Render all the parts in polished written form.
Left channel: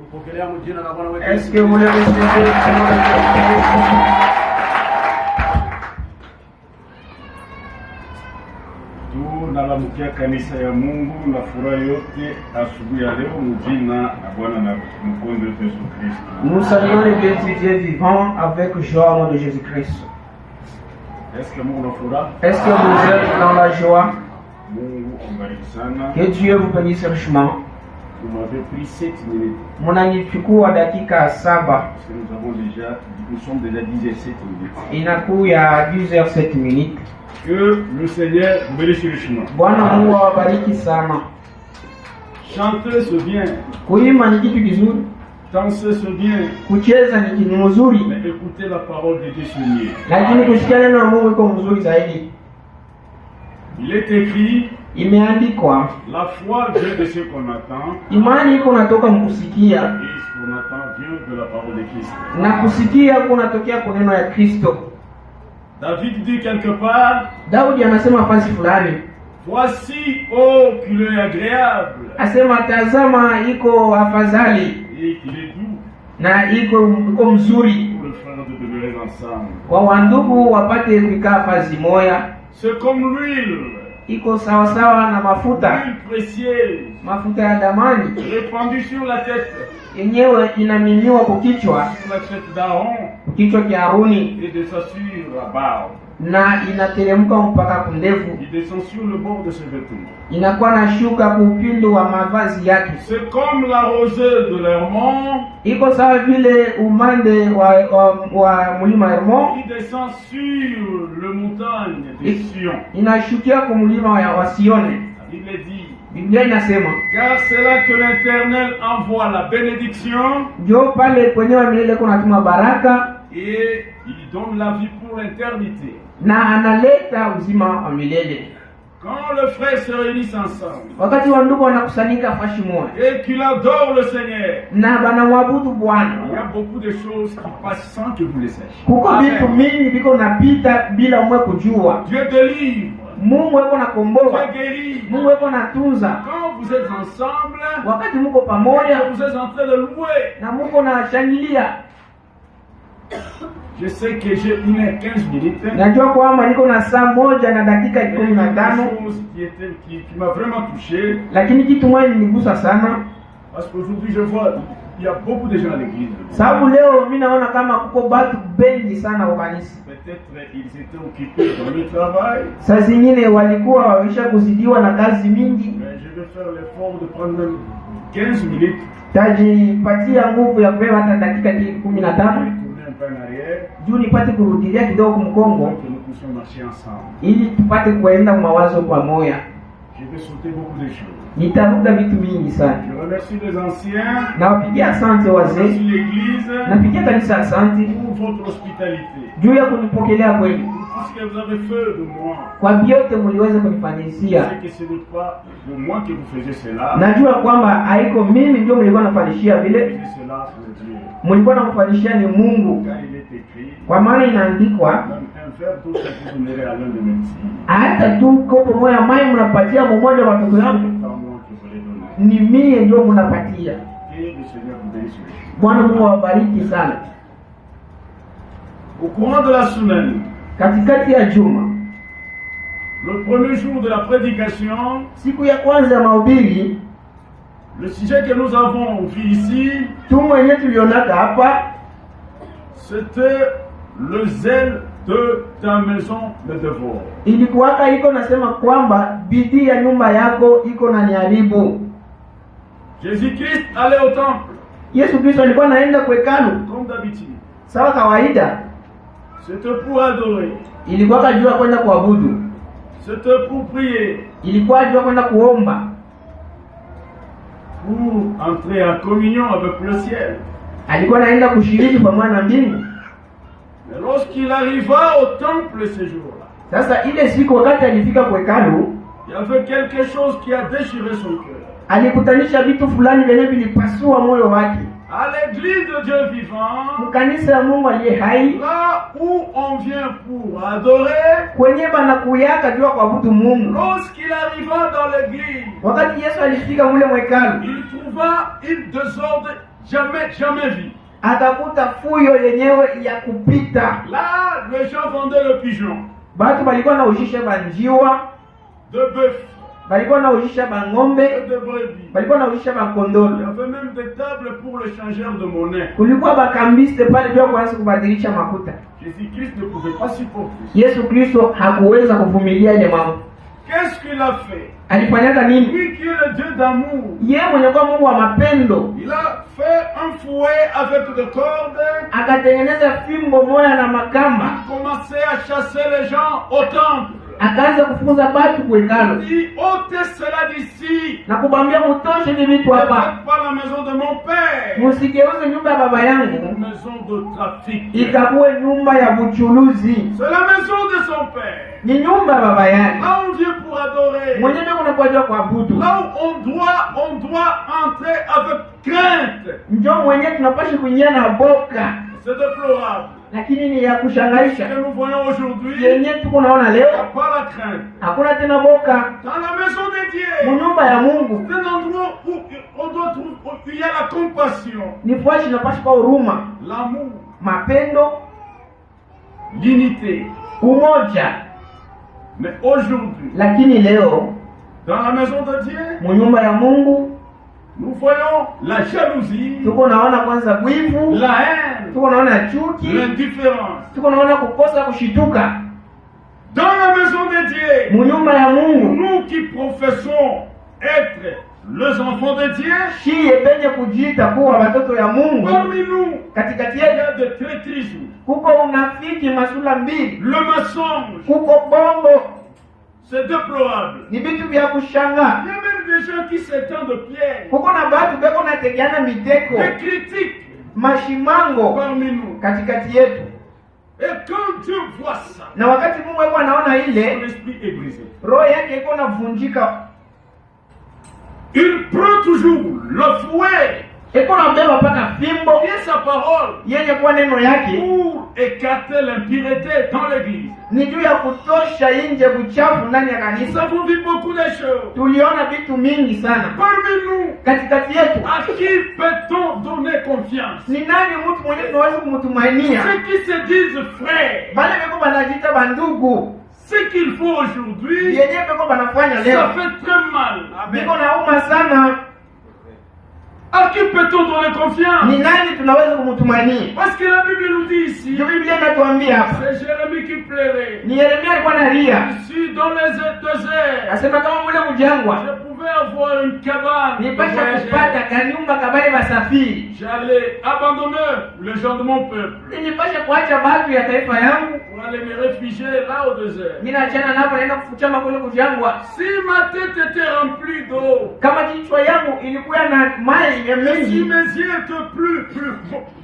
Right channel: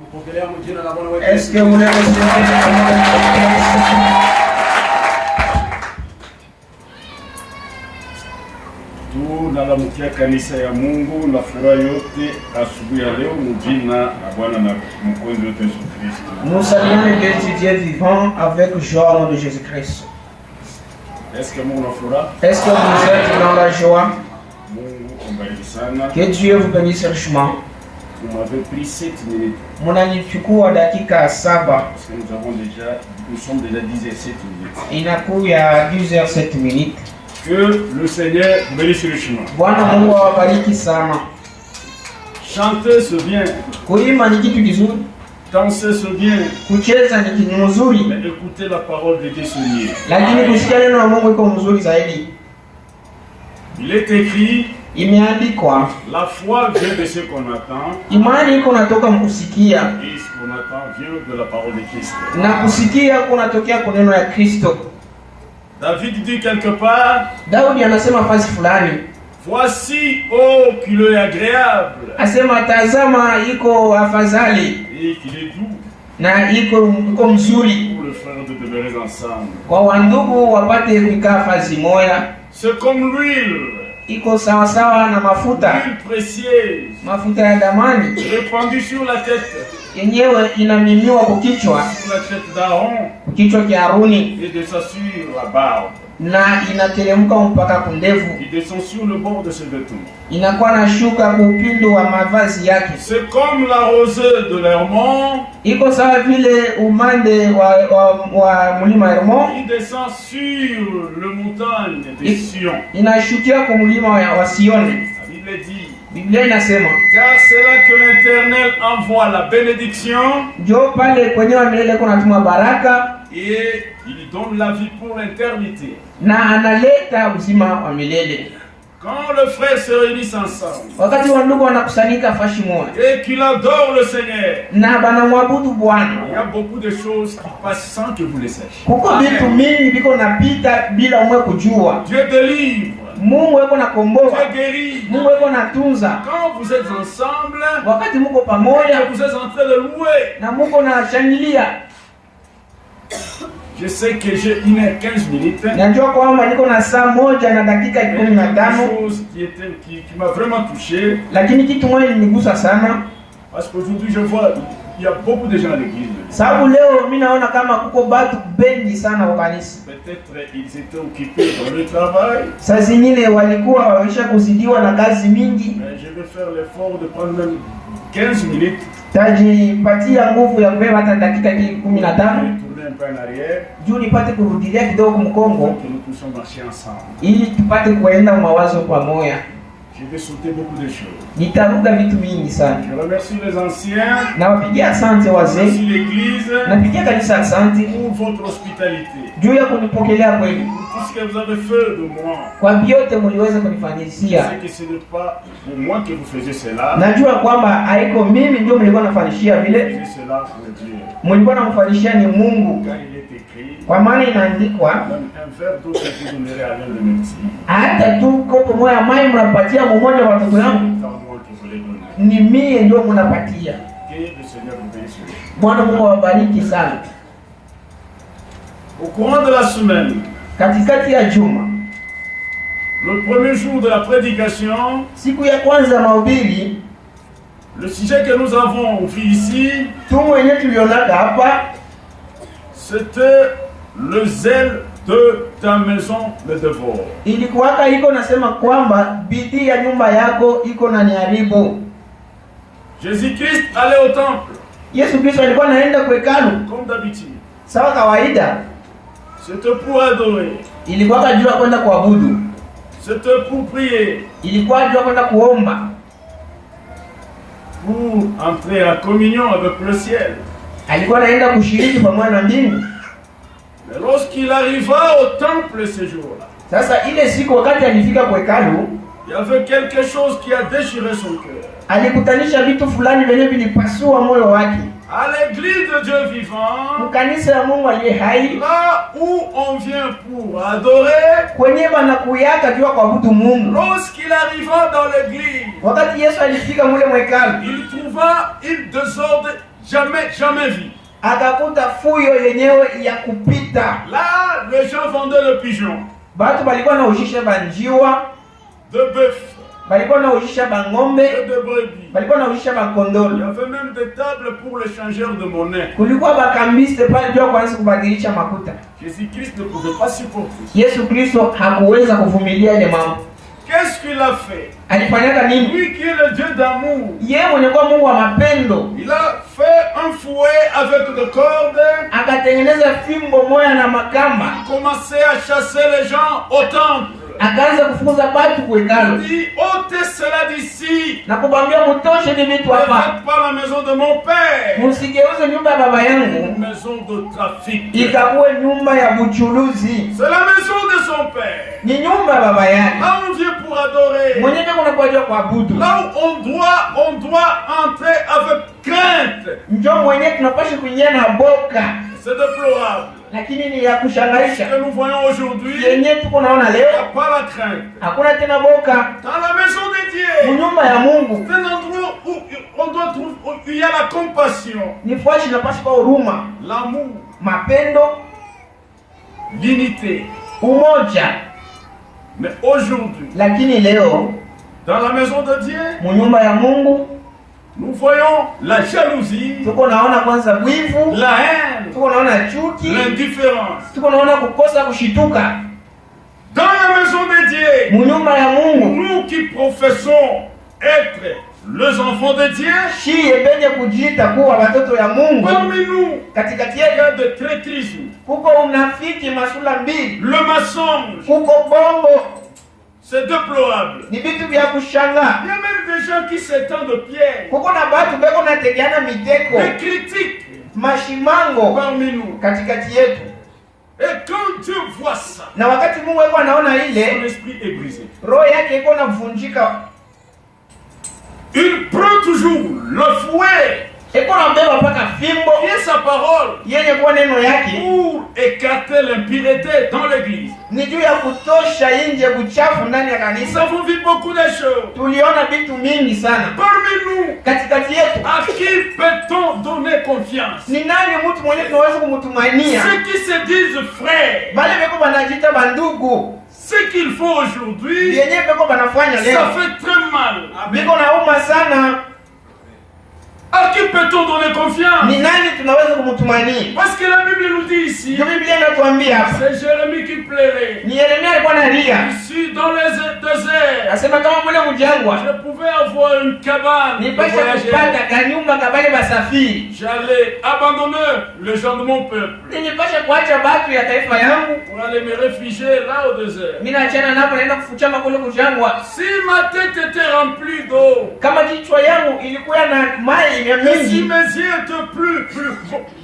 Est-ce que vous le recevez? Tunalamukia kanisa ya Mungu na furaha yote asubuhi ya leo mjina na Bwana na Mwokozi wetu Yesu Kristo. Nous saluons le Dieu du Dieu vivant avec joie au nom de Jésus-Christ. Est-ce que Mungu na furaha? Est-ce que vous êtes dans la joie? Mungu ambariki sana. Que Dieu vous bénisse richement. Vous m'avez pris 7 minutes. Mnanichukua dakika 7. Parce que nous sommes déjà 17 minutes. Inakuya 10h07 minutes. Que le Seigneur bénisse richement. Bwana Mungu awabariki sana. Chanter c'est bien. Kuimba ni kitu kizuri. Danser c'est bien. Kucheza ni kitu mzuri. Mais écouter la parole de Dieu c'est mieux. Lakini kusikia neno la Mungu iko mzuri zaidi. Il est écrit, imeandikwa, la foi vient de ce qu'on attend. Imani iko natoka mkusikia. Et ce qu'on attend vient de la parole de Christ. Na kusikia kunatokea kwa neno la Kristo. David dit quelque part, Daudi anasema fasi fulani, voici oh qu'il est agréable. Asema tazama iko afadhali. Et qu'il est doux. Na iko mzuri. Pour les frères de demeurer ensemble. Kwa wandugu wapate kukaa fasi moja. C'est comme l'huile. Iko sawa sawa na mafuta. L'huile précieuse. Mafuta ya damani. Répandue sur la tête. Yenyewe inamiminiwa kwa kichwa. Sur la tête d'Aaron. Kichwa cha Haruni. Et descend sur la barbe. Na inateremka mpaka kundevu. Il descend sur le bord de ses vêtements. Inakuwa na shuka kwa upindo wa mavazi yake. C'est comme la rosée de l'Hermon. Iko sawa vile umande wa mlima Hermon. Il descend sur le montagne de Sion. Inashukia kwa mlima wa Sioni. La Bible dit. Biblia inasema, car c'est là que l'Éternel envoie la bénédiction. Jo pale kwenyewe milele kunatuma baraka. Et il donne la vie pour l'éternité. Na analeta uzima wa milele. Quand le frère se réunissent ensemble. Wakati wandugu wanakusanyika fashi moja. Et qu'il adore le Seigneur. Na banamwabudu Bwana. Il y a beaucoup de choses qui passent sans que vous les sachiez. Kuko vitu mingi biko napita bila mwe kujua. Dieu délivre. Mungu yuko nakomboa. Dieu guérit. Mungu yuko natunza. Quand vous êtes ensemble. Wakati mko pamoja. Vous êtes en train de louer. Na Mungu anashangilia. Je sais que j'ai 1h15 minutes. Najua kwamba niko na saa moja na dakika 15. Chose qui m'a vraiment touché. Lakini kitu moja niligusa sana. Parce qu'aujourd'hui je vois il y a beaucoup de gens à l'église. Sababu leo mimi naona kama kuko watu bengi sana kwa kanisa. Peut-être ils étaient occupés dans le travail. Saa zingine walikuwa wamesha kuzidiwa na kazi mingi. Mais je vais faire l'effort de prendre même 15 minutes. Tajipatia nguvu ya kubeba hata dakika 15. Juu nipate kurudilia kidogo mkongo ili tupate kuenda mawazo pamoja. Je vais sauter beaucoup de choses. Nitaruka vitu mingi sana. Je remercie les anciens. Nawapigia asante wazee. Merci l'église. Napigia kanisa asante pour votre hospitalité. Juu ya kunipokelea kweli. Tout ce que vous avez fait de moi. Kwa vyote mliweza kunifanyishia. C'est que ce n'est pas pour moi que vous faisiez cela. Najua kwamba haiko mimi ndio mlikuwa nafanishia vile. Faisiez cela pour Dieu. Mlikuwa nafanishia ni Mungu. Car il est écrit. Kwa maana inaandikwa. Un verre d'eau que vous donnerez à l'un de mes petits. Hata tu kopo moja maji mnapatia mmoja wa watoto wangu. Ni mie ndio mnapatia. Bwana Mungu awabariki sana. Au courant de la semaine, katikati ya juma, le premier jour de la prédication, siku ya kwanza ya mahubiri, le sujet que nous avons vu ici, c'était le zèle de ta maison me dévore. Ilikuwaka iko nasema kwamba bidii ya nyumba yako iko na niharibu. Jésus-Christ allait au temple. Yesu Kristo alikuwa anaenda kwa hekalu comme d'habitude. Sawa kawaida. C'était pour adorer. Ilikuwa kujua kwenda kuabudu. C'était pour prier. Ilikuwa kujua kwenda kuomba. Pour entrer en communion avec le ciel. Alikuwa anaenda kushiriki pamoja na mbingu. Mais lorsqu'il arriva au temple ce jour-là, sasa ile siku wakati alifika kwa hekalu, il y avait quelque chose qui a déchiré son cœur. Alikutanisha vitu fulani vile vilipasua moyo wake. À l'église de Dieu vivant, kanisa la Mungu aliye hai, là où on vient pour adorer, kwenye banakuyaka jua kuabudu Mungu. Lorsqu'il arriva dans l'église, wakati Yesu alifika mule mwekalu, il trouva une désordre jamais vu. Akakuta fuyo yenyewe ya kupita. Là, les gens vendaient le pigeon, Batu balikuwa na ujisha banjiwa, de bœuf, balikuwa na ujisha bangombe, et de brebis. balikuwa na ujisha Il y bakondolo. avait même des tables pour les changeurs de monnaie. Kulikuwa bakambiste pale jua kwanza kubadilisha makuta. Jésus-Christ ne pouvait pas supporter. Yesu Kristo hakuweza kuvumilia ile mambo. Qu'est-ce qu'il a fait? Alifanyaka nini? Lui qui est le Dieu d'amour, Yeye mwenye kwa Mungu wa mapendo, il a fait un fouet avec des cordes. akatengeneza fimbo moya na makamba, Il commençait à chasser les gens au temple. akaanza kufukuza batu Il kuhekalu dit, ôtez cela d'ici. na kubambia mutoshe ni vitu Ne hapa, faites pas la maison de mon père musigeuze nyumba ya baba yangu une maison de trafic. ikakuwe nyumba ya buchuluzi. C'est la maison de son père. Ni nyumba ya baba yake Là où on vient pour adorer. mwenyewe unakuja kuabudu, Là où on doit entrer avec crainte. njo mwenyewe tunapasha kuingia na boka, C'est déplorable. lakini ni ya Ce kushangaisha que nous voyons aujourd'hui, yenye tuko naona il n'y leo. a pas la crainte. Hakuna tena boka Dans la maison de Dieu, munyumba ya Mungu, c'est un endroit où on doit trouver, où il y a la compassion, ni fwashi napasha kwa huruma, l'amour, mapendo, l'unité. umoja. Mais aujourd'hui, Lakini leo dans la maison de Dieu, munyumba ya Mungu nous voyons la jalousie, tuko naona kwanza wivu, la haine, tuko naona chuki, l'indifférence. tuko naona kukosa kushituka. Dans la maison de Dieu, Munyumba ya Mungu nous qui professons être les enfants de Dieu, shiye penye kujiita kuwa watoto ya Mungu, parmi nous, katikati il y yetu a de traîtrisme, kuko unafiki masula mbili, le mensonge. kuko bongo, C'est déplorable. ni vitu vya Il kushanga. y a même des gens qui s'étendent de pierre, Kuko na batu beko nategeana miteko, des critiques mashimango parmi nous. katikati yetu, Et quand Dieu voit ça, na wakati Mungu alikuwa anaona son ile, esprit est brisé. roho yake iko navunjika, Il prend toujours le fouet iko nabewa mpaka fimbo qui est sa parole yenye kuwa neno yake pour écarter l'impureté dans l'église. ni juu ya kutosha nje uchafu ndani ya Nous kanisa. avons vu beaucoup de choses. Tuliona vitu mingi sana Parmi nous, katikati yetu. à qui peut-on donner confiance? Ni nani mtu mwenye tunaweza kumtumainia? Ceux qui se disent frères, Bale beko banajita bandugu, ce qu'ils font aujourd'hui, yenye beko banafanya leo ça fait très mal. biko nauma sana. À qui peut-on donner confiance? Ni nani tunaweza kumtumainia? Parce que la Bible nous dit ici, Ndio Biblia inatuambia hapa. c'est Jérémie qui plairait. Ni Yeremia alikuwa analia, Ici, dans les déserts, anasema kama mule mjangwa je pouvais avoir une cabane de nipasha voyageurs. kupata kanyumba kabale basafiri, J'allais abandonner les gens de mon peuple nilipasha kuacha batu ya taifa yangu, pour aller me réfugier là au désert. mimi naachana napo naenda kufuchama kule mjangwa. Si ma tête était remplie d'eau, Kama kichwa yangu ilikuwa na maji ya et si mingi mes yeux étaient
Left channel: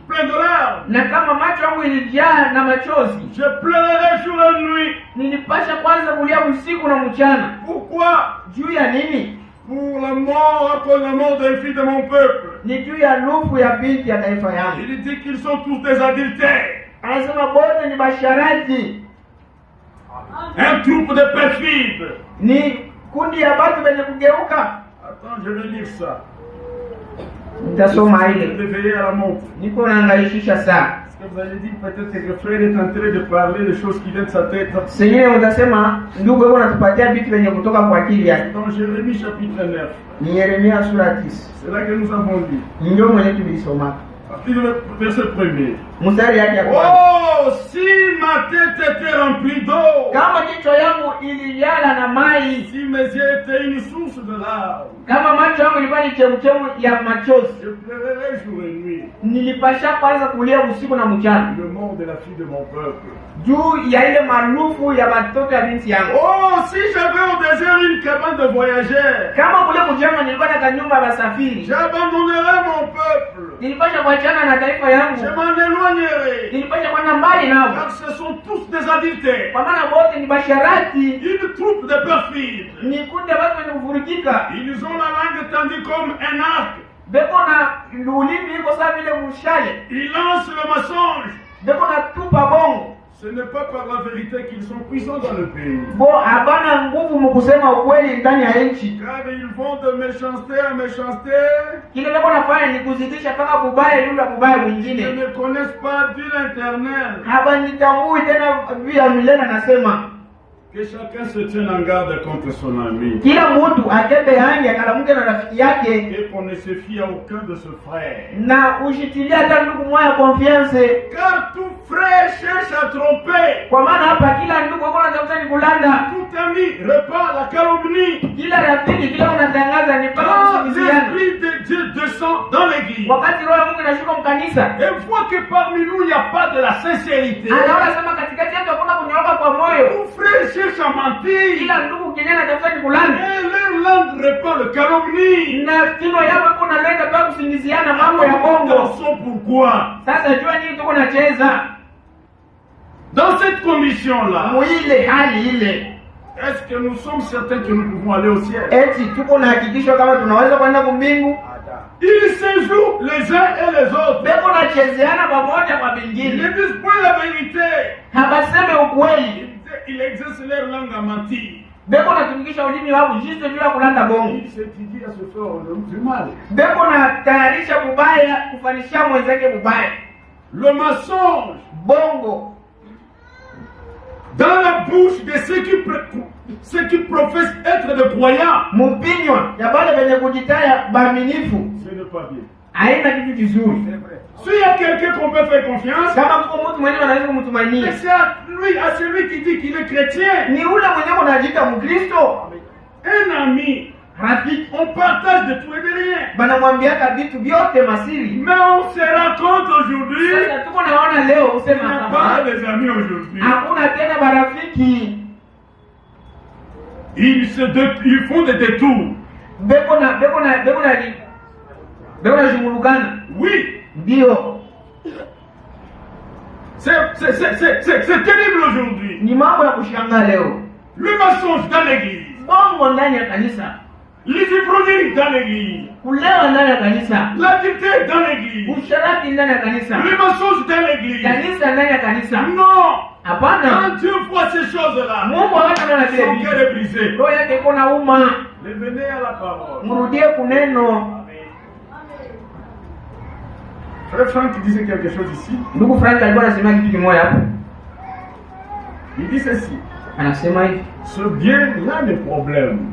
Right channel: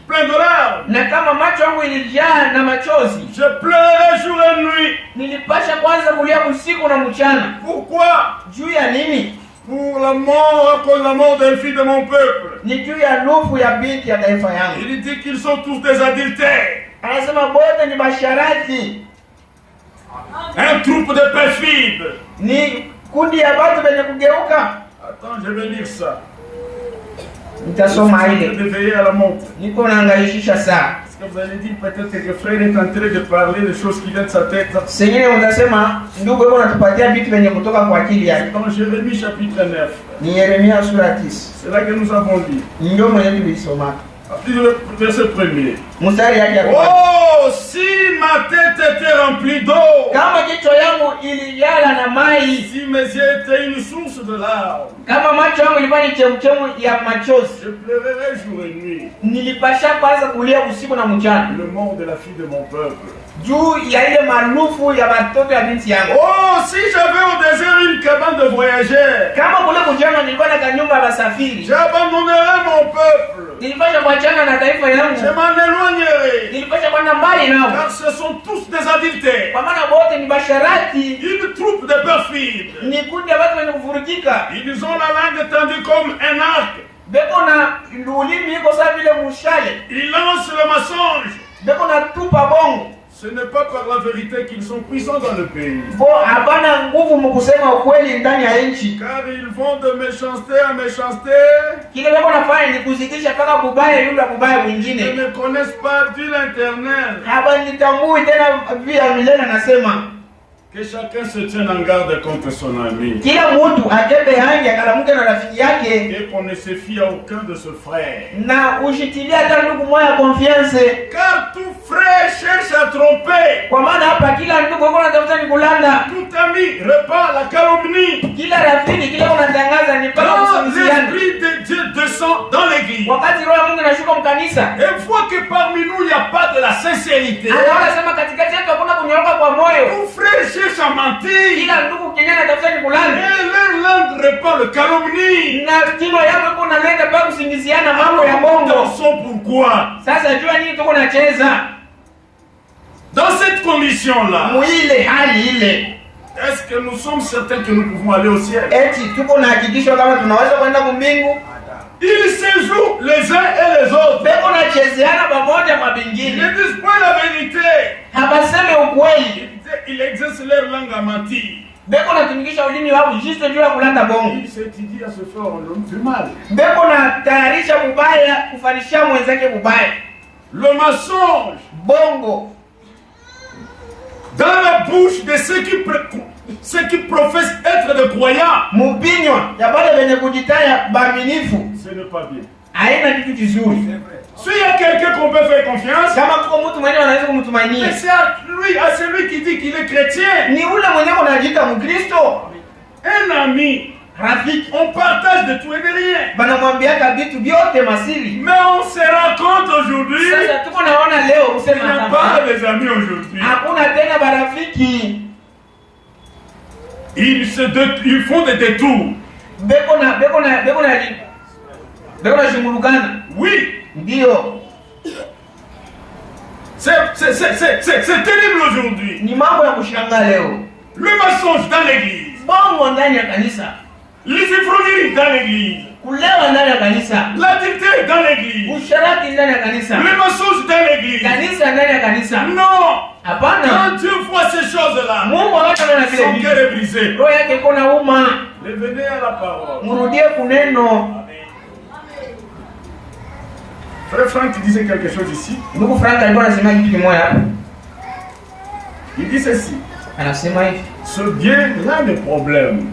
pleins de larmes, na kama macho yangu ilijaa na machozi, je pleurais jour et nuit. nilipasha kwanza kulia usiku na mchana. Pourquoi? Juu ya nini? Pour la mort, à cause de la mort des filles de mon peuple. Ni juu ya lufu ya binti ya taifa yangu. Il dit qu'ils sont tous des adultères, Anasema bote ni basharati, un troupe de perfides. ni kundi ya watu wenye kugeuka. Attends, je vais dire ça. Nitasoma Je ile, vais veiller à la montre. niko naangalishisha saa. Parce que vous allez dire peut-être que le frère est en train de parler des choses qui viennent de sa tête. Sengine mtasema ndugu yuko natupatia vitu vyenye kutoka kwa akili yake. Dans Jérémie chapitre 9, Ni Yeremia sura 9. c'est là que nous avons lu. Ndio mwenye tulisoma. Verset 1er. Mstari yake ya kwanza. Oh, si ma tête était remplie d'eau, Kama jicho yangu ilijala na mai, si mes yeux étaient une source de larmes, kama macho yangu ilikuwa ni chemchemu ya machozi, je pleurerais jour et nuit nilipasha kwanza kulia usiku na mchana le mort de la fille de mon peuple. juu ya ile marufu ya watoto ya binti yangu. Oh, si j'avais au désert une cabane de voyageurs, Kama kule mchana nilikuwa na kanyumba ya basafiri, j'abandonnerais mon peuple, nilipasha kuachana na taifa yangu, je m'en éloignerais, nilipasha kwenda mbali nao, car ce sont tous des adultères, kwa maana wote ni basharati, une troupe de perfides. ni kundi ya watu wenye kuvurugika, Ils ont la langue tendue comme un arc, beko na ulimi iko sawa vile mshale, ils lancent le mensonge. beko na tupa bongo. Ce n'est pas par la vérité qu'ils sont puissants dans le pays. Hapana nguvu mkusema ukweli ndani ya nchi. Car ils vont de méchanceté à méchanceté. Kile wako nafanya ni kuzidisha mpaka kubaya yule kubaya mwingine. Ils ne connaissent pas Dieu l'Éternel. Hapa nitambui tena vile milele anasema. Que chacun se tienne en garde contre son ami. Kila mtu ajebe hangi akalamuke na rafiki yake. Et qu'on ne se fie à aucun de ses frères. Na ushitilia hata ndugu moja confiance. Car tout frère cherche à tromper. Kwa maana hapa kila ndugu yuko anatafuta ni kulanda. Tout ami répand la calomnie. Kila rafiki kila unatangaza ni mpaka kusingiziana. L'esprit de Dieu descend dans l'église. Wakati roho ya Mungu inashuka mkanisa. Et voit que parmi nous il n'y a pas de la sincérité. Anaona sema katikati yetu hakuna kunyoroka kwa moyo. Tout frère cherche à mentir. Kila ndugu kijana anatafuta ni kulanda. Et leur langue répand le calomnie. Na kino yako kuna leta mpaka kusingiziana mambo ya bongo. Attention pourquoi. Sasa jua nini tuko nacheza? Dans cette condition-là, est-ce que nous sommes certains que nous pouvons aller au ciel? Ils se jouent les uns et les autres. Ils ne disent pas la vérité. Ils exercent leur langue à mentir. Ils s'étudient à se faire du mal. Le mensonge. Dans la bouche de ceux qui professent être des croyants. Ce n'est pas bien. S'il y a quelqu'un qu'on peut faire confiance, mais c'est à celui qui dit qu'il est chrétien. Un ami, on partage de tout et de rien. Mais on se rend compte aujourd'hui qu'il n'y a pas des amis aujourd'hui. Ils font des détours. Oui. C'est terrible aujourd'hui. Le mensonge dans l'église. L'ivrognerie dans l'église. L'adultère dans l'église. Le mensonge dans l'église. Non. Quand Dieu voit ces choses-là, son cœur est brisé. Revenez à la parole. Frère Franck disait quelque chose ici. Il dit ceci. Ce bien là le problème.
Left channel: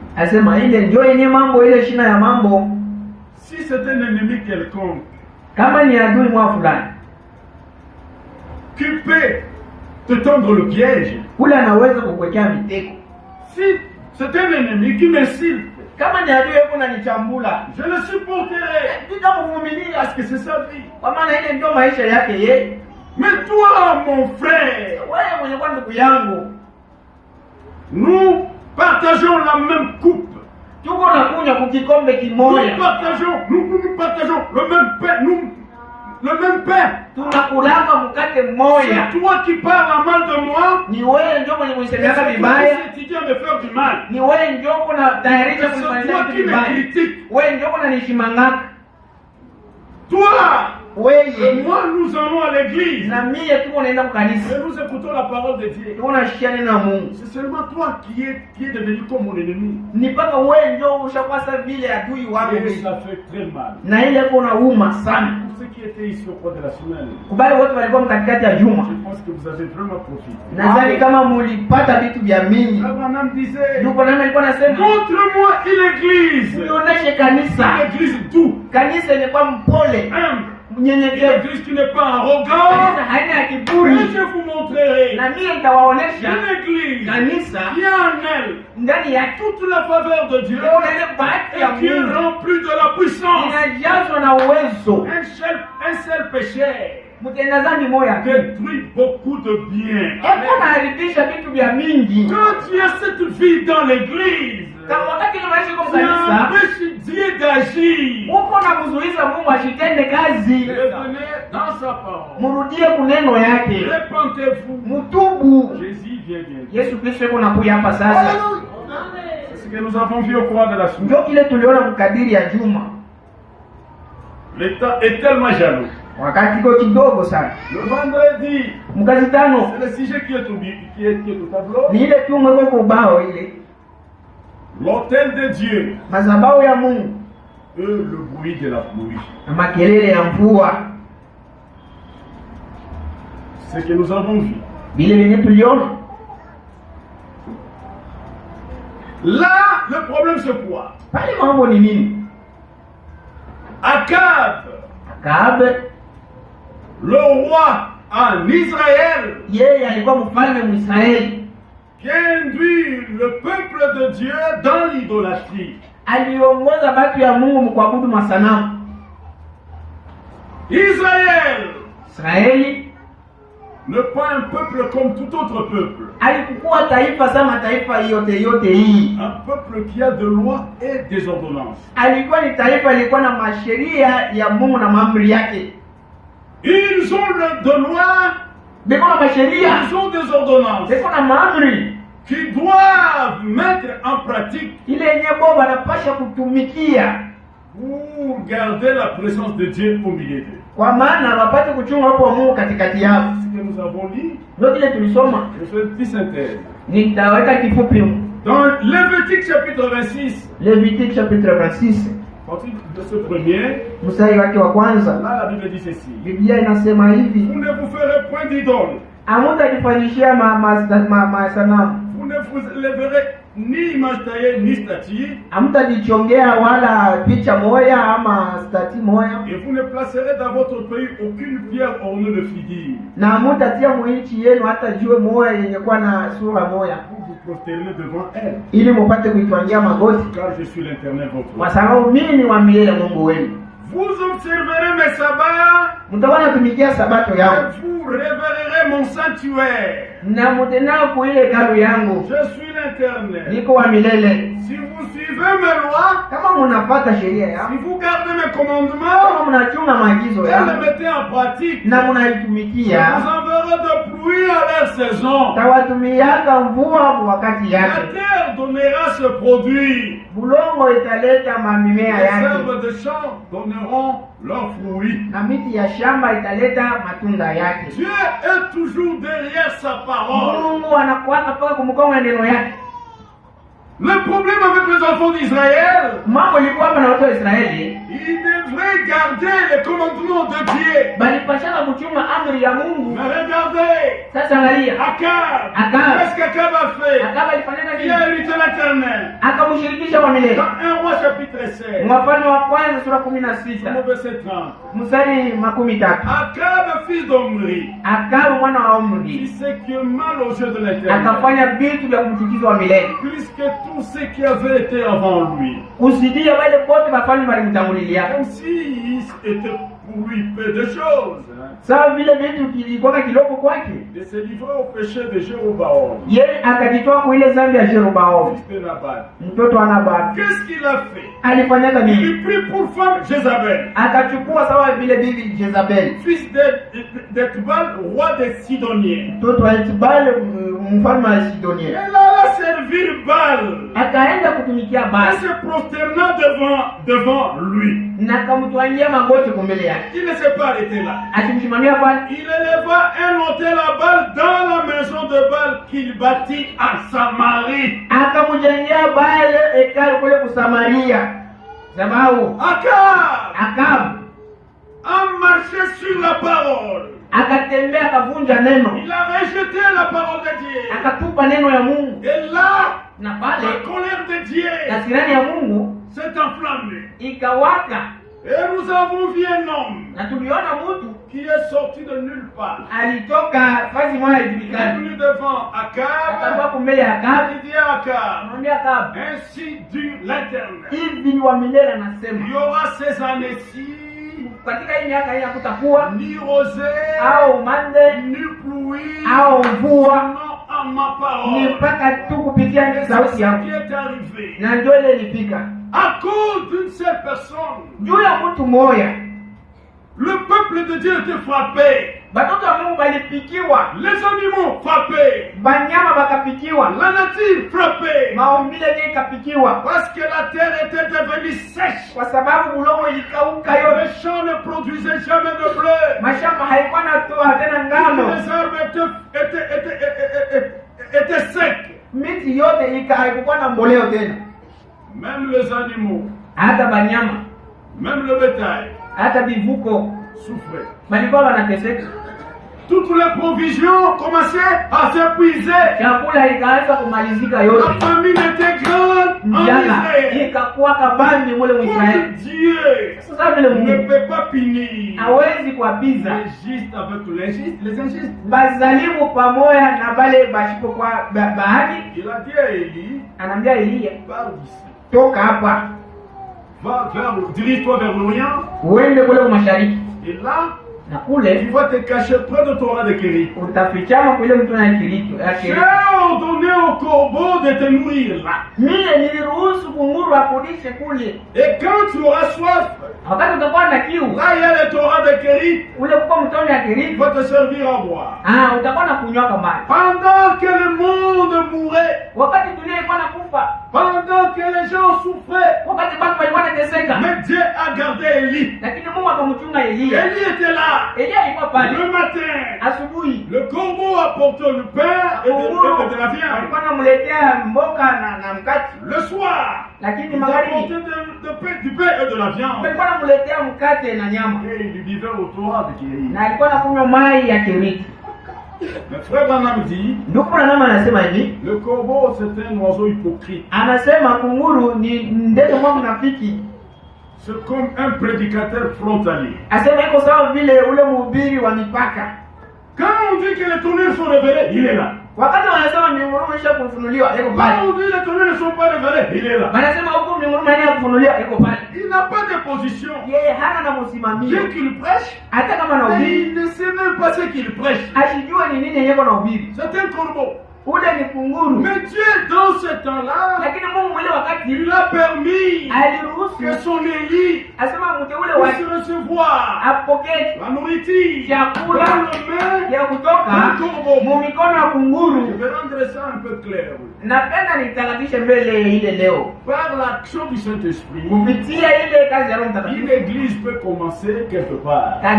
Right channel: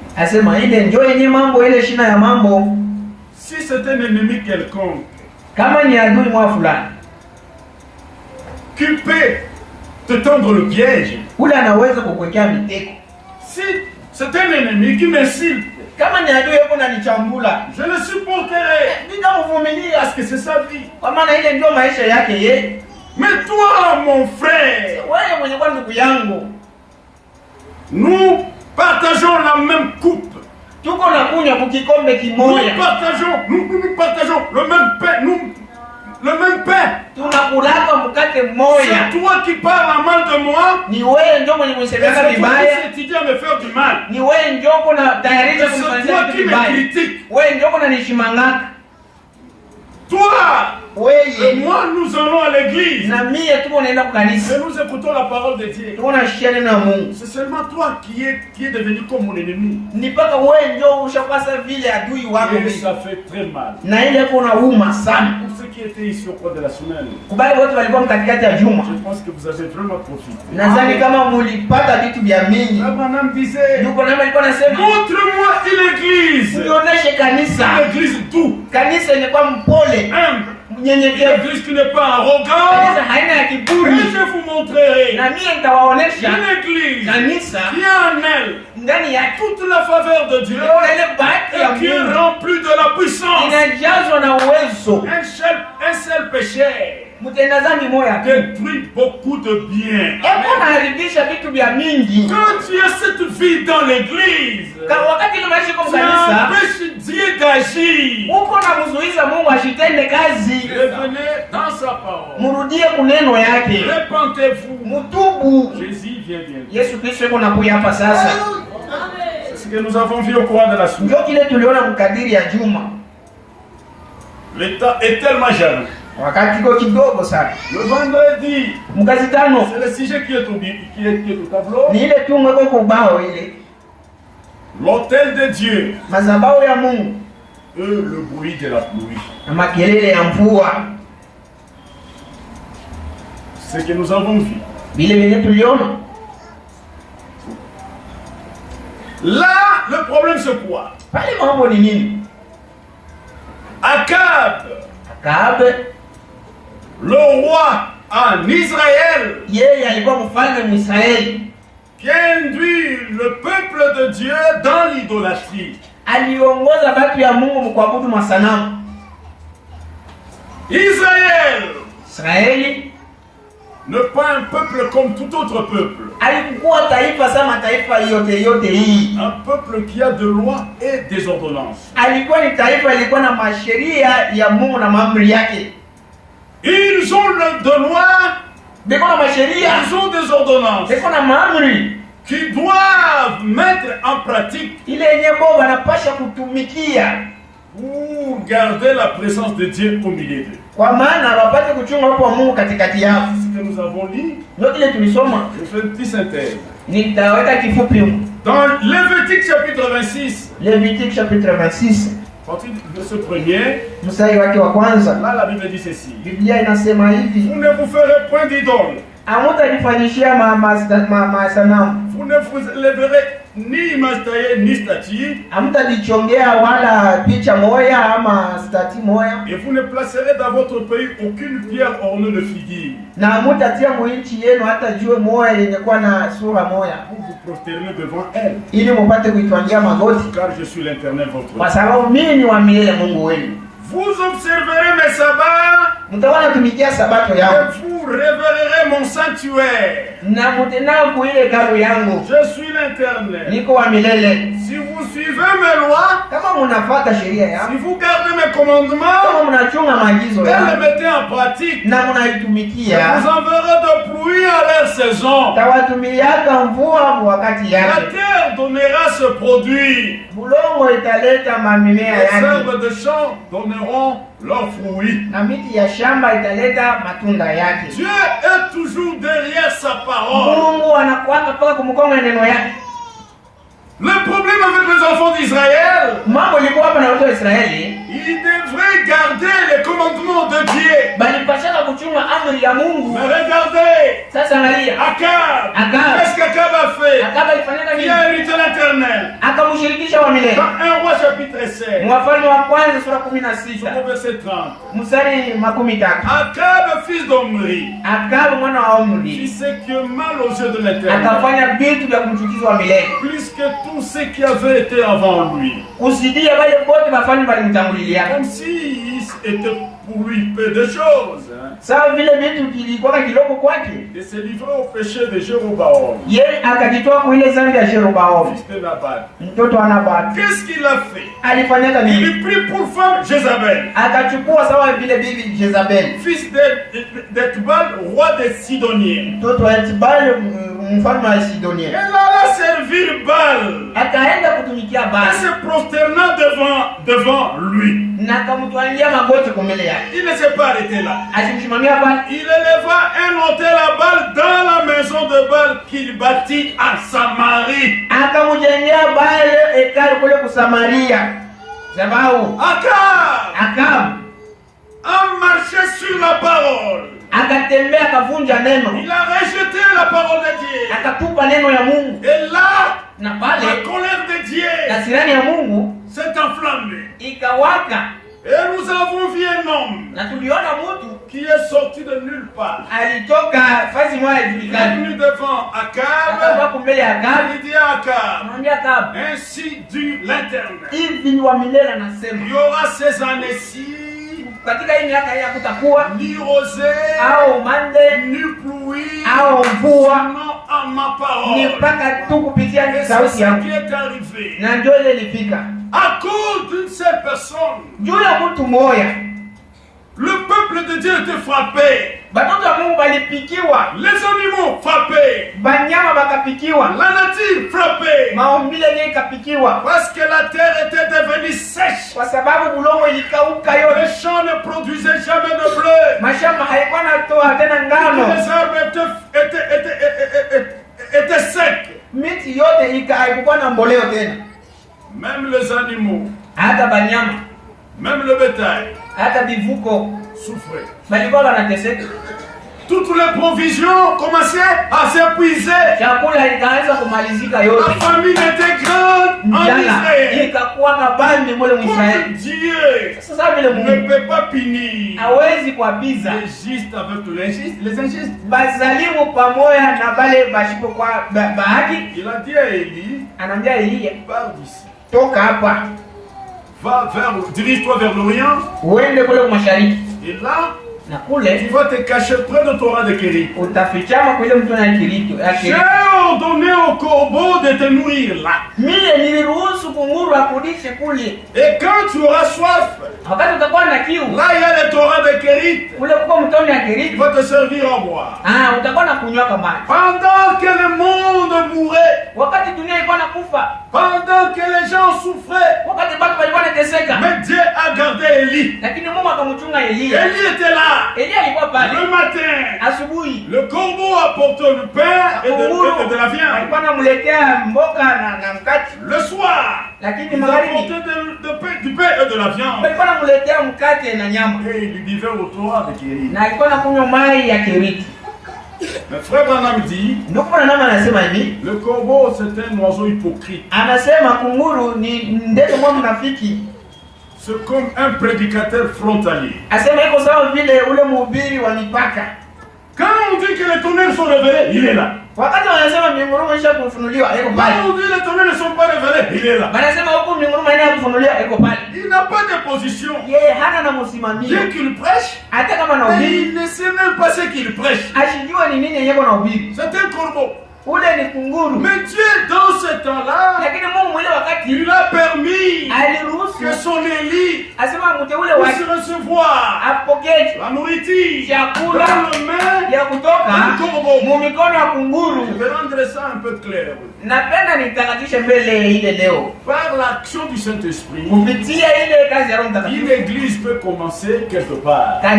Si c'est un ennemi quelconque qui peut te tendre le piège, si c'est un ennemi qui m'insulte, je le supporterai parce que c'est sa vie. Mais toi, mon frère, nous partageons la même coupe. Nous partageons le même pain. Le même pain. C'est toi qui parles mal de moi. C'est toi qui s'étudie à me faire du mal. C'est toi qui me critiques. Toi et moi, nous allons à l'église. Et nous écoutons la parole de Dieu. C'est seulement toi qui est devenu comme mon ennemi. Et ça fait très mal. Pour ceux qui étaient ici au cours de la semaine, je pense que vous avez vraiment profité. Madame disait, montre-moi une église. Une église d'où? Une église qui n'est pas arrogante. Et je vous montrerai une église qui a en elle toute la faveur de Dieu et qui est remplie de la puissance. Un seul péché détruit beaucoup de bien. Quand tu as cette vie dans l'église, tu empêches Dieu d'agir. Revenez dans sa parole. Répentez-vous. Jésus vient bientôt. C'est ce que nous avons vu au cours de la semaine. L'État est tellement jaloux. Le vendredi, c'est le sujet qui est au tableau. L'autel de Dieu. Le bruit de la pluie. Ce que nous avons vu. Là, le problème c'est quoi? Akab, le roi en Israël, qui a induit le peuple de Dieu dans l'idolâtrie. Israël n'est pas un peuple comme tout autre peuple. Un peuple qui a des lois et des ordonnances. Ils ont de lois, ils ont des ordonnances qui doivent mettre en pratique pour garder la présence de Dieu au milieu d'eux. Ce que nous avons lu, je fais une petite synthèse. Dans Lévitique chapitre 26, à partir de ce premier, là la Bible dit ceci: vous ne vous ferez point d'idole. Vous ne vous lèverez ni image taillée ni statue. Et vous ne placerez dans votre pays aucune pierre ornée de figuier. Vous vous prosternez devant elle. Car je suis l'Éternel votre Dieu. Vous observerez mes sabbats et vous révérerez mon sanctuaire. Je suis l'Éternel. Si vous suivez mes lois, si vous gardez mes commandements et les mettez en pratique, je vous enverrai de pluie à leur saison. La terre donnera ce produit. Les arbres de champ donneront leurs fruits. Dieu est toujours derrière sa parole. Le problème avec les enfants d'Israël, ils devraient garder les commandements de Dieu. Mais regardez, Akab, qu'est-ce qu'Akab a fait? Il a irrité l'Éternel. Dans 1 Roi chapitre 7, verset 30. Akab, fils d'Omri, fit ce qui est mal aux yeux de l'Éternel, plus que tous ceux qui avaient été avant lui. Comme s'il était pour lui peu de choses. Et se livrer au péché de Jéroboam, fils de Nabat. Qu'est-ce qu'il a fait? Il prit pour femme Jézabel, fils d'Etbal, roi des Sidoniens. Elle alla servir Baal et se prosternant devant lui. Il ne s'est pas arrêté là. Il éleva un autel à Baal dans la maison de Baal qu'il bâtit à Samarie. Akab a marché sur la parole. Il a rejeté la parole de Dieu. Et là, la colère de Dieu s'est enflammée. Et nous avons vu un homme qui est sorti de nulle part. Il est venu devant Akab. Il dit à Akab, ainsi dit l'Éternel, il y aura ces années-ci ni rosée, ni pluie, sinon à ma parole. Et c'est ce qui est arrivé. À cause d'une seule personne, le peuple peuple de Dieu était frappé. Batoto wa Mungu balipikiwa. Les animaux frappés. Banyama bakapikiwa. La nature frappée. Maumbile yenyewe ikapikiwa. Parce que la terre était devenue sèche. Kwa sababu bulongo ilikauka yote. Les champs ne produisaient jamais de blé. Mashamba haikuwa natoa tena ngano. Les arbres étaient secs. Miti yote haikuwa na mboleo tena. Même les animaux. Hata banyama. Même le bétail. Hata bivuko souffraient. Balikuwa wanateseka. Toutes les provisions commençaient à s'épuiser. Chakula ikaanza kumalizika yote. La famine était grande en Israël. Ikakuwa kabambi mule Israeli. Dieu sasa vile ne peut pas punir. Hawezi kuapiza Les justes avec les injustes. Bazalimu pamoja na bale bashipo kwa bahati. Il a dit à Élie, anaambia Elia, pars d'ici. Toka hapa. Va dirige-toi vers l'Orient. Uende kule mashariki. Et là, na kule tu vas te cacher près de Torah de Kérit. Utafichama kule mtu na Kirito. J'ai ordonné au corbeau de te nourrir là. Mimi niliruhusu kunguru akulishe kule. Et quand tu auras soif, wakati utakuwa na kiu, là il y a les Torah de Kérit. Kule kwa mtoni ya Kérit. Il va te servir à boire. Utakuwa na kunywa kama. Pendant que le monde mourait, wakati dunia ilikuwa nakufa, pendant que les gens souffraient, wakati watu walikuwa wanateseka, mais Dieu a gardé Élie. Lakini Mungu akamchunga Elia. Élie était là. Elia alikuwa pale. Le matin, asubuhi, le corbeau apportait le pain et de la viande. Alikuwa anamletea mboga na mkate. Le soir, lakini il apportait du pain et de la viande. Alikuwa anamletea mkate na nyama. Et il buvait au Torah de Kérit. Na alikuwa anakunywa mai ya Kérit. Mais frère Branham dit, le corbeau c'est un oiseau hypocrite. C'est comme un prédicateur frontalier. Quand on dit que les tonnerres sont révélés, il est là. Quand on dit les tonnerres ne sont pas révélés, il est là. Il n'a pas de position. Dès qu'il prêche, il ne sait même pas ce qu'il prêche. C'est un corbeau. Mais Dieu, dans ce temps-là, il a permis que son Élie puisse recevoir la nourriture dans le main du corbeau. Je vais rendre ça un peu clair. Par l'action du Saint-Esprit, une église peut commencer quelque part. Ça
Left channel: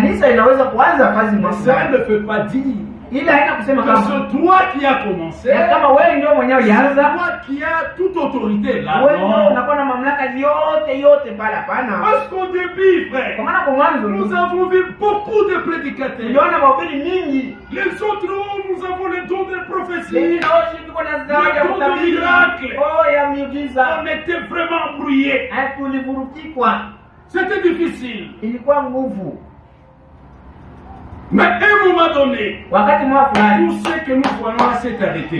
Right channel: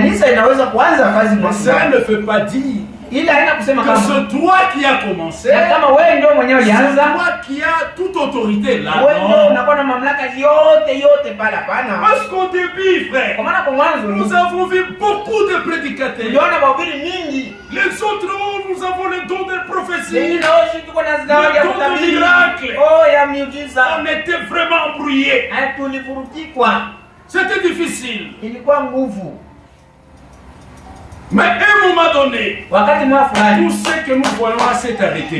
ne fait pas dire que c'est toi qui as commencé, c'est toi qui as toute autorité là. Parce qu'au début, frère, nous avons vu beaucoup de prédicateurs. Les autres, nous avons le don de prophétie, le don de miracle. On était vraiment brouillés. C'était difficile. Mais à un moment donné, tout ce que nous voyons là s'est arrêté.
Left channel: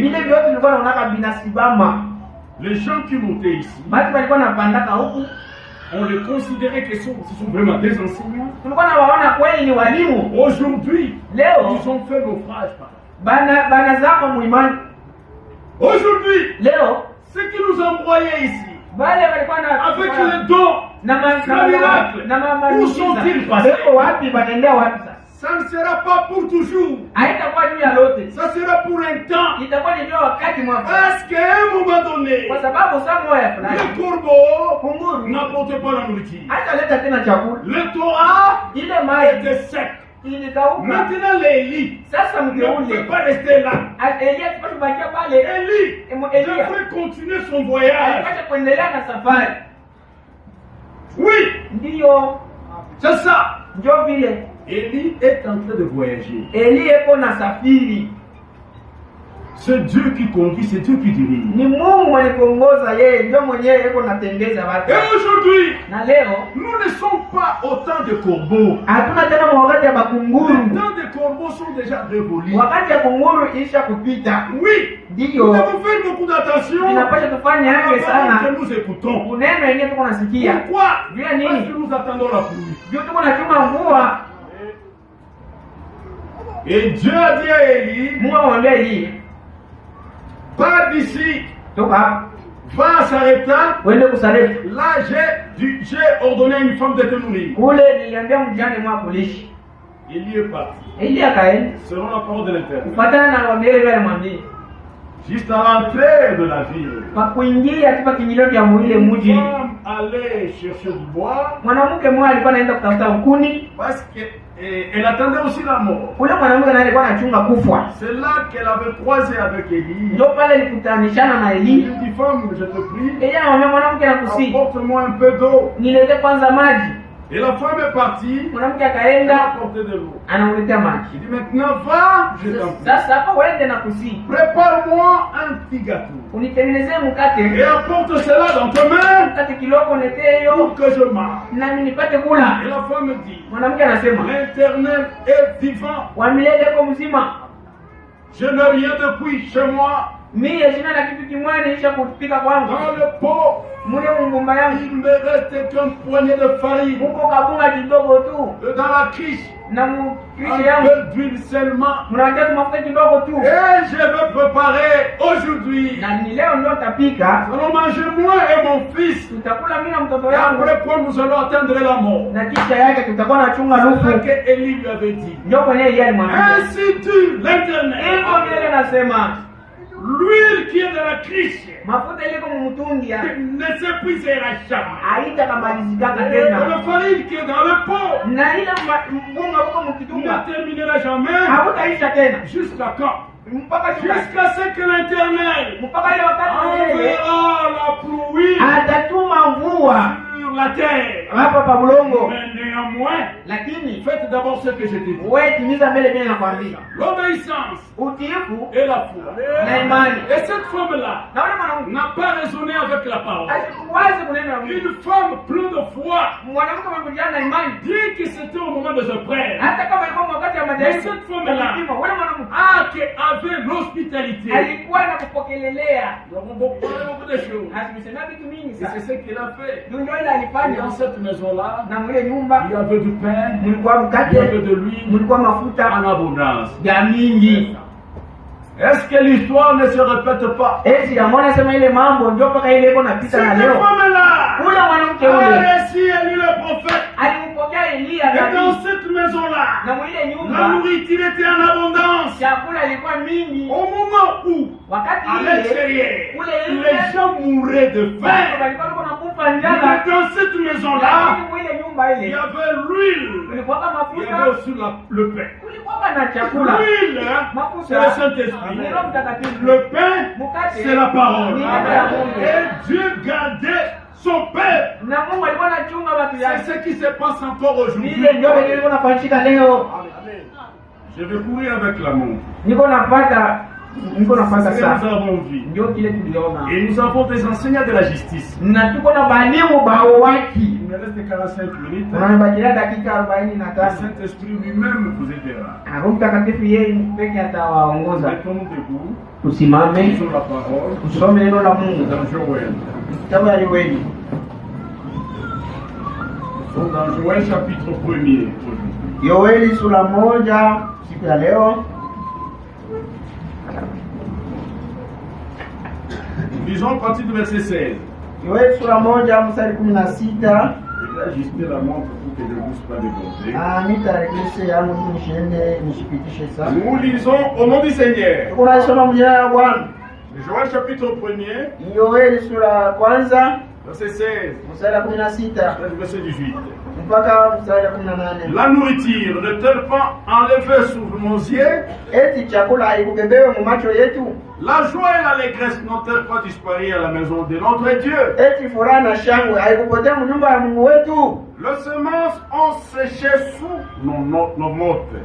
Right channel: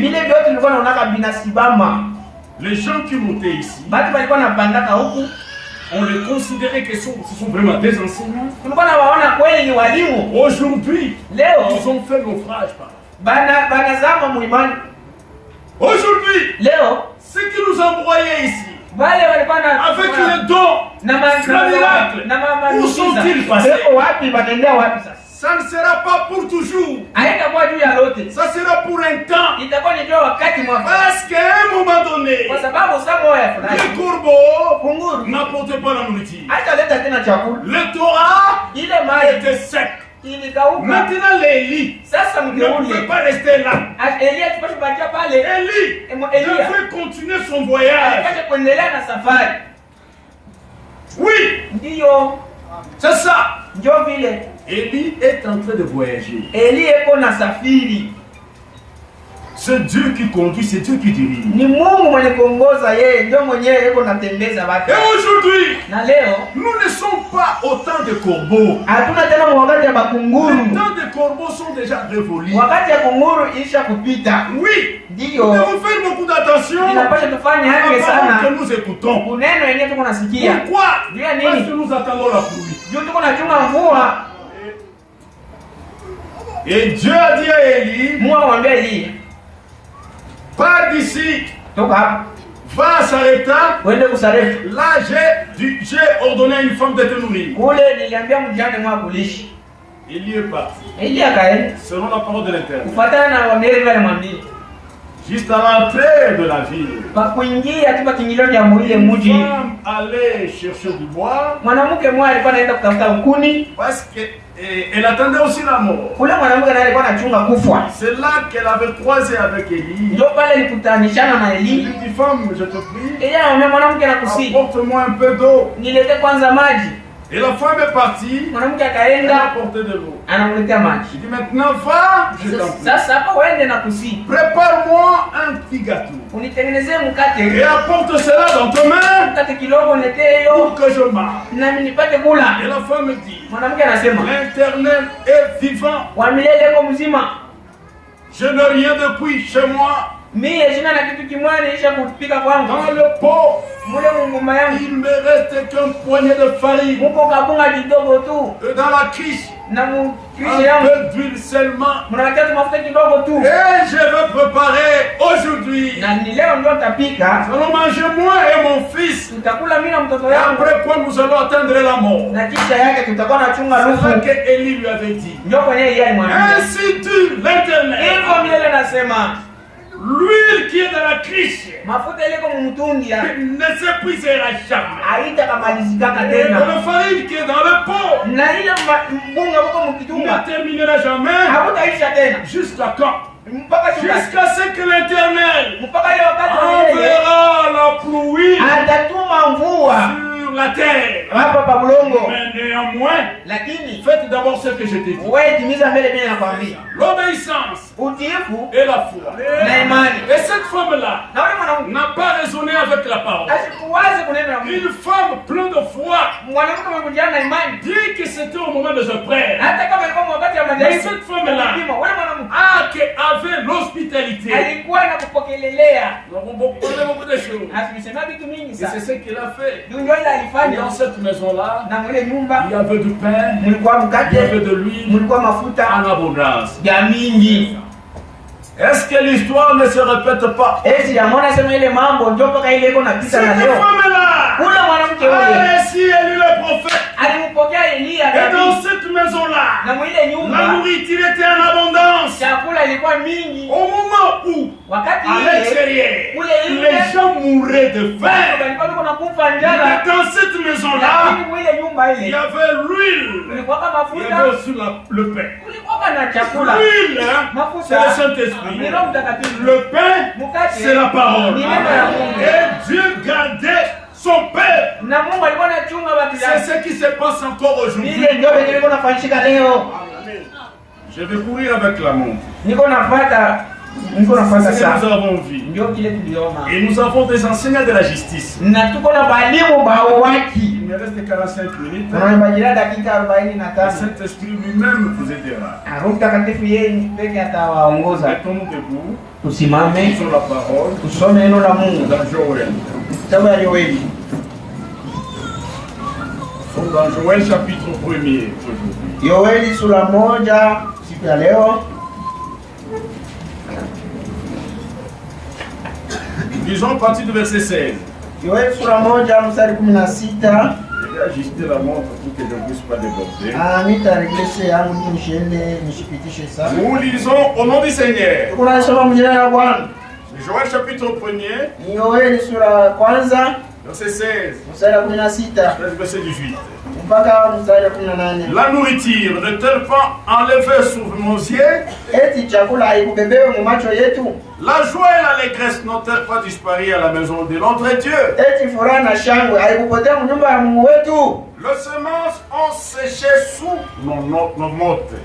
Les gens qui montaient ici, on les considérait que ce sont vraiment des enseignants. Aujourd'hui, ils ont fait naufrage. Aujourd'hui, ceux qui nous envoyaient ici, avec le don, le miracle, où sont-ils passés? Ça ne sera pas pour toujours. Ça sera pour un temps. Parce qu'à un moment donné, le corbeau n'apportait pas la nourriture. Le Torah était sec. Maintenant l'Élie ne pouvait pas rester là. Élie devait continuer son voyage. Oui, c'est ça. Élie est en train de voyager. C'est Dieu qui conduit, c'est Dieu qui dirige. Et aujourd'hui, nous ne sommes pas autant de corbeaux. Les temps de corbeaux sont déjà révolus. Oui, nous devons faire beaucoup d'attention avant que nous écoutons. Pourquoi? Parce que nous attendons la pluie. Et Dieu a dit à Élie, pas d'ici, va s'arrêter. Là, j'ai ordonné à une femme de te nourrir. Élie est parti. Eli akaenda. Selon la parole de l'Éternel. Kufuatana na wamele vile mwambie. Juste à l'entrée de la ville. Pakuingia tu pakingilio cha ile mji. Une femme allait chercher du bois. Mwanamke mmoja alikuwa anaenda kutafuta mkuni. Parce qu'elle attendait aussi la mort. Ule mwanamke naye alikuwa anachunga kufa. C'est là qu'elle avait croisé avec Élie. Ndio pale nikutanishana na Eli. Elle dit, femme, je te prie. Yeye anamwambia mwanamke nakusi. Apporte-moi un peu d'eau. Nilete kwanza maji. Et la femme est partie. Mwanamke Elle a akaenda apporté de l'eau. anamletea Il maji. dit maintenant va, je t'en prie. Sasa hapo uende na kusi. Prépare-moi un petit gâteau. Unitengenezee Et mkate. apporte cela dans ta main Mkate kidogo niletee pour hiyo que je mange. nami nipate kula. Et la femme dit, Mwanamke anasema, l'Éternel est vivant. wa milele iko mzima. Je n'ai rien de cuit chez moi. Mie sina na kitu kimwani nilisha kupika kwangu. Dans le pot, Mule mungumba yangu il me reste qu'un poignet de farine. muko kabunga kidogo tu. Et dans la criche, Na mu un kishi yangu peu d'huile seulement. mnawatia tu mafuta kidogo tu. Et je vais préparer aujourd'hui. Na ni leo ndio nitapika. Nous allons manger moi et mon fils. Tutakula mimi na mtoto Et yangu. après quoi nous allons atteindre la mort. Na kisha yake tutakuwa na chunga C'est ça nusu. que Élie lui avait dit. Ndio kwenye yeye alimwambia. Ainsi tue l'Éternel. Hivyo milele anasema L'huile qui est dans la criche mafuta ile kwa mtungi ya ne s'épuisera jamais. haitakamalizikaka Et tena. la farine qui est dans le pot Na ile mbunga huko ne mkitunga terminera jamais. hakutaisha tena. Jusqu'à quand? Mpaka siku Jusqu'à ce que l'Éternel mpaka ile wakati wa milele enverra la pluie atatuma mvua sur la terre. hapa pa bulongo. Mais néanmoins, Lakini faites d'abord ce que je t'ai dit. wewe timiza mbele bila nakwambia. L'obéissance Utiifu et la foi. na imani. Et cette femme-là Na wewe mwanamke n'a pas raisonné avec la parole. asikuwaze kunena na Mungu. Une femme pleine de foi Mwanamke amekujana na imani. dit que c'était au moment de sa prière. Hata kama ilikuwa wakati wa Mais majaribu. cette femme-là Wewe mwanamke qui avait l'hospitalité. alikuwa na kupokelelea. Nous avons beaucoup de choses. Asimisema vitu mingi Et c'est sana. ce qu'il a fait. Ndio ile Et alifanya. dans cette maison-là, Na mwile nyumba il y avait du pain, mlikuwa il y mkate, avait de l'huile mlikuwa mafuta en abondance. ya mingi. Est-ce que l'histoire ne se répète pas? Eti amona sema ile mambo ndio mpaka ile iko napita Cette na leo. femme-là Ule mwanamke a yule réussi Élie le prophète. alimpokea Elia Et dans nabii. cette maison-là, Na mwile la nyumba nourriture était en abondance. chakula ilikuwa mingi. Au moment où, Wakati à ile l'extérieur, ule les gens mouraient de watu faim. walikuwa wako nakufa Mais njala. dans cette maison-là, Lakini mwile nyumba il y ile avait l'huile, kulikuwa il y mafuta, avait aussi le pain. kulikuwa na chakula. L'huile, hein, c'est Mafuta le Saint-Esprit. ni Roho Mtakatifu. Le pain, Mkate c'est la parole. ni neno la Mungu. Et Dieu gardait son peuple. Na Mungu alikuwa anachunga watu C'est yake. ce qui se passe encore aujourd'hui. Ile ndio pekee niko nafanyika leo. Je vais courir avec la montre. Niko nafuata C'est ce que nous sasa. avons vu. Ndio kile tuliona. Et nous avons des enseignants de la justice. Na tuko na balimu bao waki. Il me reste 45 minutes. Tunabajira dakika Le 45. Saint-Esprit lui-même vous aidera. Roho Mtakatifu yeye pekee atawaongoza. Mettons-nous debout. Tusimame Lisons la parole tusome neno la Mungu. dans Joël. Kitabu ya Yoeli. Dans Joël chapitre 1er aujourd'hui. Yoeli sura moja siku ya leo. Lisons à partir du verset 16. Yoeli sura moja mstari 16. Je vais ajuster la montre pour que je ne puisse pas déborder. Nitareglese yangu nishende nishipitishe sana. Nous lisons au nom du Seigneur. Tuko nasoma mjina ya Bwana. Joël chapitre 1er, Yoeli sura ya kwanza verset 16, mstari 16 verset 18. mpaka mstari 18. La nourriture ne-t-elle pas enlevée sur nos yeux? Eti chakula haikubebewe mu macho yetu? La joie et l'allégresse n'ont-elles pas disparu à la maison de notre Dieu? Eti furaha na shangwe haikupotea mu nyumba ya Mungu wetu? Les semences ont séché sous nos mottes.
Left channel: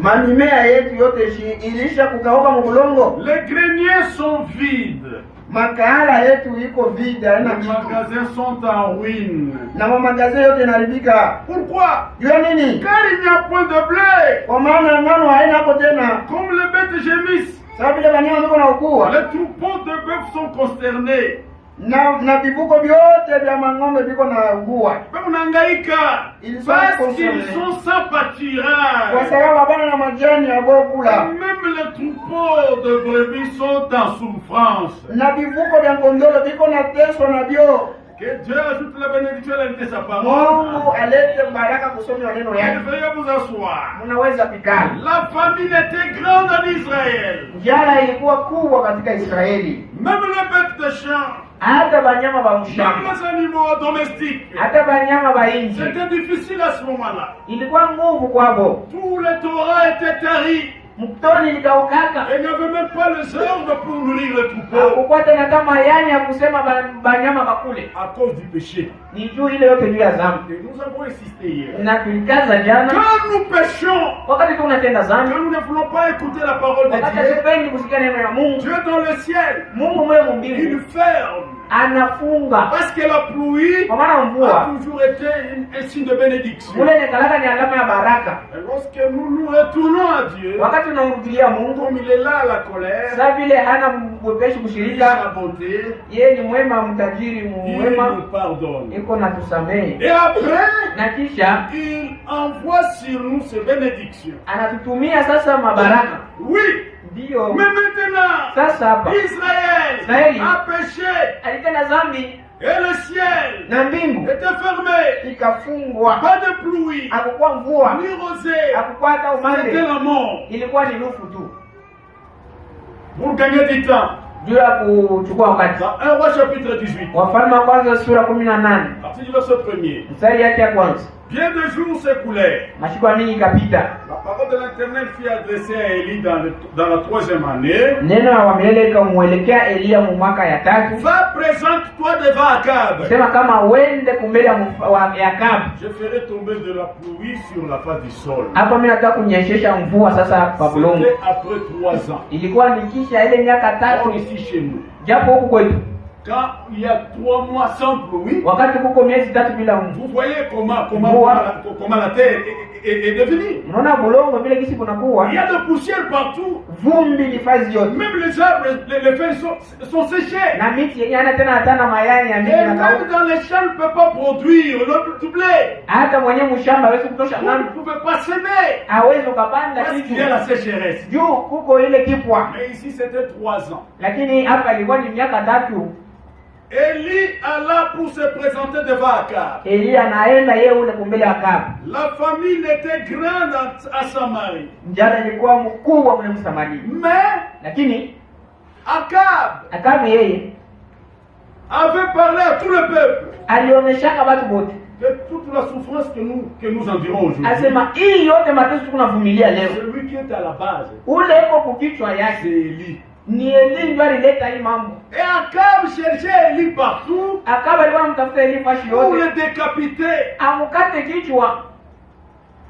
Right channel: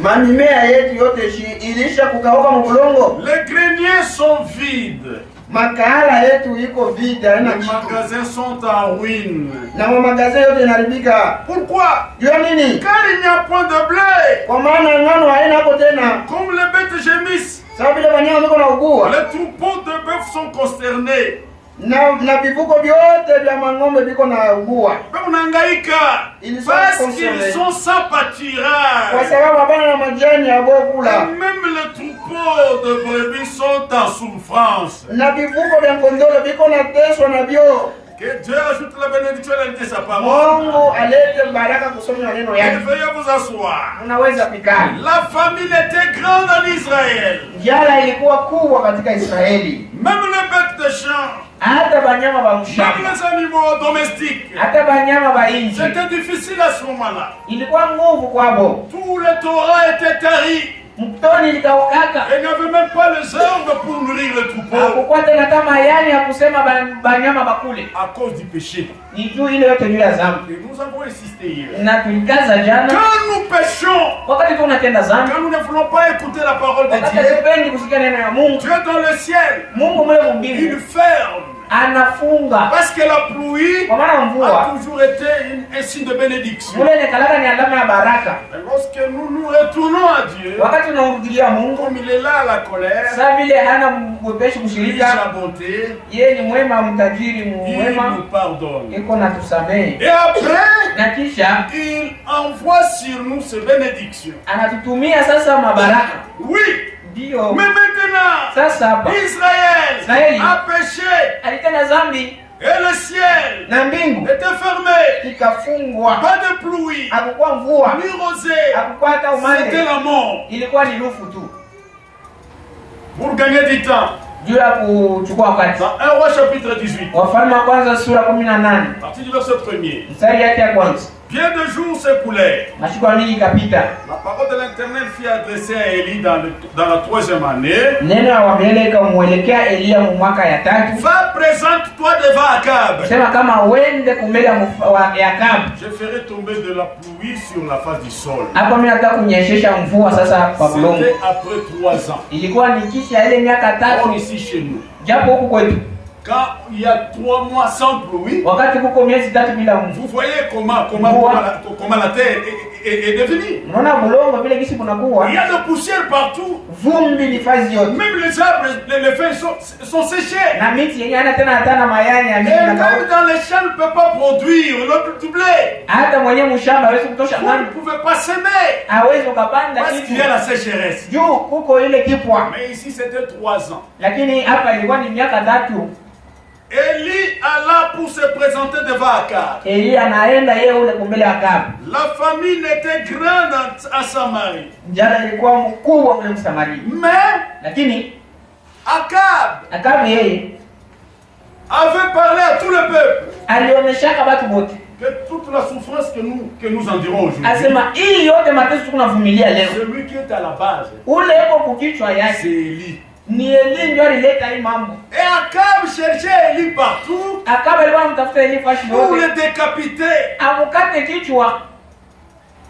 Mamimea yetu yote ilisha kukauka mu bulongo. Les greniers sont vides. Makahala yetu iko vide, haina Les kitu. magasins sont en ruine. Na mamagazin yote inaribika. Pourquoi? Jua nini? Car il n'y a point de blé. Kwa maana ngano haina hapo tena. Comme les bêtes gémissent, Sababu vile wanyama wako na ugua. les troupeaux de bœufs sont consternés. Na vivuko vyote vya mang'ombe viko na ugua. Unahangaika Ils sont parce concernés. qu'ils sont sans Kwa pâturage. sababu hapana na majani ya Et kula. même les troupeaux de brebis sont en souffrance. Na vivuko vya kondoo viko na teswa na vyo. Que Dieu ajoute la bénédiction à la sa parole. Mungu alete baraka kusoma maneno yake. Veuillez vous asseoir. Unaweza kukaa. La famine était grande en Israël. Njala ilikuwa kubwa katika Israeli. Même les bêtes de champ, hata banyama ba même mshamba, les animaux domestiques, hata banyama ba nchi. c'était difficile à ce moment-là. Ilikuwa nguvu kwabo. Tout le Torah était tari. Mtoni likaukaka. Et n'avait même pas les herbes pour nourrir le troupeau. Hakukuwa tena kama yani ya kusema banyama bakule. À cause du péché. Ni juu ile yote juu ya dhambi. Et nous avons insisté hier. Na tulikaza jana. Quand nous péchons, Wakati tunatenda dhambi, quand nous ne voulons pas écouter la parole de wakati Dieu, hatupendi kusikia neno ya Mungu, Dieu dans le ciel, Mungu mule il mbingu ferme. anafunga. Parce que la pluie Kwa maana a mvua toujours été un signe de bénédiction. mule ni kalaka, ni alama ya baraka. Et lorsque nous nous retournons à Dieu, Wakati unamrudilia Mungu, comme il est là à la colère, sasa vile hana mwepeshi il kushirika, sa bonté, yeye ni mwema, mtajiri il mwema, nous pardonne. iko na tusamehe, Et après, na kisha il envoie sur nous ces bénédictions. anatutumia sasa mabaraka. Oui, Ndio mais maintenant, sasa hapa Israël Israeli a péché alitenda dhambi et le ciel na mbingu était fermé. ikafungwa, Pas de pluie, hakukuwa mvua, ni rosée, hakukuwa hata c'était umande, la mort. ilikuwa ni lufu tu, Pour gagner du temps, juu ya kuchukua wakati. dans 1 Roi chapitre 18, Wafalme wa kwanza sura 18 à partir du verset 1er, mstari yake ya kwanza. bien de jours s'écoulèrent. Masiku mingi ikapita, La parole de l'Éternel fut adressée à Élie dans la 3e année. neno la milele ikamwelekea Eliya mu mwaka ya tatu, Va, présente-toi devant Akab. sema kama uende kumbele ya Akabu. Je ferai tomber de la pluie sur la face du sol. Hapa mimi nataka kunyeshesha mvua sasa kwa kulongo. C'était après 3 ans. Ilikuwa ni kisha ile miaka Comme tatu, ici chez nous. japo huku kwetu Quand il y a 3 mois sans pluie, wakati kuko miezi tatu bila mvua. vous voyez comment la terre est devenue. Unaona bulongo vile gisi kunakuwa Il y a de poussière partout. vumbi ni fazi yote, Même les arbres, les feuilles sont séchées. na miti yenyewe hana tena hata na mayai ya Et miti na même kawa. dans les champs, ne peut pas produire du blé. Hata mwenye mshamba hawezi kutosha Vous ne ngano, pouvez pas s'aimer. hawezi ukapanda Parce qu'il y a kitu la sécheresse. juu kuko ile kipwa. Mais ici, c'était 3 ans. Lakini hapa ilikuwa ni miaka tatu. Élie alla pour se présenter devant Akab. Eliya anaenda yeye ule kumbele ya Akabu. La famine était grande à Samarie. Njala ilikuwa mkubwa ule Msamaria, Mais lakini Akab yeye avait parlé à tout le peuple alionyeshaka watu wote, que toute la souffrance que nous endurons aujourd'hui, asema hii yote mateso tunavumilia leo, celui qui est à la base, ule iko kukichwa c'est yake Élie. ni Eli ndio alileta hii mambo. Et Akab cherchait Élie partout Akabu alikuwa mtafuta Eli fashi pour yote le décapiter. amukate kichwa,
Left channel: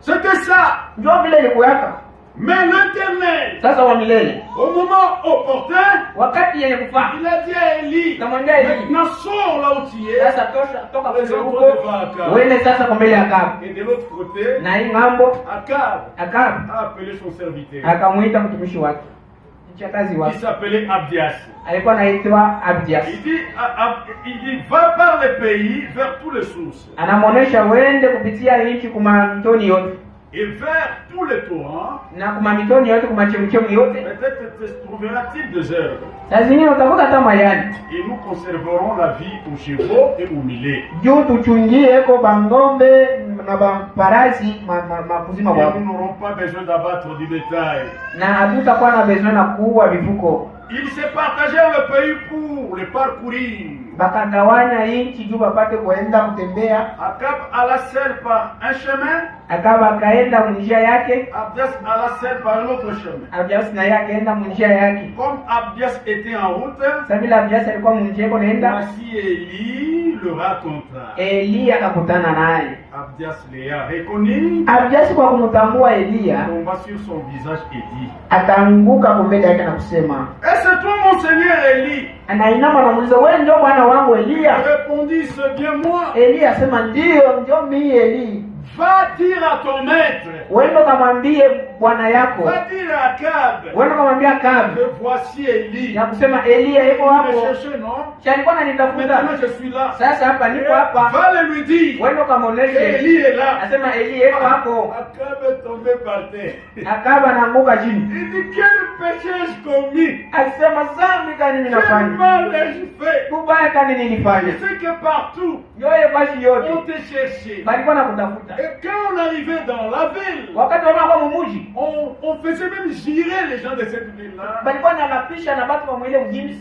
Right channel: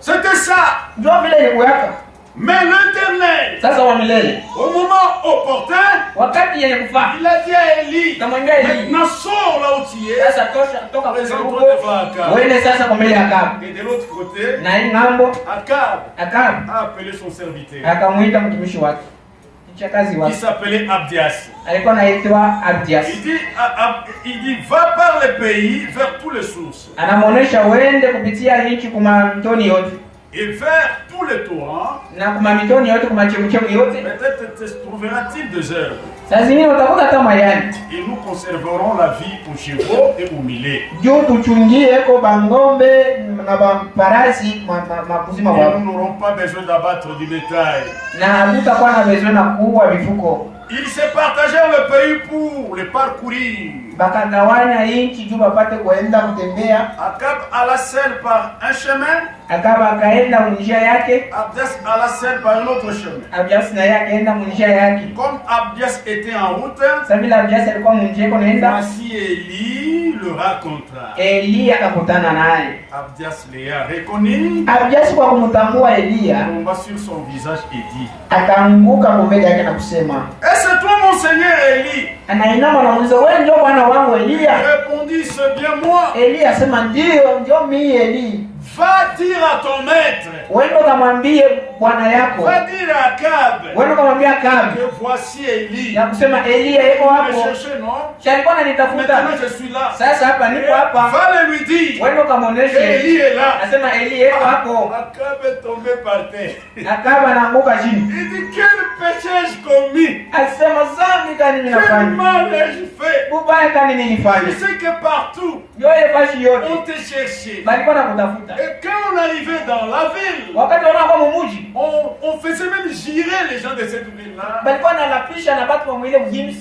C'était ça. ndio vile ilikuwaka. Mais l'Éternel, Sasa wa milele au moment opportun, wakati yenye kufaa il a dit à Élie, namwambia Eli, maintenant sors là où tu es, sasa tosha toka présente-toi kule devant Akab. uende sasa kumbele ya Akabu. Et de l'autre côté, Na hii ngambo Akab Akabu a appelé son serviteur, akamwita mtumishi wake, mchakazi qui wake, s'appelait Abdias. alikuwa anaitwa Abdias. Il dit, va par les pays, vers toutes les sources, Anamuonesha uende kupitia nchi kuma mitoni yote et vers tous les torrents, na kuma mitoni yote kuma chemuchemu yote. peut-être te trouvera-t-il des herbes, Saa zingine utakuta hata majani et nous conserverons la vie aux chevaux et aux mulets. juu tuchungie ko bangombe na bamparasi mabuzima Et wao, nous n'aurons pas besoin d'abattre du bétail. na hatutakuwa na besoin na kuua vifuko. Ils se partagèrent le pays pour le parcourir. Bakagawanya nchi juu bapate kuenda kutembea. Akab alla seul par un chemin, Akaba akaenda njia yake, Abdias alla seul par un autre chemin. Abdias na yake akaenda njia yake. Comme Abdias était en route, Sasa vile Abdias alikuwa njia yake naenda, voici Élie le raconta. Eliya akakutana naye. Abdias les a reconnus, Abdias kwa kumtambua Eliya tomba sur son visage et dit, akaanguka mbele yake na kusema, est-ce toi mon Seigneur Élie? anainama na muuliza, wewe ndio bwana wangu Il Eliya? répondit, c'est bien moi. Eliya asema ndio mimi Eli. Va dire à ton maître. Wendo kamwambie bwana yako. Va dire à Akab. Wendo kamwambia Akab. Que voici Élie. Na kusema Elia yuko hapo. Me chercher, non? Alikuwa ananitafuta. Maintenant je suis là. Sasa hapa niko hapa. Va le lui dire. Wendo kamaonesha Élie est là. Nasema Elia yuko hapo. Akab est tombé par terre. Akab anaanguka chini. Il dit quel péché ai-je commis? Alisema dhambi gani Quel ninafanya? mal ai-je fait? Ubaya gani nilifanya? Tu sais que partout Yote fashi yote. on te cherchait. Balikuwa nakutafuta. Et quand on arrivait dans la ville, Wakati wanakuwa mumuji. on faisait même girer les gens de cette ville-là. Balikuwa nalapisha na watu wa mwile mjini.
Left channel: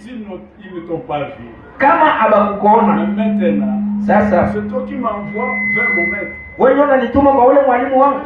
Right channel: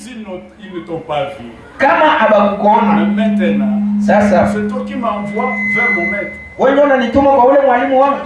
Ils ne t'ont pas vu. Kama abakuona. Maintenant, Sasa c'est toi qui m'envoies vers mon maître. wewe ndio unanituma kwa ule mwalimu wangu.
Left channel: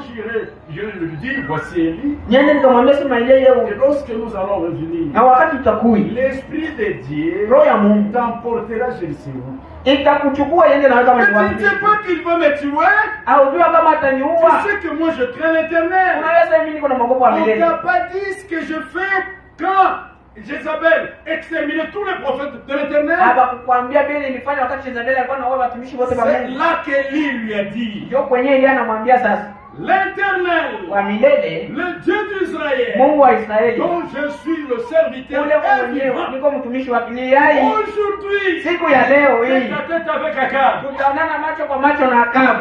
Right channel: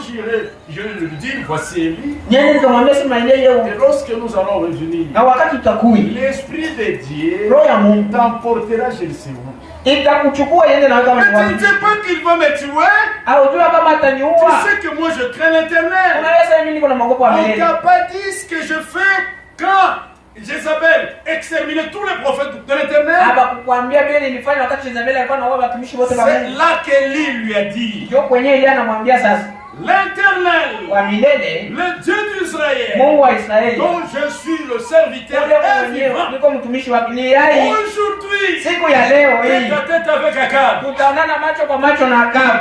Je vais lui dire, voici Élie. Nyinyi nikamwambia sema ile Et leo. lorsque nous allons revenir, Na wakati utakui. l'Esprit de Dieu Roho ya Mungu t'emportera je ne sais où. itakuchukua yende na kama Mais tu ne wapi. sais pas qu'il va me tuer. Haujua kama Tu ataniua. sais que moi je crains l'Éternel. Unaweza mimi niko na magogo ya On milele. t'a pas dit ce que je fais quand Jézabel exterminait tous les prophètes de l'Éternel. Hapa kukwambia vile nilifanya wakati Jezabeli alikuwa anaua watumishi wote wa C'est Mungu. là qu'Élie lui a dit, Ndio kwenyewe yeye anamwambia sasa. l'Éternel, Wa milele, le Dieu d'Israël, Mungu wa Israeli. dont je suis le serviteur Ndio mwenyewe vivant. niko mtumishi wake. Ni yai Aujourd'hui, siku ya leo hii tête à tête avec Akab. tutaonana macho kwa macho na Akab.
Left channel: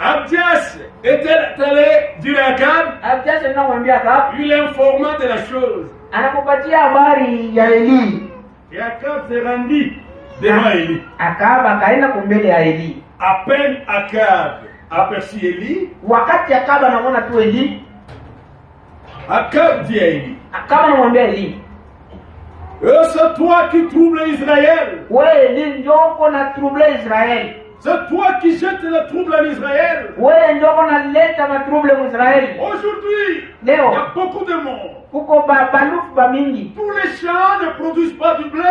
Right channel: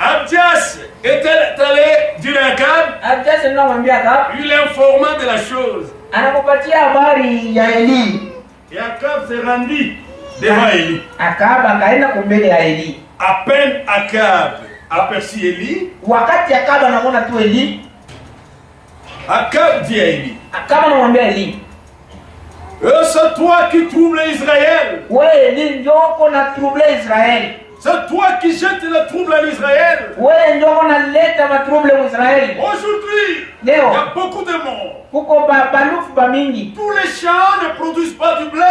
Abdias était allé dire à Akab, Abdias ndio mwambia Akab, lui l'informa de la chose. anakupatia habari ya Eli. Et Akab s'est rendu devant Élie. Akab akaenda kumbele ya Eli. À peine Akab aperçut Élie, Wakati Akab anaona tu Eli, Akab dit à Élie, Akab anamwambia Eli, c'est toi qui troubles Israël. wewe Eli ndio uko na trouble Israeli. C'est toi qui jettes le trouble en Israël. Wewe ndio unaleta matrouble mu Israeli. Aujourd'hui, il y Leo a beaucoup de morts. kuko balufu ba mingi. Tous les champs ne produisent pas du blé.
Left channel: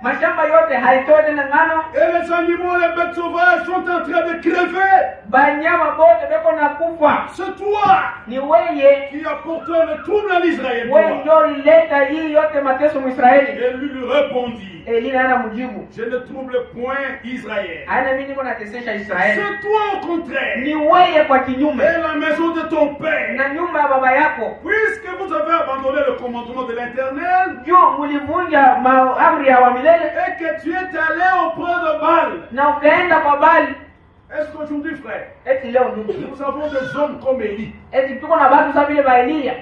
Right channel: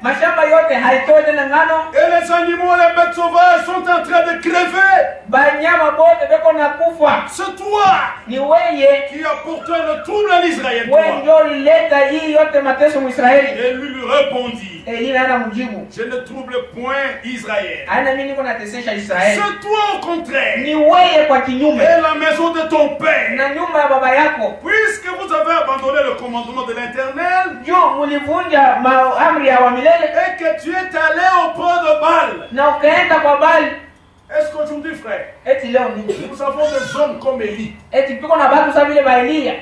Mashamba yote haitoe tena ngano. Et les animaux, les bêtes sauvages sont en train de crever. Banyama bote beko na kufa. C'est toi Ni wewe, qui as porté le trouble en Israël. wewe Toi. ndio ulileta hii yote mateso mu Israeli. Et lui répondit, Eli ana mjibu, je ne trouble point Israël. ana mimi niko natesesha Israeli. C'est toi au contraire. Ni wewe kwa kinyume Et la maison de ton père. na nyumba ya baba yako. Puisque vous avez abandonné le commandement de l'Éternel Juu mulivunja amri ya wa milele et que tu es allé auprès de Baal. na ukaenda kwa Bali. Est-ce qu'aujourd'hui, frère, Eti leo ndugu, nous avons des hommes comme Élie eti tuko na watu sawa vile ba Elia.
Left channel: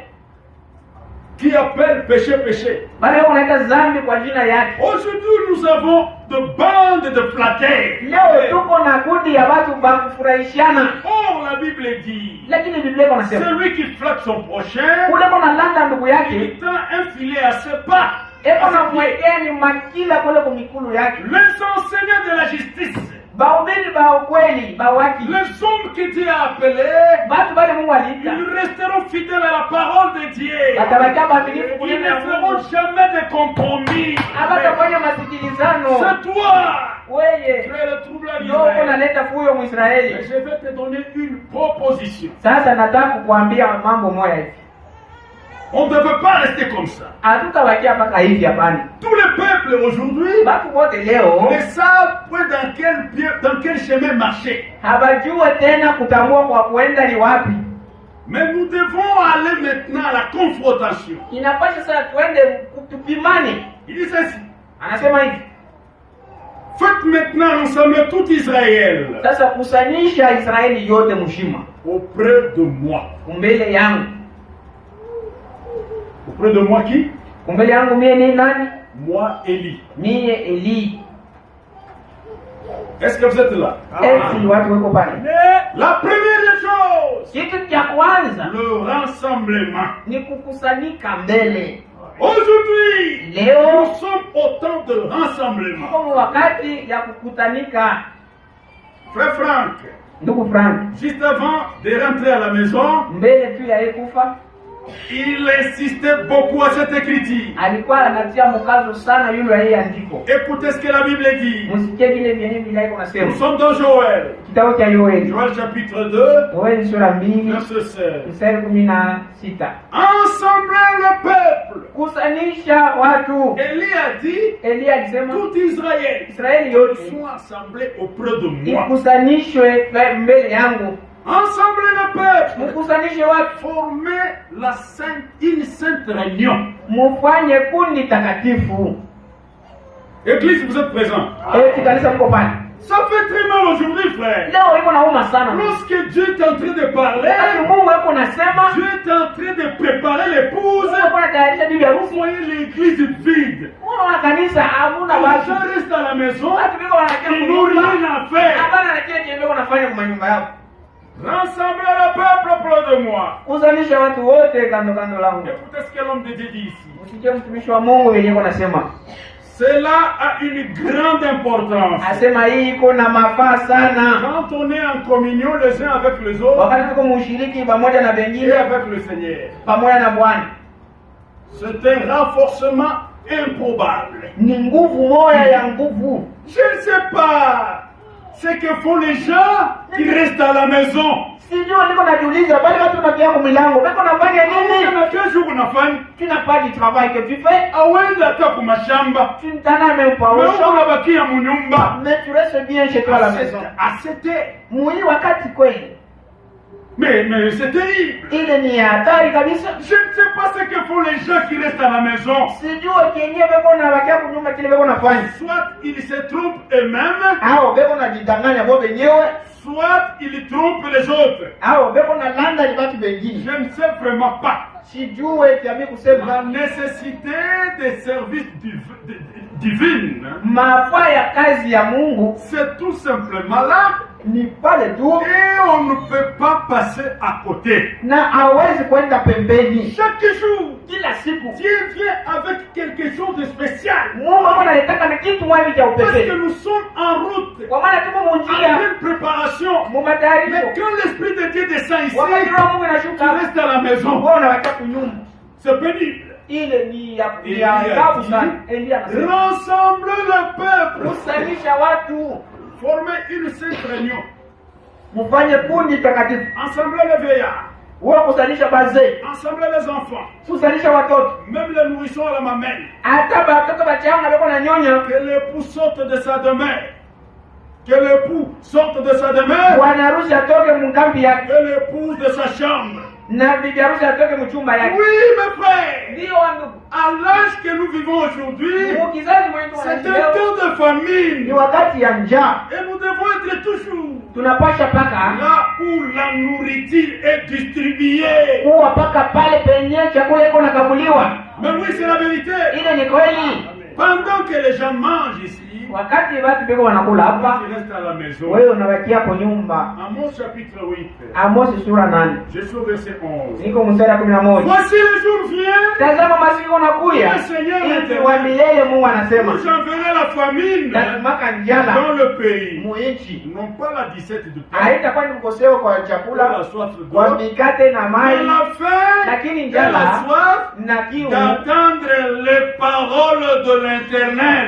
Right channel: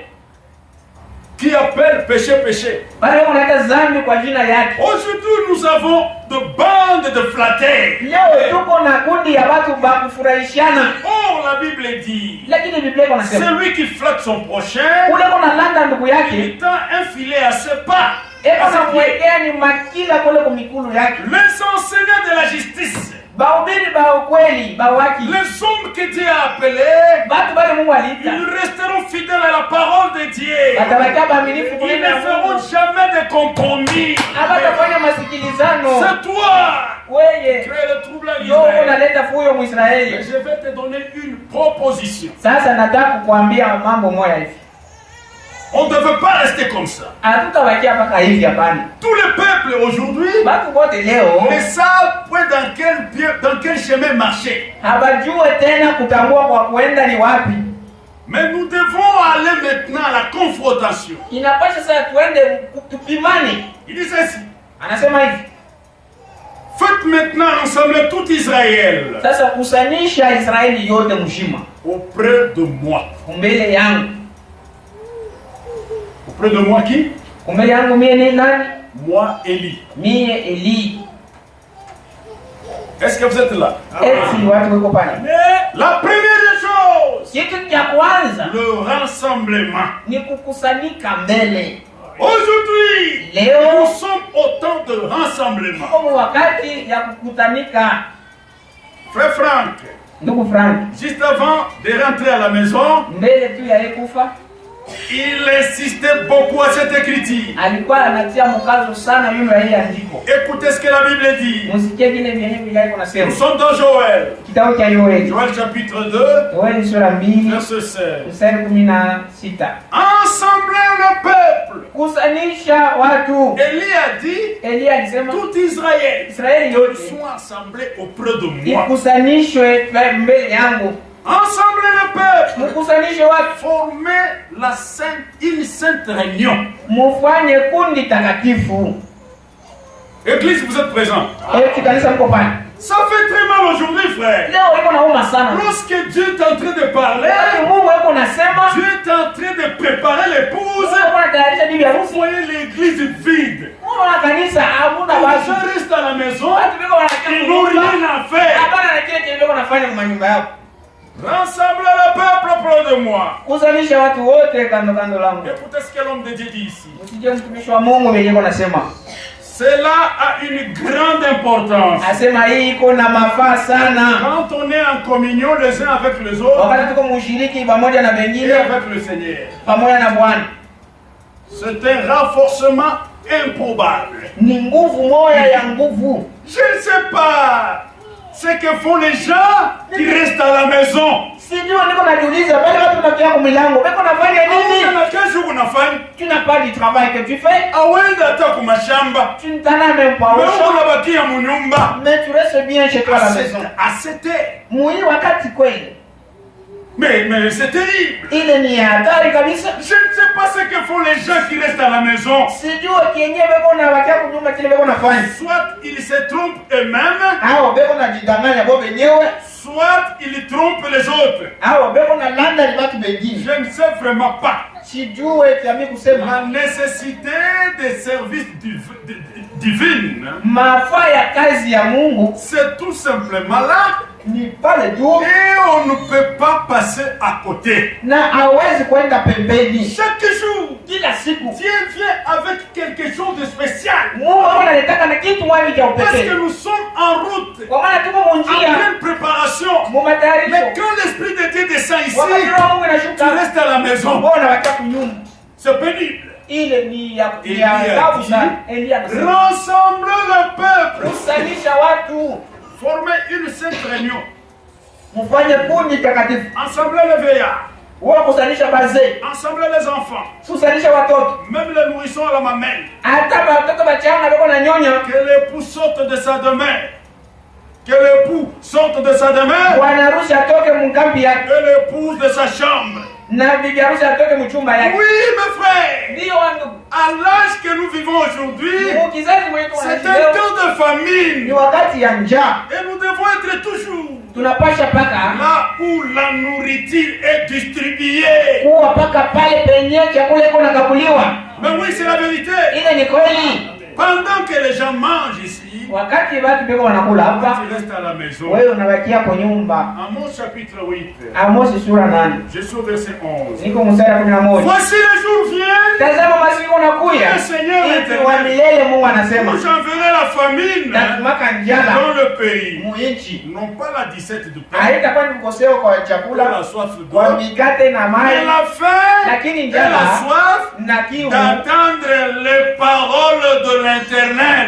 qui appellent péché, péché. Bali unaita dhambi kwa jina yake. Aujourd'hui, nous avons de bandes de flatteurs. Leo tuko na kundi ya watu ba kufurahishana. Or, la Bible dit, Lakini Biblia inasema celui qui flatte son prochain, ule kuna landa ndugu il yake, tend un filet à ses pas. eko na kuwekea ni makila kule kumikulu yake. Les enseignants de la justice, Bahubiri ba ukweli, ba waki. les hommes que Dieu a appelés, Batu bale Mungu aliita. ils resteront fidèles à la parole de Dieu. Batabakia baaminifu Ils kule ne na feront Mungu. jamais de compromis. Abatafanya masikilizano. C'est toi qui Wewe es le trouble en ndio Israël. unaleta fuyo Mais Mwisraeli. je vais te donner une proposition. Sasa nataka kukuambia mambo moja hivi. On ne devait pas rester comme ça. Hatutabakia mpaka hivi hapana. Tous les peuples aujourd'hui Watu wote leo ne savent point dans quel chemin marcher. hawajue tena kutambua kwa kuenda ni wapi. Mais nous devons aller maintenant à la confrontation. Inapasha sasa tuende tupimane. Il dit ceci. Anasema hivi. Faites maintenant rassembler tout Israël Sasa kusanyisha Israeli yote mshima auprès de moi. kumbele yangu. Auprès de moi qui? Kumbele yangu mie ni nani? Moi, Élie. Mie Eli. Est-ce que vous êtes là? Eti watu wako pale. La première des choses, Kitu cha kwanza le rassemblement. ni kukusanyika mbele. Aujourd'hui, Leo nous sommes au temps de rassemblement. kama wakati ya kukutanika. Frère Franck, Ndugu Frank, juste avant de rentrer à la maison, mbele tu ya yeye kufa, Il insistait beaucoup à cette écriture. Alikuwa anatia mkazo sana yule wa hii andiko. Écoutez ce que la Bible dit. Msikie kile vyenye Biblia inasema. Nous sommes dans Joël. Kitabu cha Yoeli. Joël chapitre 2. Yoeli sura 2 verset 16. mstari 16. Ensemblez le peuple. Kusanisha watu. Élie a dit. Elia alisema tout Israël. Israeli yote sont assemblés auprès de moi. Ikusanishwe mbele yangu. Ensemble le peuple, mkusanishe watu, former une sainte réunion. Mufanye kundi takatifu. Église, vous êtes présents. Ça fait très mal aujourd'hui, frère. Lorsque Dieu est en train de parler, Dieu est en train de préparer l'épouse, vous voyez l'église vide. Les gens restent à la maison, ils n'ont rien à faire. Rassemblez le peuple près de moi. Écoutez ce que l'homme de Dieu dit ici. Cela a une grande importance. Quand on est en communion les uns avec les autres et avec le Seigneur, c'est un renforcement improbable. Je ne sais pas ce que font les gens qui restent à la maison. Tu n'as pas du travail que tu fais. Tu ne t'en as même pas au champ. Mais tu restes bien chez toi à la maison. Mais c'est terrible. Je ne sais pas ce que font les gens qui restent à la maison. Soit ils se trompent eux-mêmes, soit ils trompent les autres. Je ne sais vraiment pas. La nécessité des services divins, c'est tout simplement là. Et on ne peut pas passer à côté. Chaque jour, Dieu vient avec quelque chose de spécial. Parce que nous sommes en route, en pleine préparation. Mais quand l'Esprit de Dieu descend ici, tu restes à la maison. C'est pénible. Il a dit, rassemble le peuple. Former une sainte réunion. Ensembler les veillards. Ensembler les enfants. Même les nourrissons à la mamelle. Que l'époux sorte de sa demeure. Que l'époux sorte de sa demeure. Que l'épouse de sa chambre. Oui, mes frères. À l'âge que nous vivons aujourd'hui, c'est un temps de famine. Et nous devons être toujours là où la nourriture est distribuée. Mais oui, c'est la vérité. Pendant que les gens mangent ici, tu restes à la maison. Amos chapitre 8. Je suis au verset 11. Voici le jour vient. Le Seigneur éternel. J'enverrai la famine dans le pays. Non pas la disette du pain, la soif d'eau, mais la faim et la soif d'attendre les paroles de l'Éternel.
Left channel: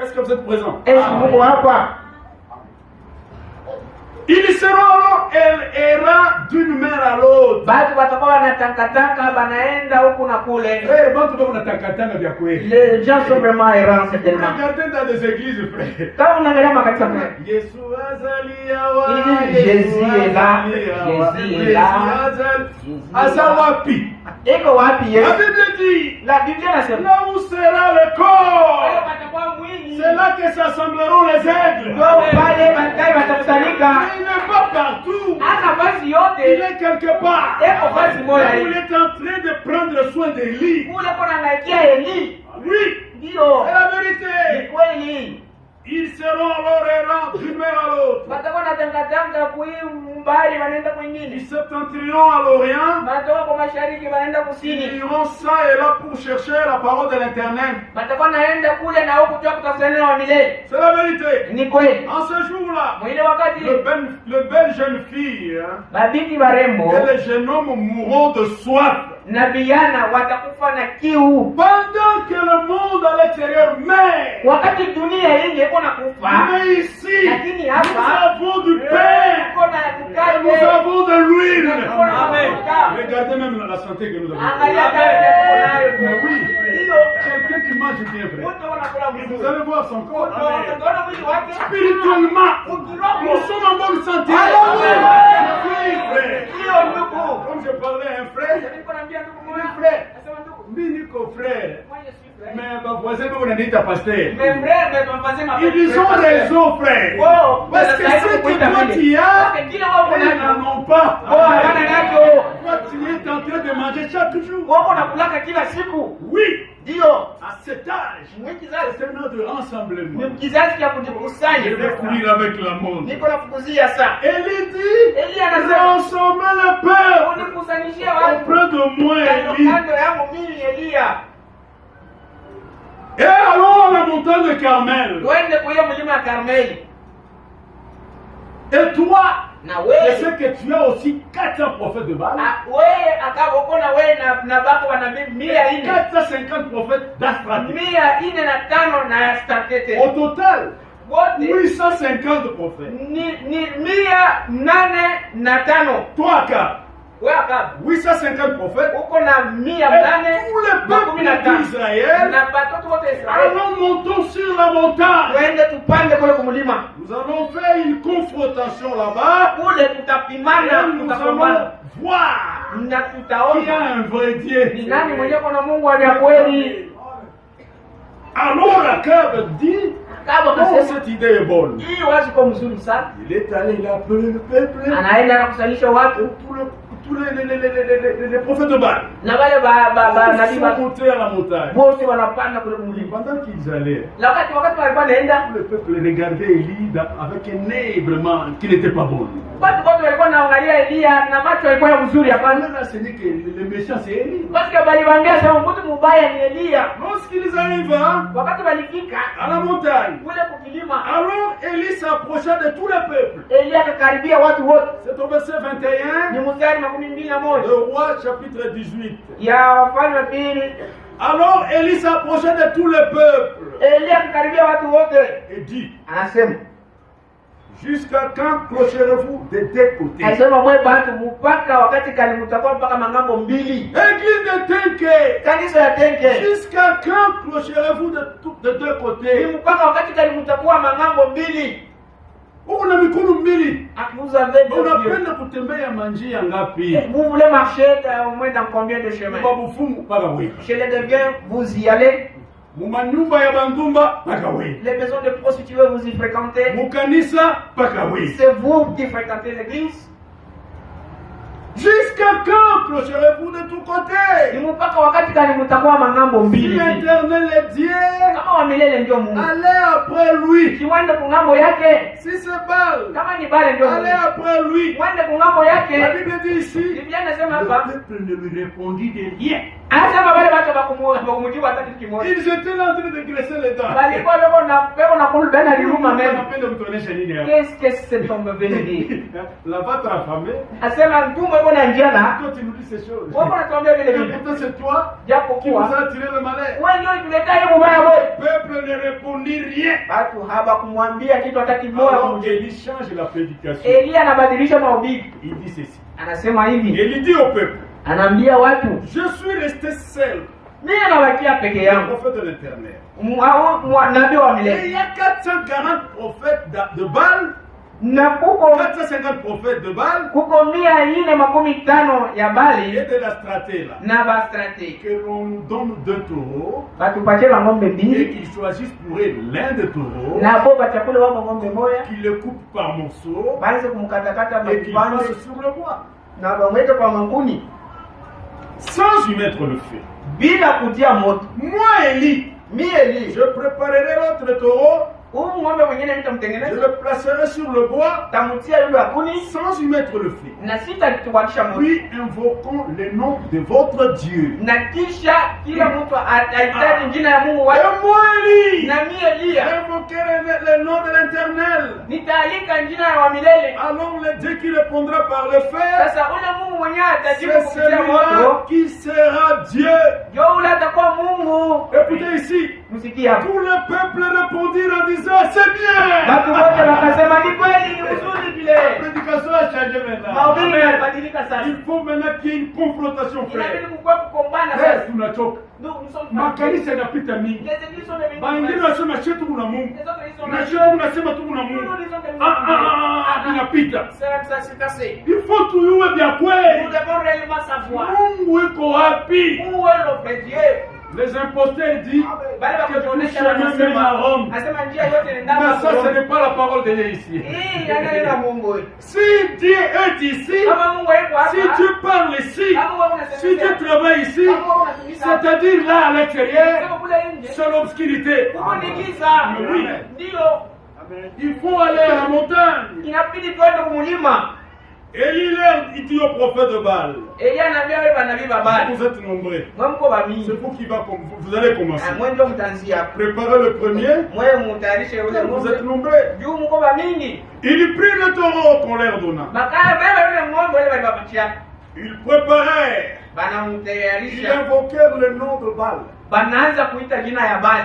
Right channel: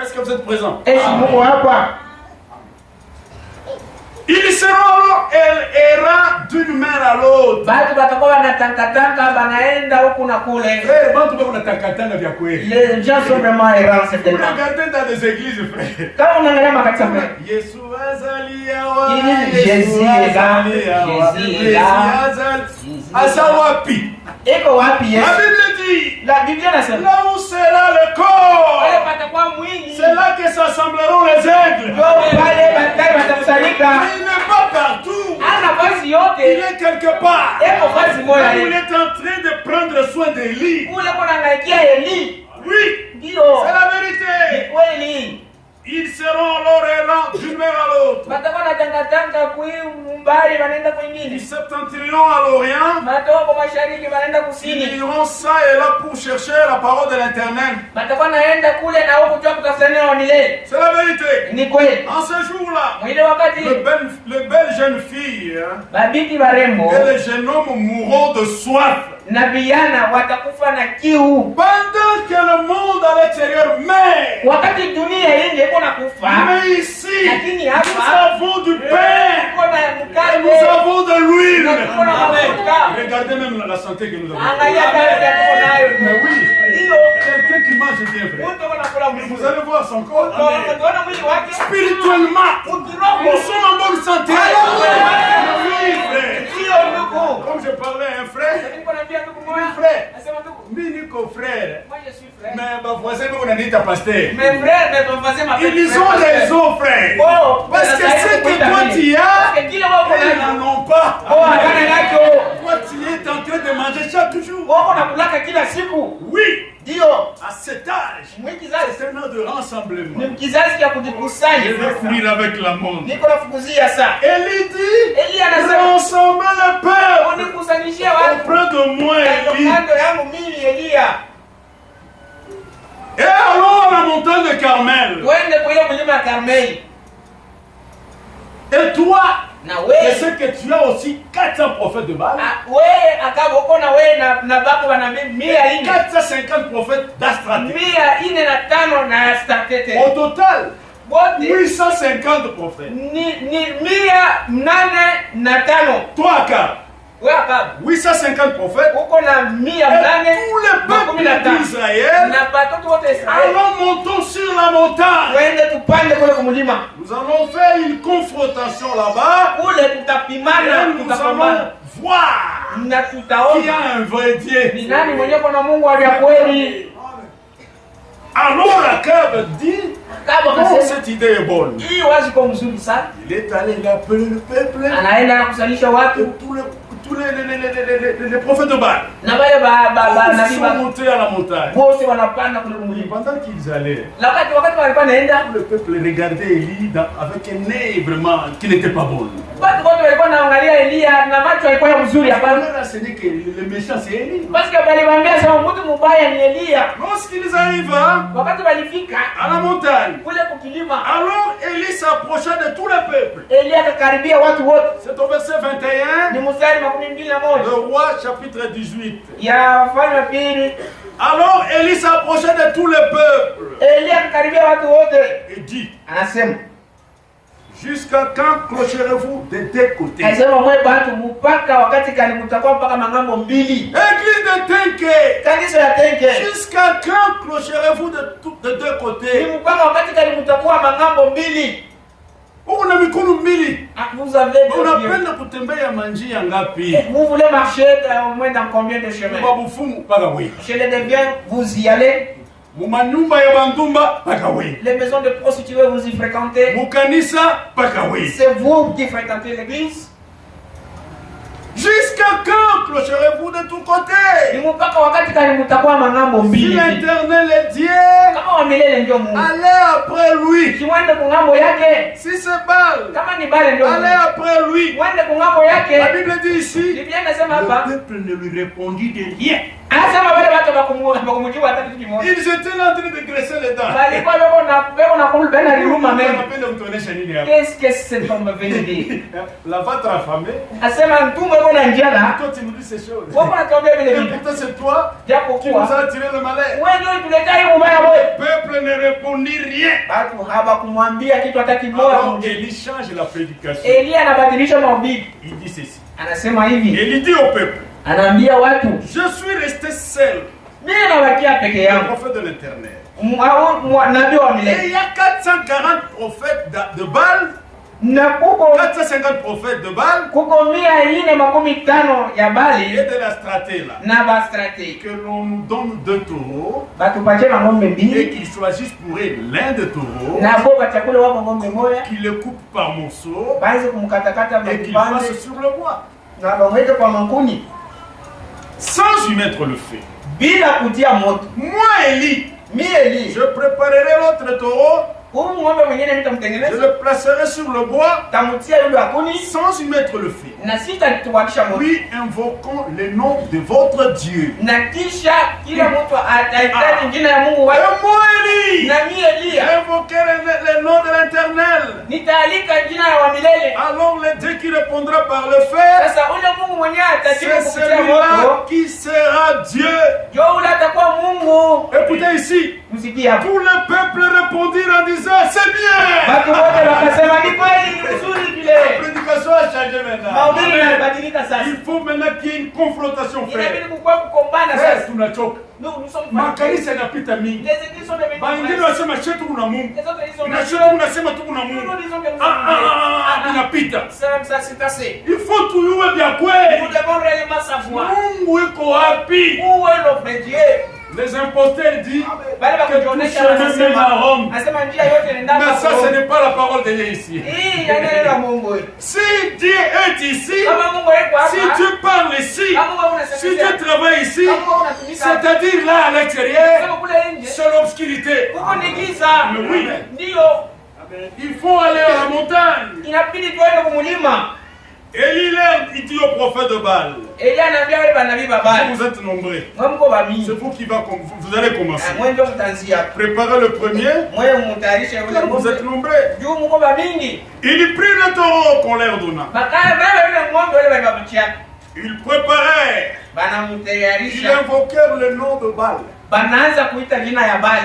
Est-ce que vous êtes présents? Ils seront alors errants d'une mer à l'autre. Les gens sont vraiment errants. Regardez dans des églises, frère. Jésus est là. Jésus est là. Asawapi. La Bible là où sera le corps, c'est là que s'assembleront les aigles. Il n'est pas partout. Il est quelque part. Il est en train de prendre soin des lits. Oui, c'est la vérité. Ils seront alors errants d'une mer à l'autre. Du septentrion à l'orient. Ils iront ça et là pour chercher la parole de l'Éternel. C'est la vérité. En ce jour-là, le belle jeune fille et les jeunes hommes mourront de soif. Pendant que le monde à l'extérieur meurt. Mais ici, nous avons du pain. Nous avons de l'huile. Regardez même la santé que nous avons. Mais oui, quelqu'un qui mange bien, frère. Vous allez voir son corps. Spirituellement, nous sommes en bonne santé. Oui, frère. Comme je parlais à un frère. Frère. Mais ma voisine, on a dit ta pasteur. Ils ont raison, frère. Parce que ce que toi tu as, ils n'en ont pas. Toi tu es en train de manger chaque jour. Oui. À cet âge, c'est un an de rassemblement. Je vais courir avec la monde. Élie dit, rassemble le peuple auprès de moi, Élie. Et allons à la montagne de Carmel. Et toi, je sais que tu as aussi 400 prophètes de Baal. 450 prophètes d'Astraté. Au total, 850 prophètes. Toi, Akab, 850 prophètes. Et tout le peuple d'Israël. Alors montons sur la montagne. Nous allons faire une confrontation là-bas. Et nous allons voir qui a un vrai Dieu. Alors Akab dit, oh, cette idée est bonne. Il est allé, il a appelé le peuple. Tous les prophètes de Baal. Ils sont montés à la montagne. Pendant qu'ils allaient, le peuple regardait Élie avec un œil vraiment qui n'était pas bon. Ce n'est que le méchant, c'est Élie. Lorsqu'ils arrivent à la montagne, alors Élie s'approcha de tout le peuple. C'est au verset 21. Le roi chapitre 18. Alors Élie s'approchait de tout le peuple et dit, jusqu'à quand clocherez-vous des deux côtés? Église de Tenke, jusqu'à quand clocherez-vous de deux côtés? Vous avez peine kutembea manjia ngapi? Vous voulez marcher au moins dans combien de chemins? Chez les deviens, vous y allez. Les maisons de prostituées, vous y fréquentez. C'est vous qui fréquentez l'église. Jusqu'à quand clocherez-vous de tous côtés? Si l'Éternel est Dieu, allez après lui. Si c'est Baal, allez après lui. La Bible dit ici, le peuple ne lui répondit de rien. Ils étaient en train de graisser les dents. Qu'est-ce que cet homme veut dire? La vôtre affamée. Quand tu nous dis ces choses, et pourtant c'est toi qui nous as attiré le malheur. Le peuple ne répondit rien. Alors Élie change la prédication. Il dit ceci. Élie dit au peuple, je suis resté seul, le prophète de l'Éternel. Et il y a 440 prophètes de Baal. 450 prophètes de Baal et de l'Astraté là. Que l'on nous donne 2 taureaux et qu'ils choisissent pour eux l'un des taureaux, qu'ils le coupent par morceaux et qu'ils passent sur le bois sans y mettre le feu. Moi Élie, je préparerai l'autre taureau Je le placerai sur le bois sans y mettre le feu. Puis invoquons le nom de votre Dieu. Et moi, Élie, invoquer le nom de l'Éternel. Alors le Dieu qui répondra par le feu, c'est celui-là qui sera Dieu. Écoutez ici, tout le peuple répondit en disant c'est bien. La prédication a changé maintenant. Il faut maintenant qu'il y ait une confrontation, frère. Nous sommes makanisa yanapita mingi. Baingine wanasema chetu kuna Mungu. Na chetu unasema tu kuna Mungu. Inapita. Il faut tuyue vya kweli. Mungu iko wapi? Les imposteurs disent que tout chemin mène à Rome. Mais ça, ce n'est pas la parole de Dieu ici. Si Dieu est ici, si Dieu parle ici, si Dieu travaille ici, c'est-à-dire là à l'extérieur, c'est l'obscurité. Mais oui, il faut aller à la montagne. Élie il dit au prophète de Baal. Vous êtes nombreux. C'est vous qui vous allez commencer. Préparez le premier. Vous êtes nombreux. Il prit le taureau qu'on leur donna. Il préparait. Il invoquait le nom de Baal.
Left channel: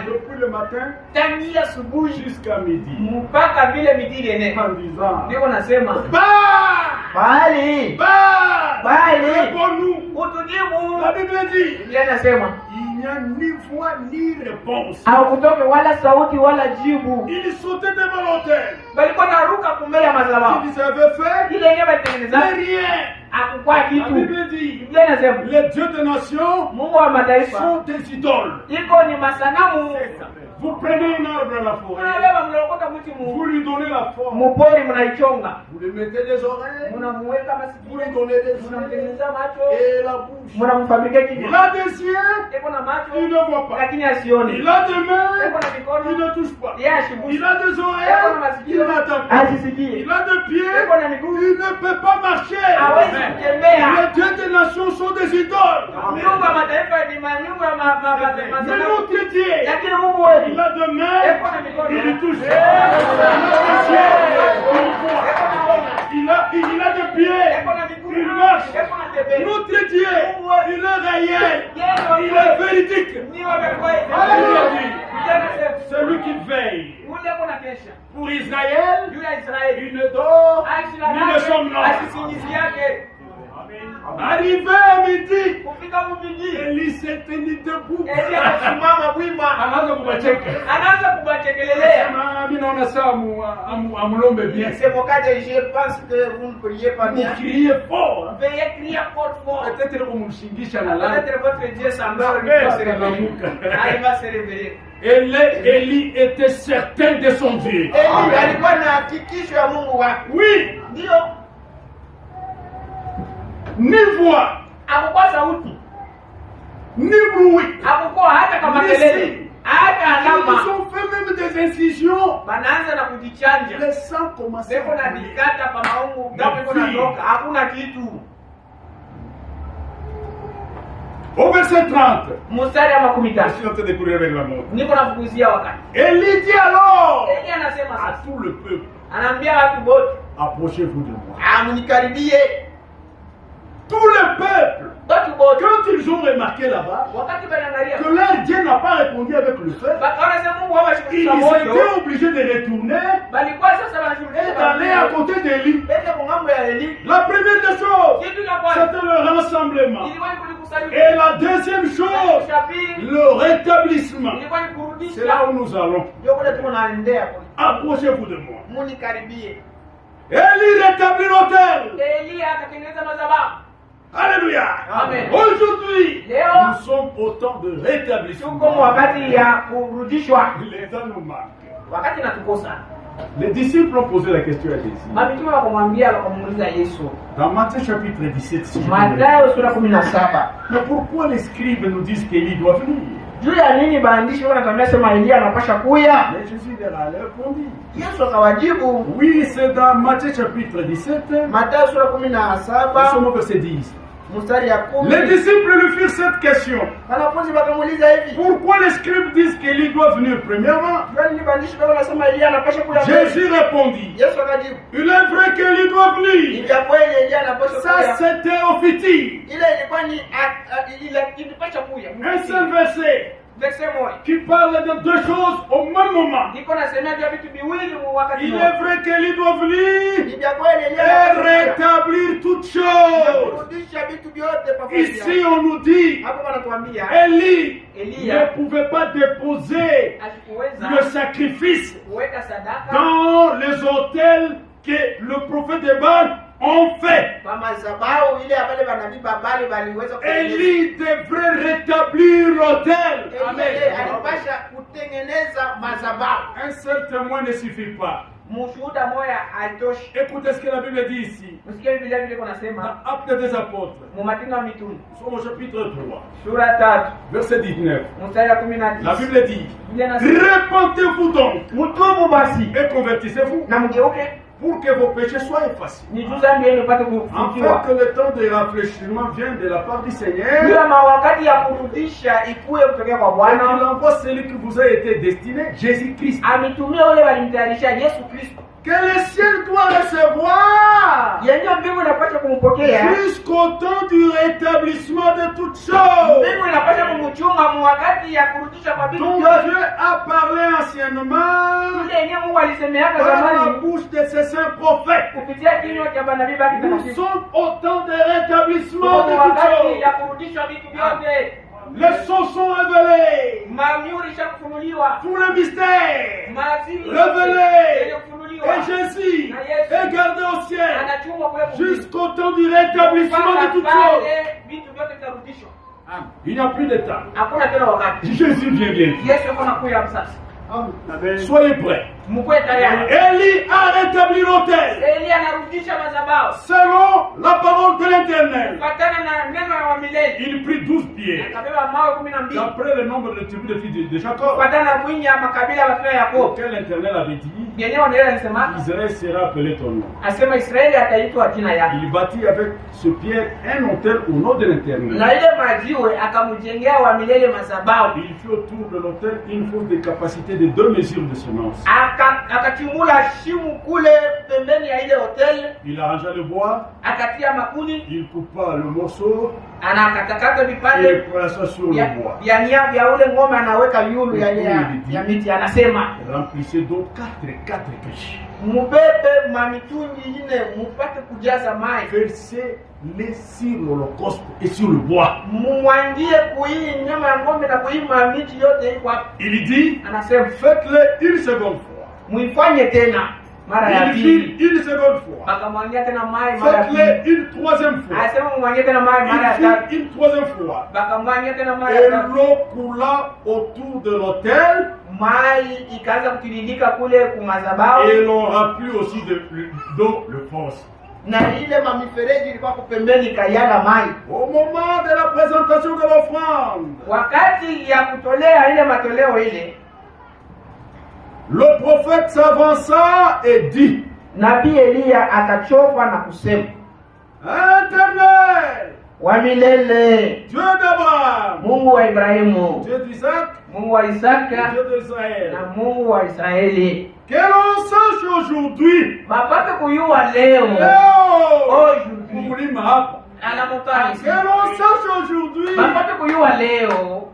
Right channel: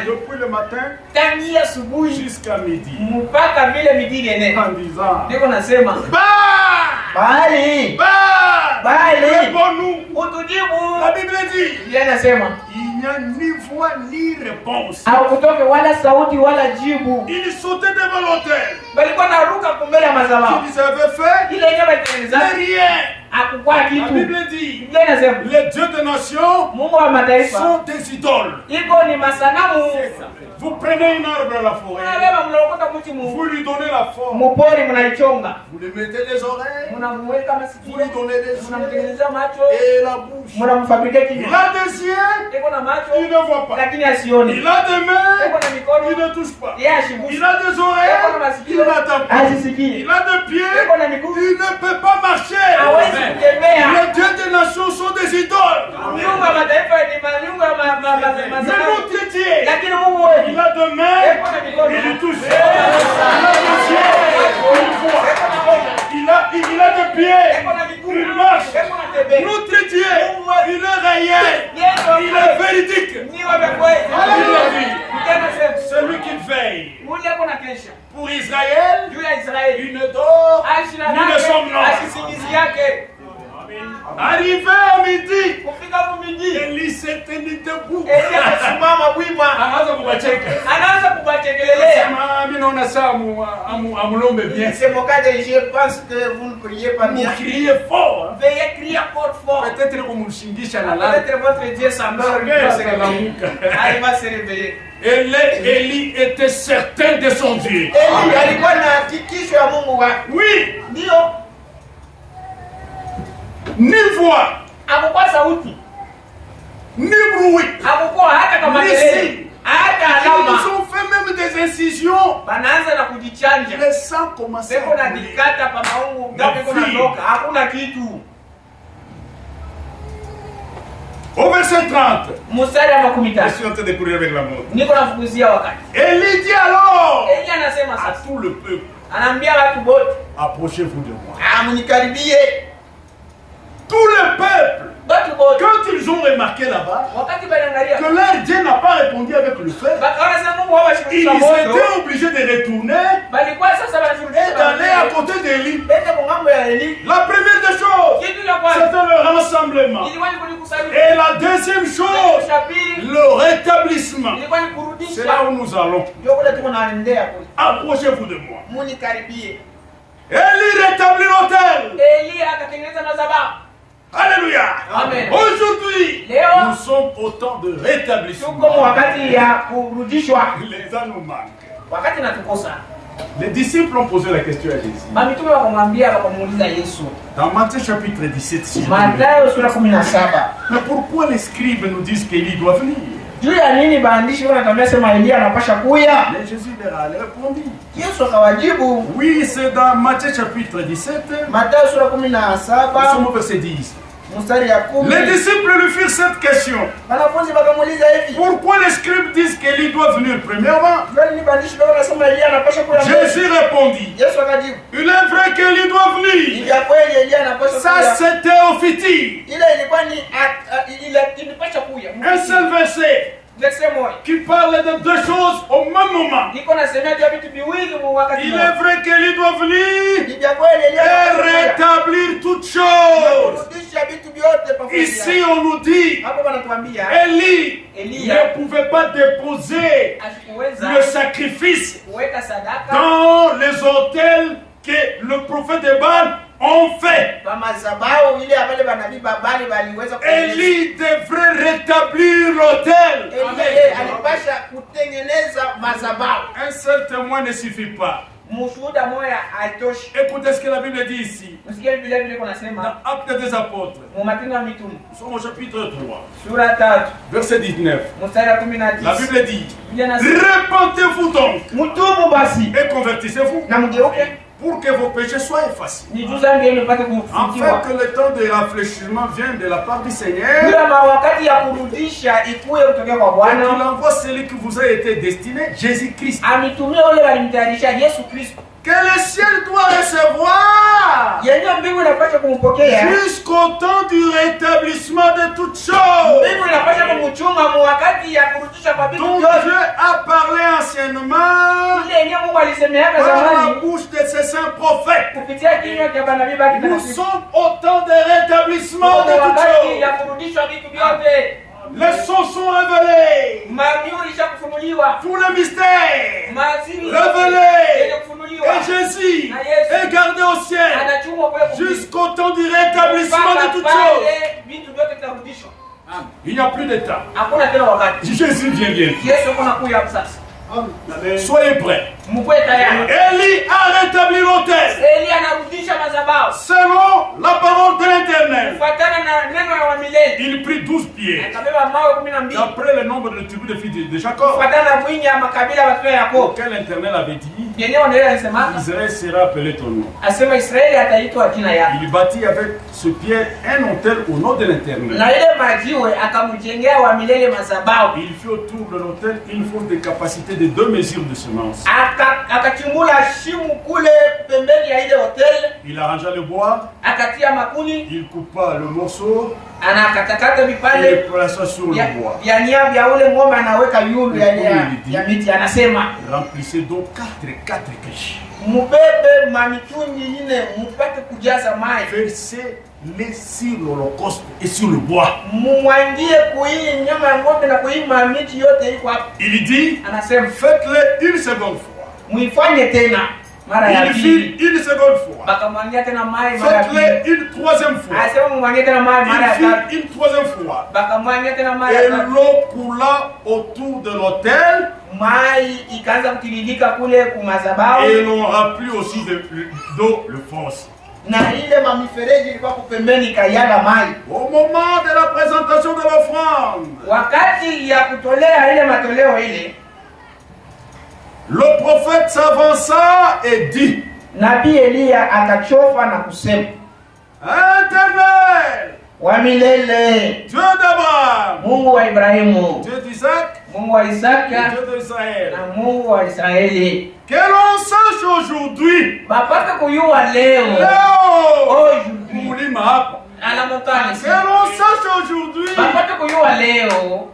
Depuis le matin jusqu'à midi. En disant Baal, réponds-nous. La Bible dit il n'y a ni voix ni réponse. Il sautait devant l'autel. Qu'il savait faire, mais rien. La Bible dit les dieux des nations sont des idoles. Vous prenez un arbre à la forêt, vous lui donnez la forme, vous lui mettez les oreilles, vous lui donnez les yeux et la bouche. Il a des yeux, il ne voit pas. Il a des mains, il ne touche pas. Il a des oreilles, il n'entend pas. Il a des pieds, il ne peut pas marcher. Les dieux des nations sont des idoles. Mais notre Dieu, il a des mains, il touche. Il a des pieds, il marche. Notre Dieu, il est réel, il est véridique. Celui qui veille pour Israël, il ne dort, il ne somnole. Arrivé à midi, Élie s'est tenu debout. C'est mon cas, je pense que vous ne priez pas bien. Criez fort. Veuillez crier fort. Peut-être votre Dieu s'endort, il va se réveiller. Élie était certain de son Dieu. Oui. Ni voix, ni bruit, ni signe. Ils ont fait même des incisions. Les sangs commençaient à couler. Au verset 30, je suis en train de courir avec la montre. Élie dit alors à tout le peuple, approchez-vous de moi. Tout le peuple, quand ils ont remarqué là-bas que leur Dieu n'a pas répondu avec le feu, ils étaient obligés de retourner et d'aller à côté d'Élie. La première des choses, c'était le rassemblement. Et la deuxième chose, le rétablissement. C'est là où nous allons. Approchez-vous de moi. Élie rétablit l'autel. Alléluia. Amen. Aujourd'hui, nous sommes au temps de rétablissement. Le temps nous manque. Les disciples ont posé la question à Jésus. Dans Matthieu chapitre 17, mais pourquoi les scribes nous disent qu'Élie doit venir? Juu ya nini baandishi wanatuambia sema Elia anapasha kuya? Mais Jésus leur a répondu. Yesu akawajibu. Oui, c'est dans Matthieu chapitre 17. Mathayo sura 17. Nous sommes au verset 10. Mstari ya 10. Les disciples lui firent cette question. Wanafunzi wakamuuliza hivi. Pourquoi les scribes disent qu'Élie doit venir premièrement? Jésus répondit. Yesu akajibu. Il est vrai qu'Élie doit venir. Ya kweli Elia anapasha Ça kuya. c'était au fiti. Ile ilikuwa ni ilipasha kuya. Un seul verset Verset moja. qui parle de deux choses au même moment. Niko nasema juu ya vitu viwili mu wakati Il mmoja. est vrai qu'Élie doit venir Ni ya kweli Elia et anapasha kuya. rétablir toutes choses. Kurudisha vitu vyote pamoja. Ici on nous dit, Hapo wanatuambia Élie Elia ne pouvait pas déposer asikuweza le sacrifice kuweka sadaka dans les autels que le prophète de Baal ont fait. kwa madhabahu ile abale banabii babali baliweza kutengeneza. Élie devrait rétablir l'autel. Elia alipasha kutengeneza madhabahu. Un seul témoin ne suffit pas. Mshuhuda moja haitoshi. Écoutez ce que la Bible dit ici. Msikie vile vile kunasema Dans Actes des Apôtres, mu Matendo ya Mitume nous sommes au chapitre 3, sura 3 verset 19. mstari wa La 19. Bible dit, Biblia inasema repentez-vous donc mtubu basi et convertissez-vous na mgeuke pour que vos péchés soient effacés. ni juu zambi yenu ipate En kufutiwa. fait, le temps de rafraîchissement vient de la part du Seigneur. Bila wakati ya kurudisha ikuye kutokea kwa Et il Bwana. envoie celui qui vous a été destiné, Jésus-Christ. Ametumia wale walimtayarisha Yesu Kristo. Que le ciel doit recevoir Yenyewe mbingu inapaswa kumpokea. jusqu'au temps du rétablissement de toutes choses. Mbingu inapaswa kumchunga mu wakati ya kurudisha kwa vitu Donc vyote. Dieu a parlé anciennement Ile yenyewe Mungu alisemeaka par la zamani bouche de ses saints prophètes. kupitia kinywa cha manabii baki Nous takatifu. sommes au temps de rétablissement de toutes Wakati ya choses. kurudishwa vitu vyote. Les sons sont révélés. Mamiuri ishakufunuliwa. Tous les mystères Maziri révélés. yenye kufunuliwa. Et Jésus est gardé au ciel Anachumwa kule jusqu'au temps du rétablissement de toutes choses. vitu vyote vitarudishwa. Il n'y a plus de temps. Hakuna tena wakati. Jésus vient bien. Yesu yuko nakuja sasa. Soyez prêts. Mkwe tayari. Élie a rétabli l'autel Elia anarudisha madhabahu. selon la parole de l'Éternel. Kufuatana na neno la milele. Il prit 12 pierres. Akabeba mawe 12. D'après le nombre de tribus des filles de Jacob, Kufuatana na wingi ya makabila ya watoto ya Yakobo. auquel l'Éternel avait dit, Yenyewe ndio alisema Israël sera appelé ton nom. asema Israeli ataitwa jina yake. Il bâtit avec ce pierre un autel au nom de l'Éternel. Na ile majiwe akamjengea wa milele madhabahu. Il fit autour de l'autel une fosse de capacité de 2 mesures de semence. Akachimbula shimu kule pembeni ya ile hotel. Il arrangea le bois, Akatia makuni. il coupa le morceau Anakatakata et le vipande plaça sur le bois. vya nia vya ule ng'ombe anaweka yulu ya miti. Anasema Remplissez donc 4 caches. mubebe mamitungi ine mupate kujaza mai. Versez-les sur l'holocauste et sur le bois. Mumwangie kuhii nyama ya ng'ombe na kuhii mamiti yote iko hapa. Il dit, Anasema faites-le une seconde fois. muifanye tena mara ya Il pili. fit une seconde fois. Bakamwangia tena mai mara ya pili. Faites-le une troisième fois. Anasema mumwangie tena mai mara ya Il tatu. fit une troisième fois. Bakamwangia tena mai ya Et tatu. l'eau coula autour de l'autel. Mai ikaanza kutiririka kule kumadhabahu. Et l'on remplit aussi d'eau le fosse. Na ile mamifereji ilikuwa kupembeni kayala mai. Au moment de la présentation de l'offrande, Wakati ya kutolea ile matoleo ile, le prophète s'avança et dit, Nabii Elia akachofa na kusema, Éternel, wa milele, Dieu d'Abraham, Mungu wa Ibrahimu, Dieu d'Isaac, Mungu wa et Isaka Dieu d'Israël, na Mungu wa Israeli, que l'on sache aujourd'hui, bapate kuyua leo aujourd'hui, Kumulima hapa, ala motani, que l'on sache aujourd'hui bapate kuyua leo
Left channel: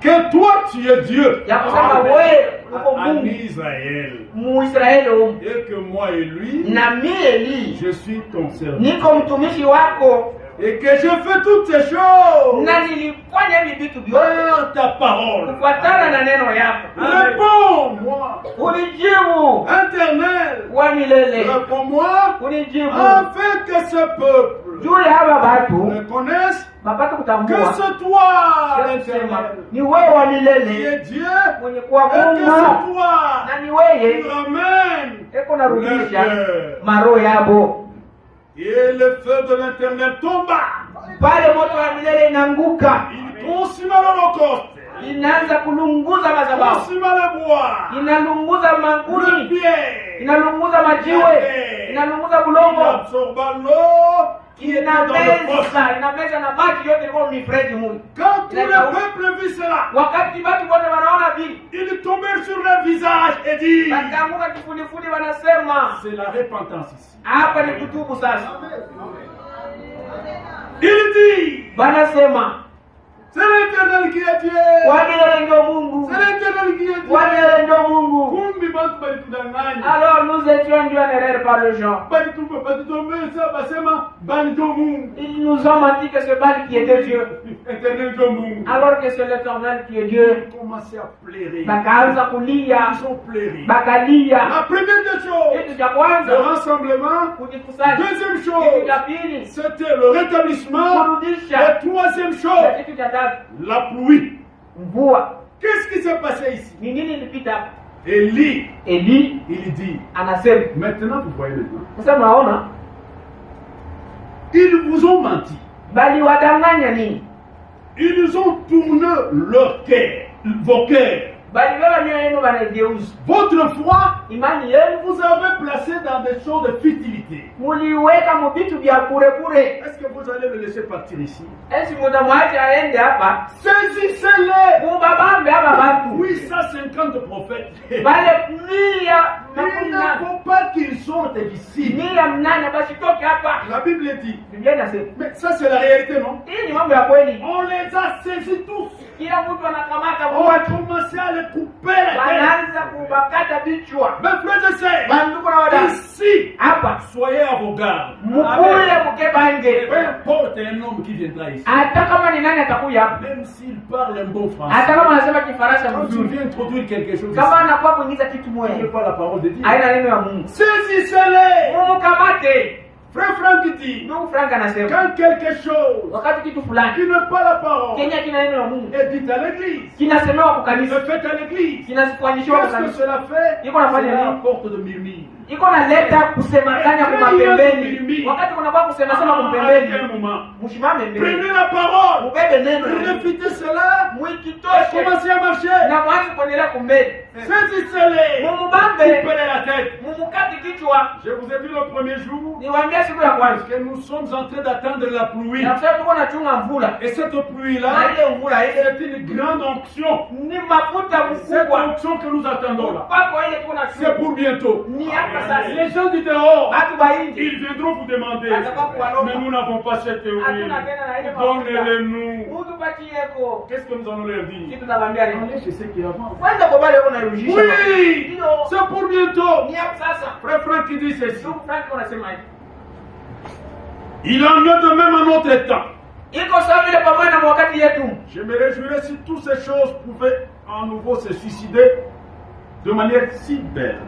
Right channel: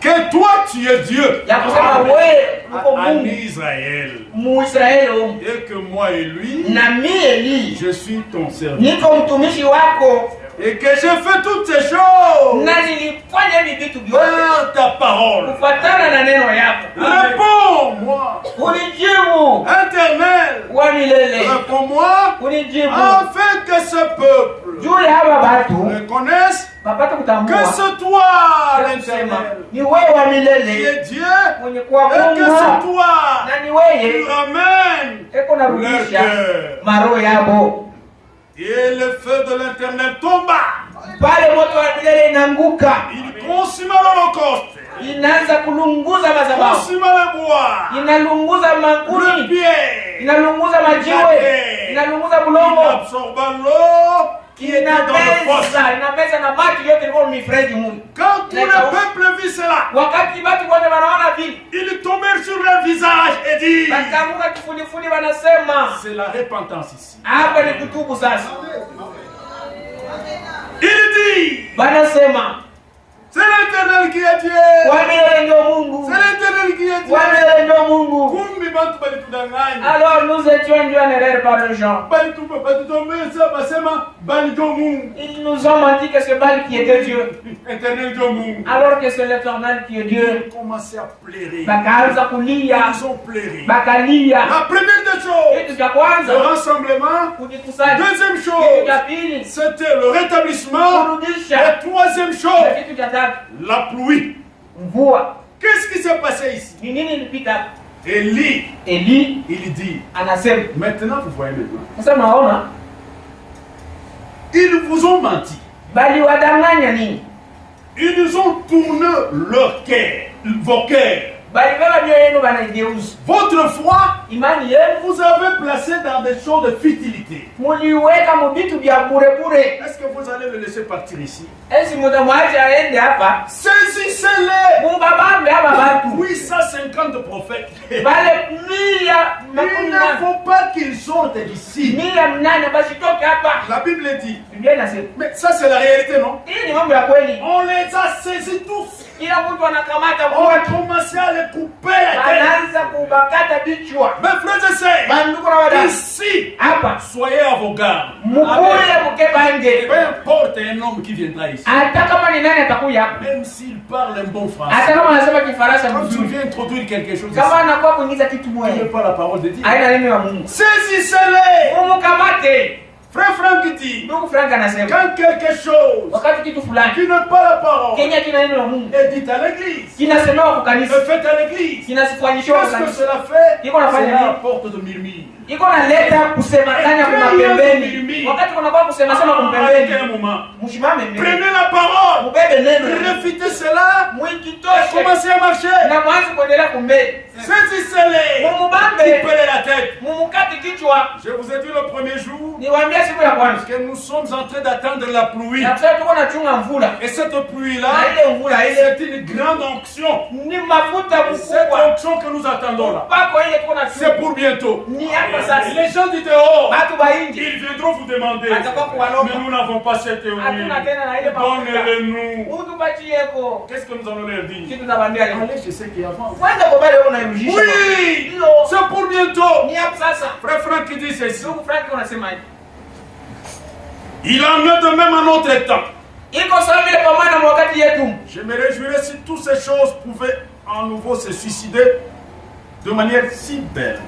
que toi tu es Dieu ya kusema wewe uko en Mungu Israël Muisraeli, et que moi et lui, na mimi Eli je suis ton serviteur niko mtumishi wako et que j'ai fait toutes ces choses na nilifanya hivi vitu vyote par ta parole. kufuatana na neno yako. Réponds-moi, Unijibu Éternel, wa milele, réponds-moi, unijibu afin que ce peuple juu ya hawa watu reconnaisse bapate que kutambua c'est toi kusema l'Éternel ni wewe wa qui milele est Dieu mwenye et que c'est kuamunga, toi na ni qui wewe ramène eko leur narudisha cœur. maroho yabo. Et le feu de l'Éternel tomba. Pale moto wa milele inanguka, Il consuma l'holocauste, inaanza kulunguza madhabahu, consuma le bois, inalunguza le makuni, pierre, inalunguza majiwe, inalunguza il bulongo, absorba l'eau qui était dans le fosse. inameza na maji yote ilikuwa mifereji muli. Quand tout le peuple vit cela, Wakati watu wote wanaona vile, ils tombèrent sur leur visage et disent, wakaanguka kifudifudi, wanasema c'est la repentance ici. hapa ni kutubu sasa. Il dit, Wanasema c'est l'Éternel qui a Dieu. Bwana ndio Mungu, C'est l'Éternel qui a Dieu. Bwana ndio Mungu. Kumbi bantu balitudanganya. Alors nous étions induits en erreur par les gens. Balitutombeza basema bani ndio Mungu. Ils nous ont menti que c'est Baal qui était Dieu, Éternel ndio Mungu. alors que c'est l'Éternel qui est Dieu. Ils ont commencé à pleurer. Bakaanza kulia, Ils ont pleuré. bakalia. La première des choses, Kitu cha le kwanza rassemblement. kujikusanya, Deuxième kitu chose, cha pili c'était le rétablissement. kurudisha, Et troisième na chose, kitu cha tatu la pluie. mvua. Qu'est-ce qui s'est passé ici? Ni nini ilipita? Élie, Eli il dit, anasema, maintenant vous voyez le plan. sasa mnaona Ils vous ont menti. bali wadanganya nini? Ils nous ont tourné leur cœur, vos cœurs. Bali baba mioyo yenu banaigeuza. Votre foi, Imani yenu vous avez placé dans des choses de futilité. muliweka mu vitu vya bure bure. Est-ce que vous allez le laisser partir ici? Esi mutamwacha aende hapa, Saisissez-les! mubabambe ama watu 850 prophètes. bale mia Il makumi ne nane, faut pas qu'ils sortent d'ici. mia mnane basitoke hapa. La Bible dit. Biblia inasema Mais ça, c'est la réalité, non? hii ni mambo ya kweli. On les a saisis tous. Kila mtu anakamata On a mtu, commencé à les couper la tête. anaanza kubakata vichwa. Mes frères et sœurs, Bandugu na wadada, ici, hapa soyez à vos gardes. mukule mukebange, Peu importe un homme qui viendra ici, hata kama ni nani atakuya, même s'il parle un bon hata français, kama anasema Kifaransa quand tu mzuri, viens introduire quelque chose ici, kama anakuwa kuingiza kitu il n'est moja pas la parole de Dieu. aina neno ya Mungu, Saisissez-les! mumukamate. Frère Franck dit, Ndugu Frank anasema quand quelque chose wakati kitu fulani qui n'est pas la parole Kenya kina neno la Mungu est dit à l'église, kinasemewa kwa kanisa, est fait à l'église, kinasifanyishwa kwa qu'est-ce que kanisa, cela fait? Iko nafanya Cela nini? apporte de murmure. iko naleta kusemakanya kwa pembeni. Wakati kunakuwa kusemasema kwa Arrêtez un pembeni, moment. mshimame mbele, Prenez la parole, mubebe neno, réfutez cela, et mwikitoshe commencez à marcher. na mwanzi kuendelea kumbele, Saisissez-les, mumubambe, coupez la tête. mumukati kichwa. Je vous ai dit le premier jour Niwaambia siku ya kwanza que nous sommes en train d'attendre la pluie. na kusema tuko nachunga mvula, Et cette pluie-là, na ile mvula ile c'est une grande onction. ni mafuta Cette mkubwa, onction que nous attendons là, pako ile tuko c'est nachunga pour bientôt. ni hapa sasa. Les gens du dehors, Watu wa nje ils viendront vous demander, Atakuwa mais nous n'avons pas cette théorie. hatuna tena na ile mafuta, Donnez-le-nous. utupachieko. Qu'est-ce que nous allons leur dire? Kitu tunawaambia leo, Allez chez ceux qui avancent. kwanza kwa wale wanairudisha, Oui, ndio c'est pour bientôt. ni hapa sasa. Frère Franck qui dit ceci. Ndugu Frank unasema hivi, Il en est de même à notre temps. iko sawa vile pamoja na wakati yetu. Je me réjouirais si toutes ces choses pouvaient à nouveau se suicider de manière si belle.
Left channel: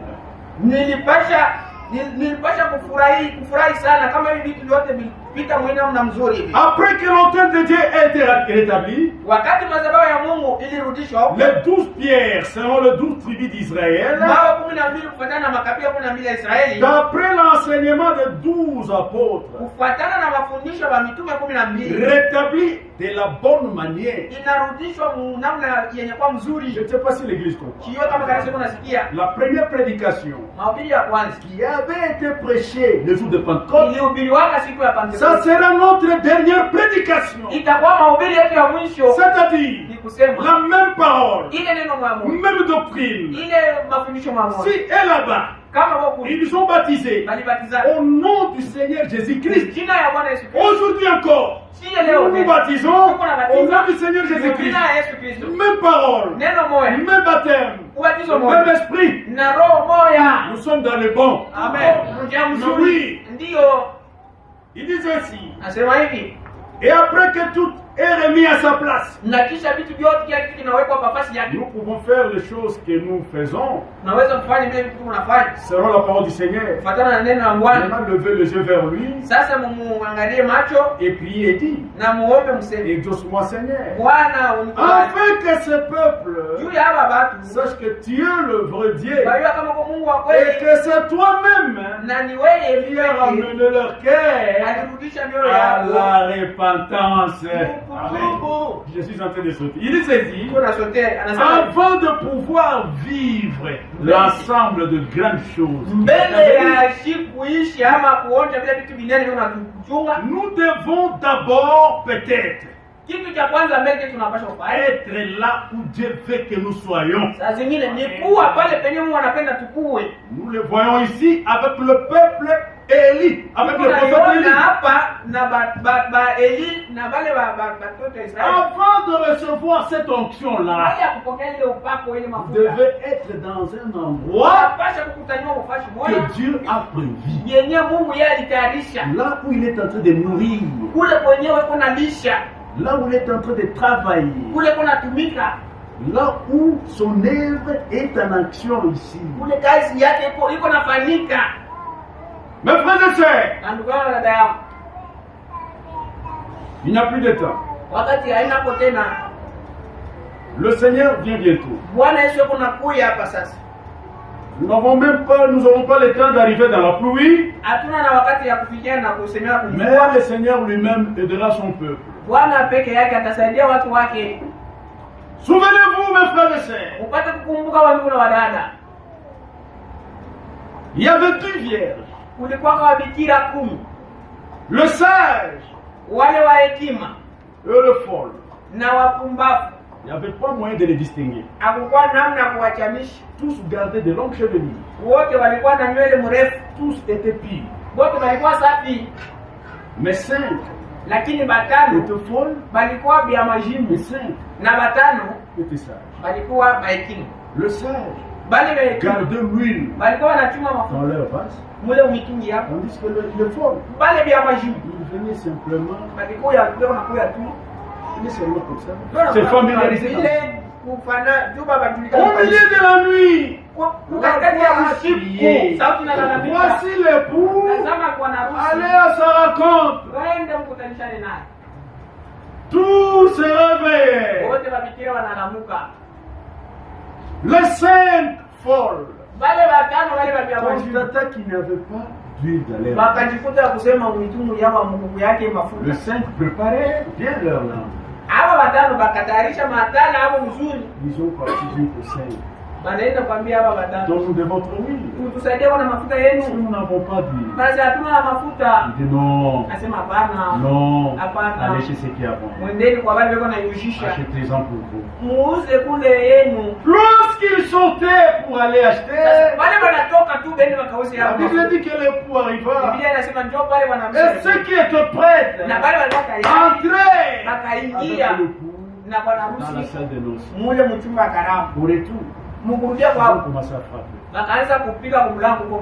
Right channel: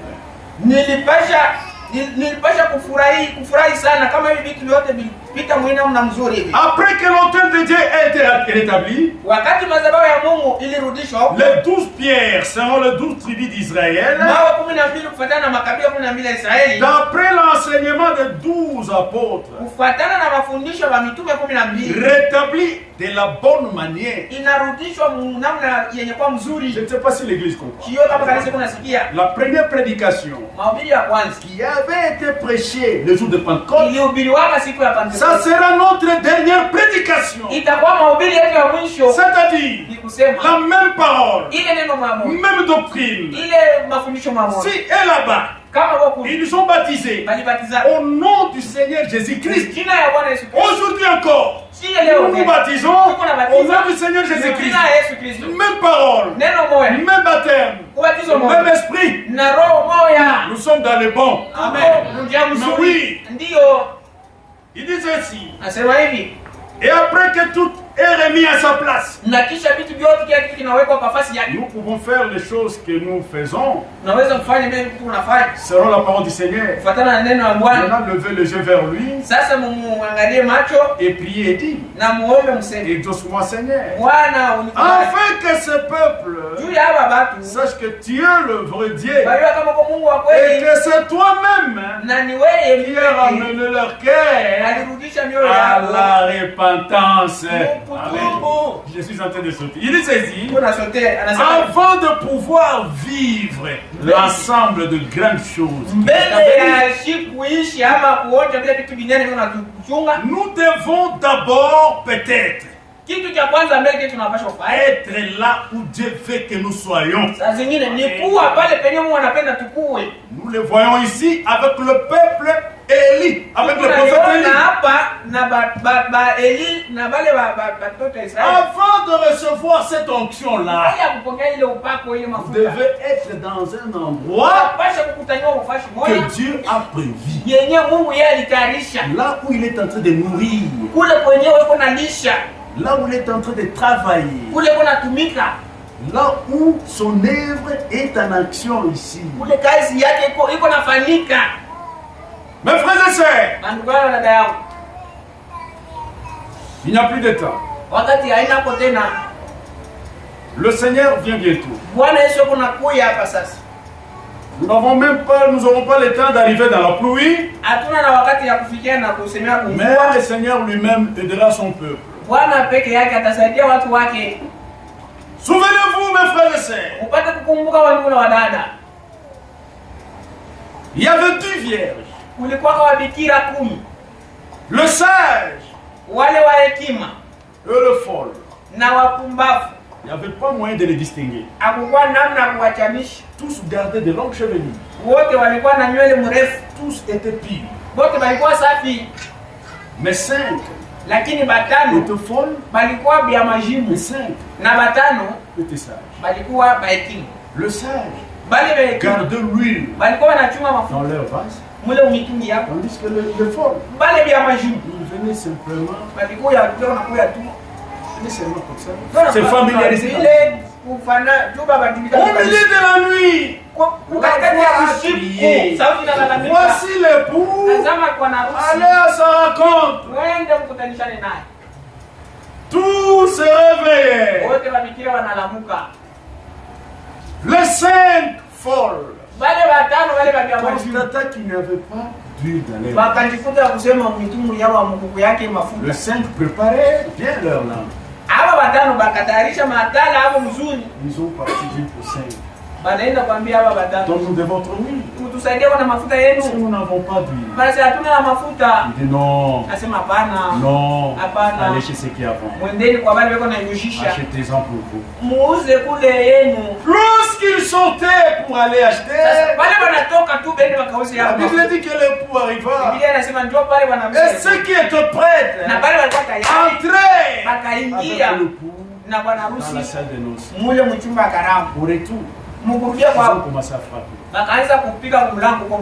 Nilipasha kufurahi sana kama hivi vitu vyote vilipita mwina mzuri hivi. Après que l'autel de Dieu a été rétabli, Wakati madhabahu ya Mungu ilirudishwa, les 12 pierres seront les 12 tribus d'Israël. mawe 12 kufuatana na makabila 12 ya Israeli, D'après l'enseignement des 12 apôtres, kufuatana na mafundisho ya mitume 12, rétabli de la bonne manière. inarudishwa namna yenye kwa Je mzuri. ne sais pas si l'église comprend. Sio kama kanisa kunasikia La première prédication mahubiri ya kwanza qui avait été prêchée le jour de Pentecôte, ilihubiriwa siku ya ça Pentecoste, sera notre dernière prédication. itakuwa mahubiri yetu ya mwisho. C'est-à-dire Ni kusema la même parole, ile neno mwa Mungu, même doctrine. ile mafundisho mwa Mungu, Si et là-bas, kama wako ils sont baptisés balibatiza au nom du Seigneur Jésus-Christ. jina ya Bwana Yesu Kristo. Aujourd'hui encore, Si nous leo nous baptisons au nom du Seigneur Jésus-Christ. jina ya Yesu Kristo, Même parole, neno moja, même baptême, ubatizo même moja esprit. na roho moja. Nous sommes dans le bon. Amen. Njia Oui. mzuri ndio Il dit ceci. nasema hivi, Et après que tout est remis à sa place, na kisha vitu vyote kila kitu kinawekwa kwa nafasi yake, nous pouvons faire les choses que nous faisons unaweza kufanya vile vitu unafanya selon la parole du Seigneur. kufuatana na neno la Bwana. Maintenant, levez les yeux vers lui Sasa mumuangalie macho et priez et dit, na muombe, mseme et Dieu-moi Seigneur, Bwana unikubali afin que ce peuple juu ya hawa watu, sache que tu es le vrai Dieu baliwa kama kwa Mungu wa et kweli que c'est toi-même na ni wewe qui as ramené leur cœur alirudisha mioyo à yao la repentance. Je suis en train de sauter. Il dit ceci. Avant de pouvoir vivre l'ensemble de grandes choses, nous devons d'abord peut-être être là où Dieu veut que nous soyons. Nous le voyons ici avec le peuple Élie, avec le prophète Élie. Avant de recevoir cette onction-là, vous devez être dans un endroit que Dieu a prévu. Là où il est en train de nourrir. Là où il est en train de travailler. Là où son œuvre est en action ici. Mes frères et sœurs, il n'y a plus de temps. Le Seigneur vient bientôt. Nous n'aurons pas le temps d'arriver dans la pluie. Mais le Seigneur lui-même aidera son peuple. Souvenez-vous, mes frères et sœurs, il y avait 10 vierges. Le sage et le folle. Il n'y avait pas moyen de les distinguer. Tous gardaient de longues chevelures. Tous étaient pires. Mais 5 lakini batano étaient folles. balikuwa bya majimu. 5 na batano étaient sages. balikuwa bahekimu. Le sage gardait l'huile balikuwa wanachunga mafuta dans leur vase. Mule umitungi yao. Tandis que les folles, bale bya majimu ils venaient simplement. balikuwa ya leo nakuya tu. Ils seulement comme ça. C'est familiarisé. Au milieu de la nuit, voici l'époux, allez à sa rencontre. Tous se réveillaient. Les 5 folles constataient qu'il n'y avait pas d'huile dans les. Les 5 préparaient bien leur langue. Ils ont parti dire aux 5. Donc nous devons trouver. Si nous n'avons pas d'huile, il dit non. Non. Allez chez ceux qui avant. Achetez-en pour vous. Lorsqu'ils sautaient pour aller acheter, la Bible dit que l'époux arriva. Et ceux qui étaient prêts entraient avec l'époux dans la salle de noces. Au retour, ils ont commencé à frapper.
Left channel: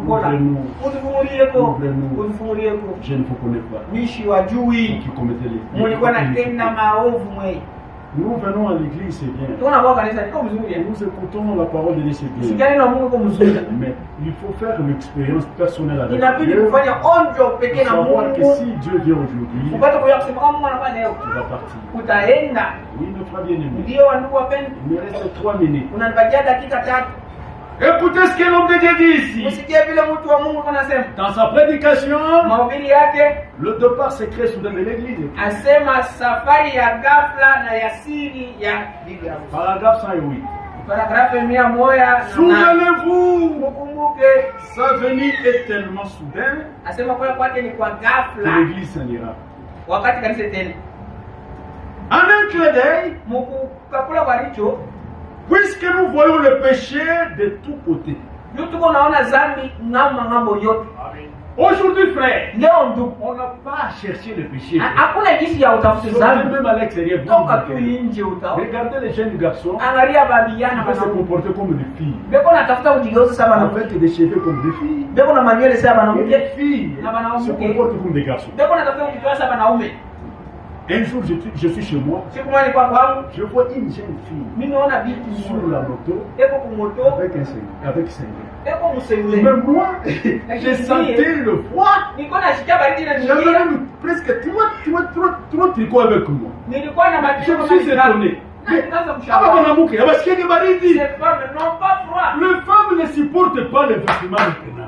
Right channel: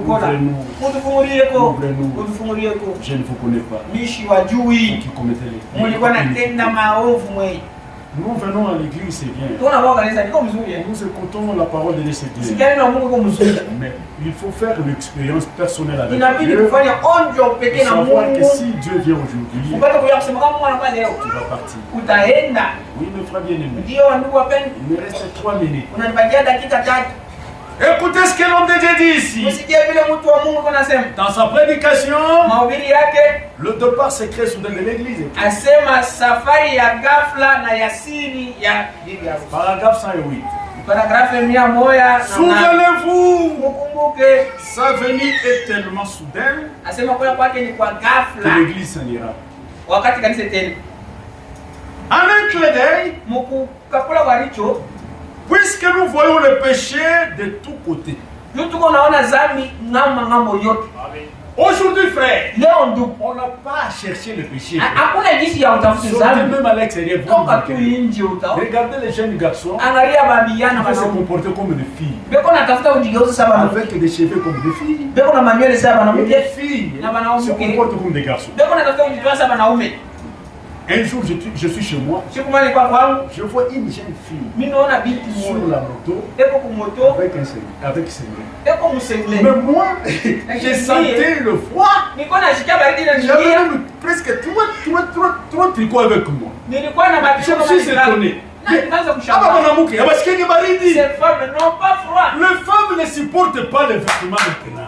Ouvrez-nous. Je ne vous connais pas. Qui commettez les crimes. Nous venons à l'église, c'est bien. Nous écoutons la parole de Dieu, c'est bien. Mais il faut faire une expérience personnelle avec Dieu. Et savoir que si Dieu vient aujourd'hui, tu vas partir. Oui, mes frères bien-aimés. Il me reste 3 minutes. Écoutez ce que l'homme de Dieu dit ici. Dans sa prédication, le départ secret soudain de l'église. Paragraphe 108. Souvenez-vous, sa venue est tellement soudaine que l'église s'en ira. En un clin d'œil, puisque nous voyons le péché de tous côtés. Aujourd'hui, frère, on n'a pas à chercher le péché. Sortez même à l'extérieur. Regardez les jeunes garçons qui se comporter comme des filles. Avec des cheveux comme des filles. Et les filles se comportent comme des garçons. Un jour, je suis chez moi. Je vois une jeune fille sur la moto avec un cinglé. Mais moi, j'ai senti le froid. J'avais presque 3 tricots avec moi. Je me suis étonné. Les femmes ne supportent pas les vêtements maintenant.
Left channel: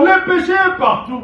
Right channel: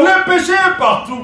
Le péché est partout.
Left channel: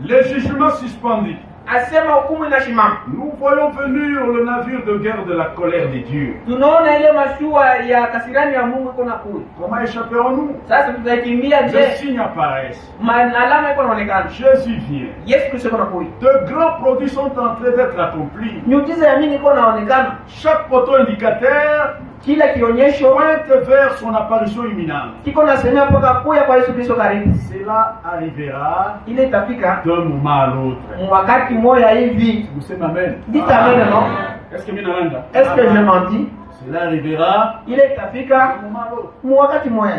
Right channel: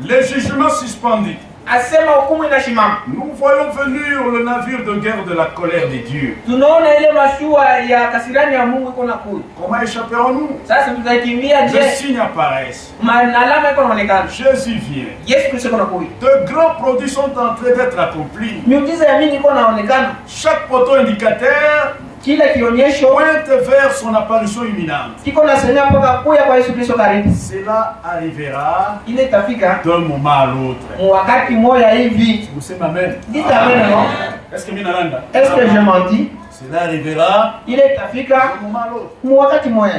Les jugements suspendus. Asema hukumu inashimama. Nous voyons venir le navire de guerre de la colère de Dieu. Tunaona ile mashua ya kasirani ya Mungu iko nakuja. Comment échapperons-nous? Sasa tutaikimbia je? Les signes apparaissent. Alama iko inaonekana. Jésus vient. Yesu Kristo iko nakuja. De grands produits sont en train d'être accomplis. Miujiza ya mingi iko inaonekana. Chaque poteau indicateur Kila kionyesho pointe vers son apparition imminente. kiko nasemea mpaka kuya kwa Yesu Kristo karibu. Cela arrivera Ile itafika d'un moment à l'autre. wakati moja hivi. Vous savez, amen. Dites amen, non? Est-ce que Minaranda? Est-ce que je menti? Cela arrivera Ile itafika d'un moment à l'autre. wakati moja.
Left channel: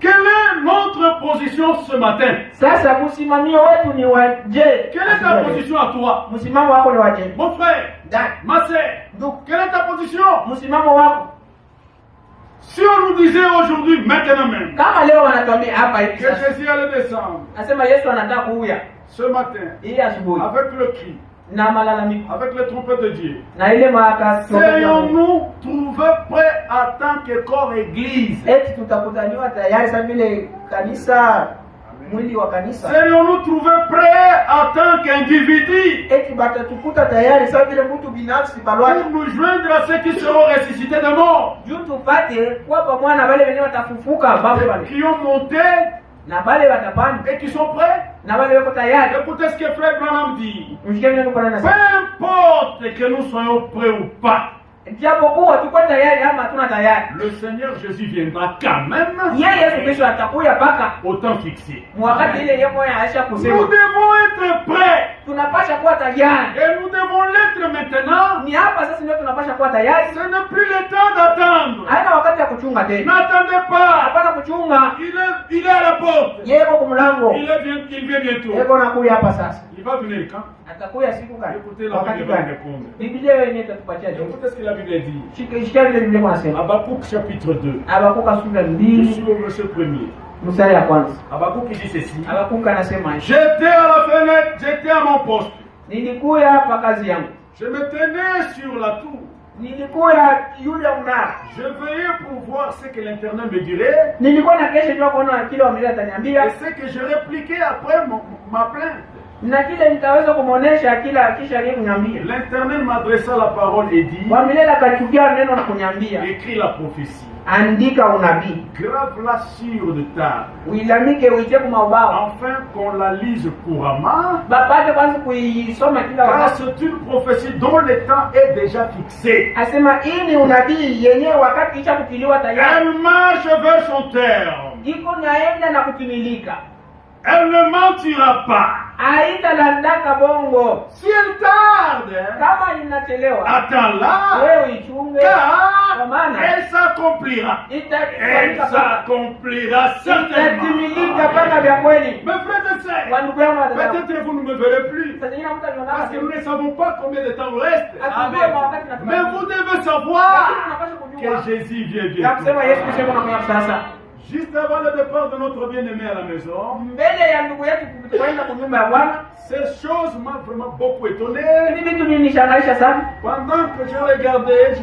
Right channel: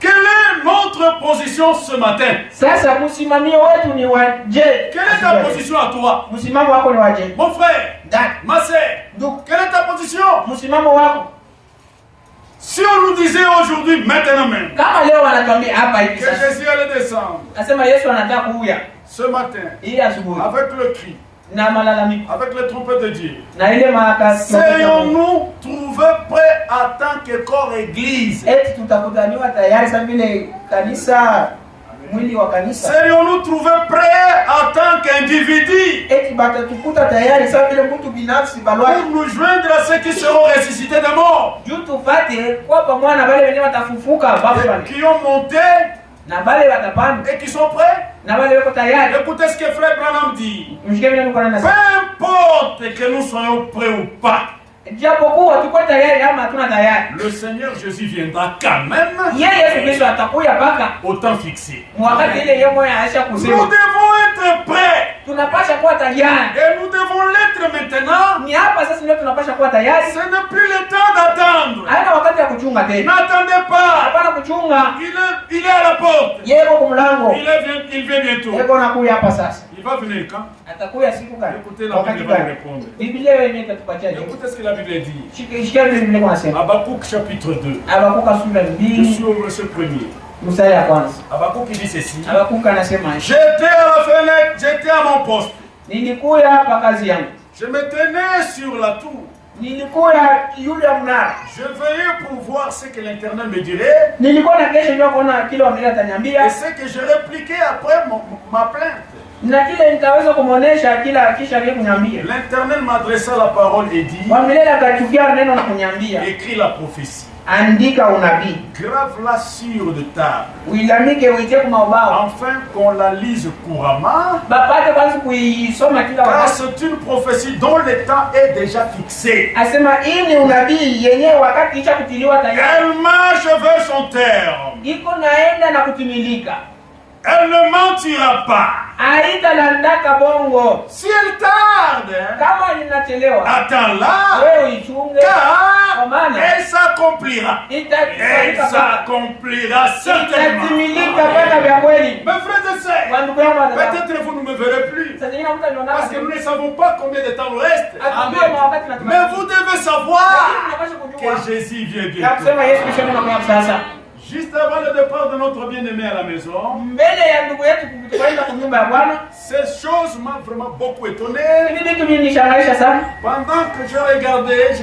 Quelle est notre position ce matin? Sasa msimamio wetu ni wa je? Quelle est ta position à toi? Msimamo wako ni wa je? Mon frère, Dad, ma sœur, donc quelle est ta position? msimamo wako. Si on nous disait aujourd'hui, maintenant même, Kama leo wanatuambia hapa hivi que sasa. Jésus allait descendre Asema Yesu anataka kuja ce matin ili asubuhi avec le cri, na malalamiko avec les trompettes de Dieu, na ile maaka. serions-nous trouvés prêts en tant que corps église? Eti tutakutaniwa tayari sasa vile kanisa, mwili wa kanisa. Serions-nous trouvés prêts en tant qu'individus Eti batatukuta tayari sasa vile mtu binafsi balwa. pour nous joindre à ceux qui seront ressuscités des morts Juu tupate kwa pamoja na wale wenyewe watafufuka babu et wale. qui ont monté Na wale watapanda et qui sont prêts? na wale wako tayari. Écoutez ce que Frère Branham dit. Mshike mimi niko na Peu importe que nous soyons prêts ou pas, japokuwa tuko tayari ama hatuna tayari. le Seigneur Jésus viendra quand même Yeye Yesu Kristo atakuja paka au temps fixé. wakati ile yeye mwenyewe aisha Nous kusema. devons être prêts Tunapasha kuwa tayari. et nous devons l'être maintenant. Ni hapa sasa ndio tunapasha kuwa tayari. Ce n'est plus le temps d'attendre. Haina wakati ya kuchunga tena. N'attendez pas. Hapana kuchunga. Il est à la porte. Yeye yuko mlango. Il vient bientôt. Yeye anakuja hapa sasa. Il va venir quand? Atakuja siku gani? Écoutez, la Bible va répondre. Biblia yenyewe itatupatia jibu. Écoutez ce que la Bible dit. Shika ile Biblia inasema. Habakkuk chapitre 2. Habakuka sura Je 2 suis au verset 1er. mstari wa kwanza. Habakkuk dit ceci. Habakuka anasema, J'étais à la fenêtre, j'étais à mon poste. nilikuja hapa kazi yangu. Je me tenais sur la tour. Nilikuja yule mnara. Je veillais pour voir ce que l'Éternel me dirait Nilikuwa na kesho ndio kuona kile wamela ataniambia et ce que je répliquais après ma plainte. na kile nitaweza kumuonesha kila kisha yeye kuniambia. L'Éternel m'adressa la parole et dit, Wamela akatukia neno na kuniambia, écris la prophétie, andika unabii. grave-la sur de table, Uilamike uitie kwa maubao. afin qu'on la lise couramment, Bapate kwanza kuisoma kila car wakati. c'est une prophétie dont le temps est déjà fixé. Asema hii ni unabii yenyewe wakati kisha kutiliwa tayari. Elle marche vers son terme. Iko naenda na kutimilika. Elle ne mentira pas. Haitalandaka bongo. Si elle tarde, Kama inachelewa, attends-la, wewe uichunge. car Kwa maana elle s'accomplira. Elle itatimilika sana. s'accomplira certainement. Itatimilika kwenda vya kweli. Mes frères et sœurs, Kwa ndugu yangu watazama. peut-être vous ne me verrez plus, Sasa nyingine mtu anaona parce que nous ne savons pas combien de temps nous reste. atujue mawakati na Mais vous devez savoir lakini tunapaswa kujua que Jésus vient na bientôt. kusema Yesu Kristo anakuja sasa. Juste avant le départ de notre bien-aimé à la maison, Mbele ya ndugu yetu kutukaenda kwa nyumba ya Bwana. ces choses m'ont vraiment beaucoup étonné. Hivi vitu vinishangaisha sana. Pendant que je regardais,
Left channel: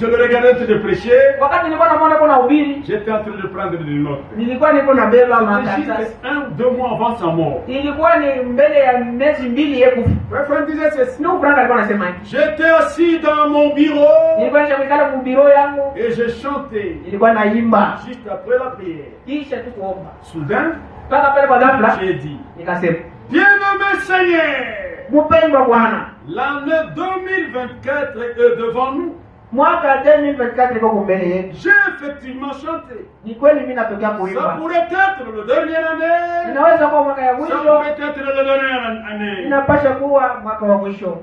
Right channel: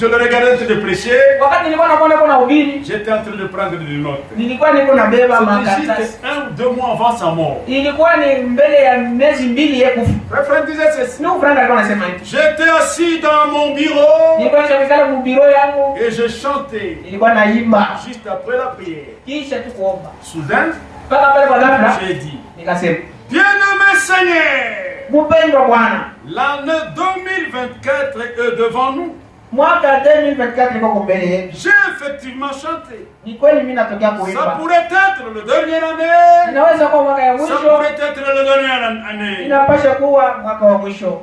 je le regardais en train de prêcher, Wakati nilikuwa naona kuna ubiri, j'étais en train de prendre des notes. nilikuwa niko nabeba C'était makaratasi. juste 1 ou 2 mois avant sa mort. Ilikuwa ni mbele ya miezi 2 yeye kufa. Frère Franck disait ceci. Ndio Frank alikuwa anasema hivi. J'étais assis dans mon bureau Nilikuwa nishamikala mu biro yangu, et je chantais nilikuwa naimba juste après la prière. kisha tu kuomba. Soudain, Mpaka pale kwa ghafla j'ai dit, nikasema, bien-aimé Seigneur, mpendwa Bwana, l'année 2024 est devant nous. mwaka 2024 liko mbele yetu. J'ai effectivement chanté. Ni kweli mimi natokea Ça kuimba. pourrait être le dernière année. Inaweza kuwa mwaka ya Ça mwisho, pourrait être la dernière année. inapasha kuwa mwaka wa mwisho.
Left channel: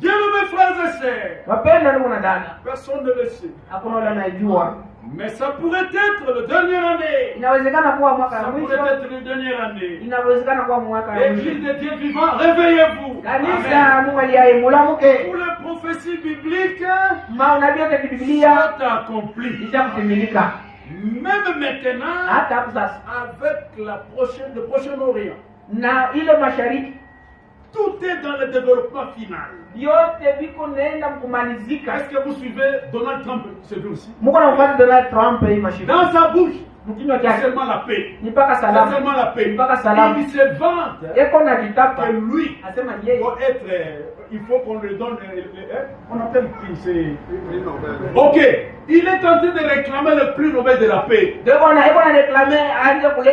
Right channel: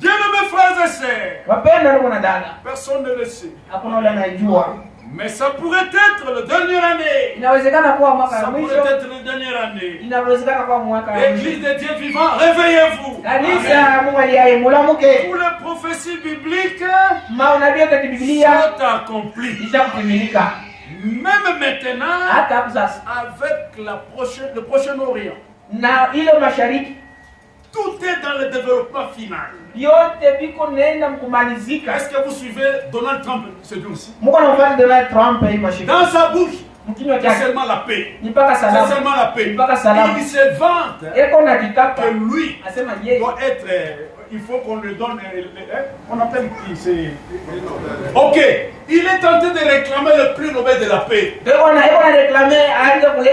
Bien-aimés frères et sœurs, Wapenda ndugu na dada, personne ne le sait. hakuna yule anayejua. Mais ça pourrait être la dernière année. Inawezekana kuwa mwaka Ça wa pourrait mwisho, être la dernière année. inawezekana kuwa mwaka wa L'église mwisho. de Dieu vivant, réveillez-vous. Kanisa Amen. Mungu aliye mulamuke, Toutes les prophéties bibliques maonabii yote ya Biblia sont accomplies. isha kutimilika. Même maintenant, Hata hapo sasa avec le prochain Orient, na ile mashariki tout est dans le développement final. yote biko nenda kumalizika. Est-ce que vous suivez Donald Trump ce jour-ci? Mungu anamfuata Donald Trump hii mashariki. Dans sa bouche, C'est seulement la paix. C'est seulement la paix. Il se vante que lui doit être... il faut qu'on lui donne... on appelle qui c'est... Ok. Il est tenté de réclamer le prix Nobel de la paix.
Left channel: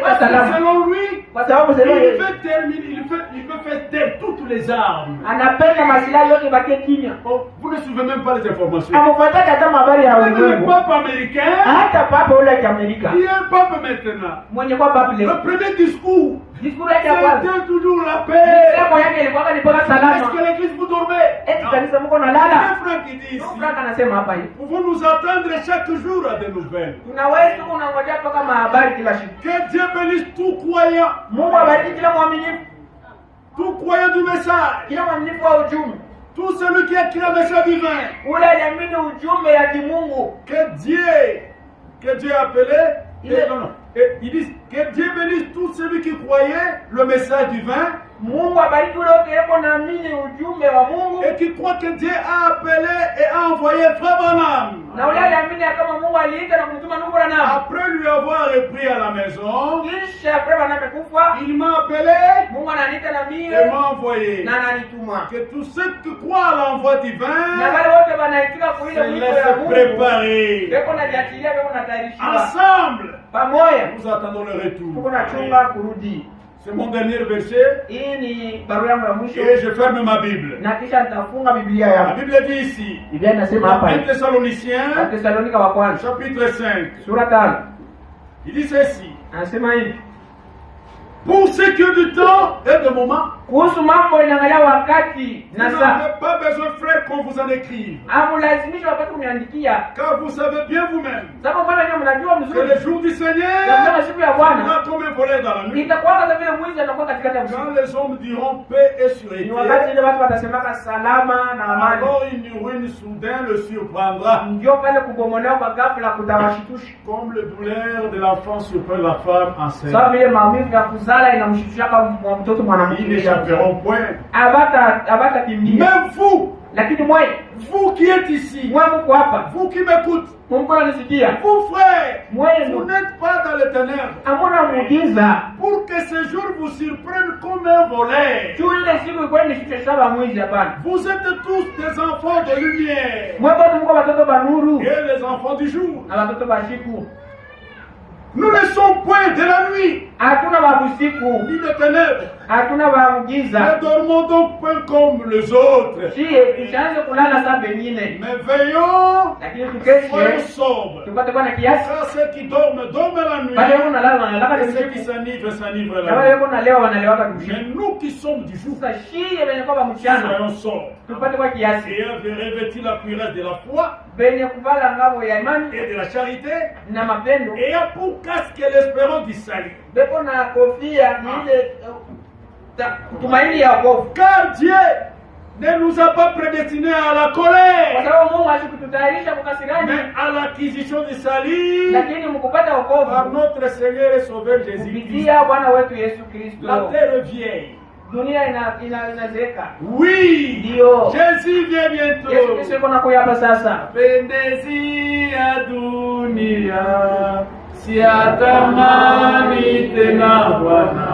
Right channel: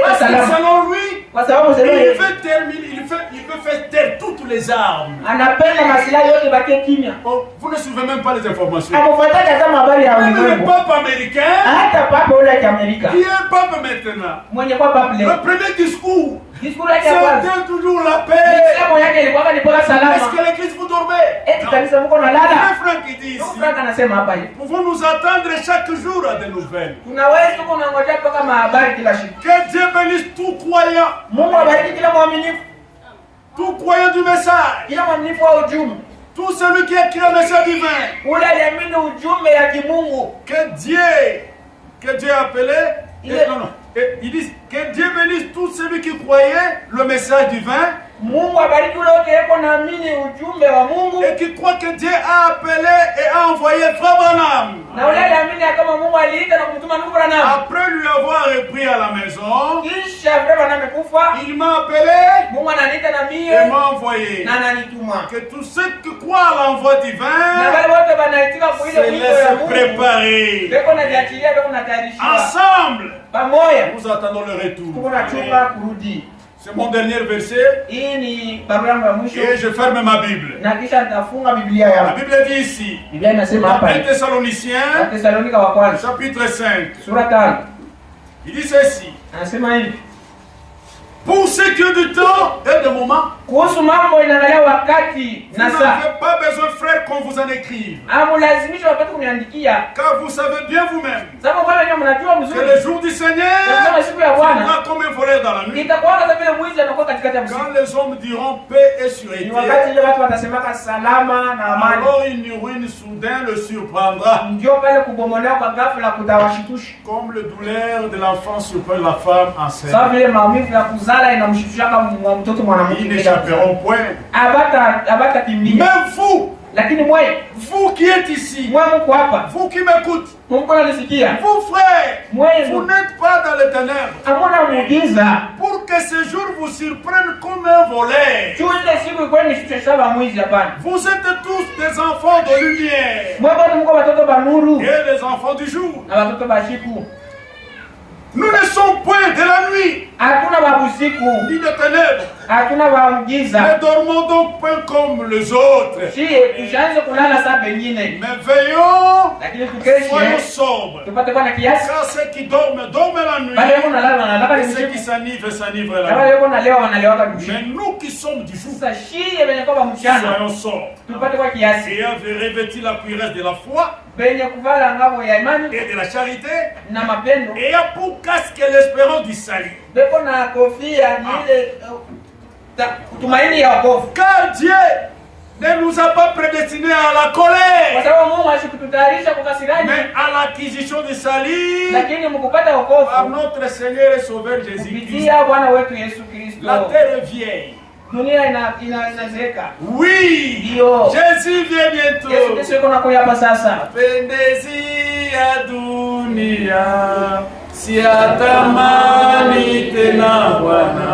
Parce que selon lui, il veut faire taire toutes les armes. Oh, vous ne suivez même pas les informations. Même le pape américain, qui est pape maintenant, le premier discours, c'était toujours la paix. Est-ce que l'église vous dormez? Le frère qui dit ici, pouvons-nous attendre chaque jour à des nouvelles. Que Dieu bénisse tout croyant du message. Tout celui qui écrit le message divin. Que Dieu a appelé. Il dit que Dieu bénisse tout celui qui croyait le message divin. Et qui croit que Dieu a appelé et a envoyé Frère Branham. Après lui avoir repris à la maison, il m'a appelé et m'a envoyé. Que tous ceux qui croient à l'envoi divin se laissent préparer. Ensemble, nous attendons le retour. C'est mon dernier verset. Et je ferme ma Bible. La Bible dit ici, dans 1 Thessaloniciens, chapitre 5. Il dit ceci. Pour ce qui est du temps et de moment, vous n'avez pas besoin, frère, qu'on vous en écrive. Car vous savez bien vous-même que le jour du Seigneur viendra comme un voleur dans la nuit. Quand les hommes diront paix et sûreté, alors une ruine soudaine le surprendra. Comme le douleur de l'enfant surprend la femme enceinte. Ils n'échapperont point. Même vous qui êtes ici, vous qui m'écoutez, vous frères, vous n'êtes pas dans les ténèbres. Pour que ce jour vous surprenne comme un voleur. Vous êtes tous des enfants de lumière et les enfants du jour. Nous ne sommes point de la nuit, ni de ténèbres. Ne dormons donc point comme les autres. Mais veillons, soyons sobres. Car ceux qui dorment la nuit. Et ceux qui s'enivrent la nuit. Mais nous qui sommes du jour, soyons sobres. Et avez revêtu la cuirasse de la foi et de la charité, et a pour casque l'espérance du salut. Car Dieu ne nous a pas prédestinés à la colère, mais à l'acquisition du salut par notre Seigneur et Sauveur Jésus-Christ. La terre est vieille. Oui, Jésus vient bientôt. Pendezi ya dunia siatamani tena Bwana.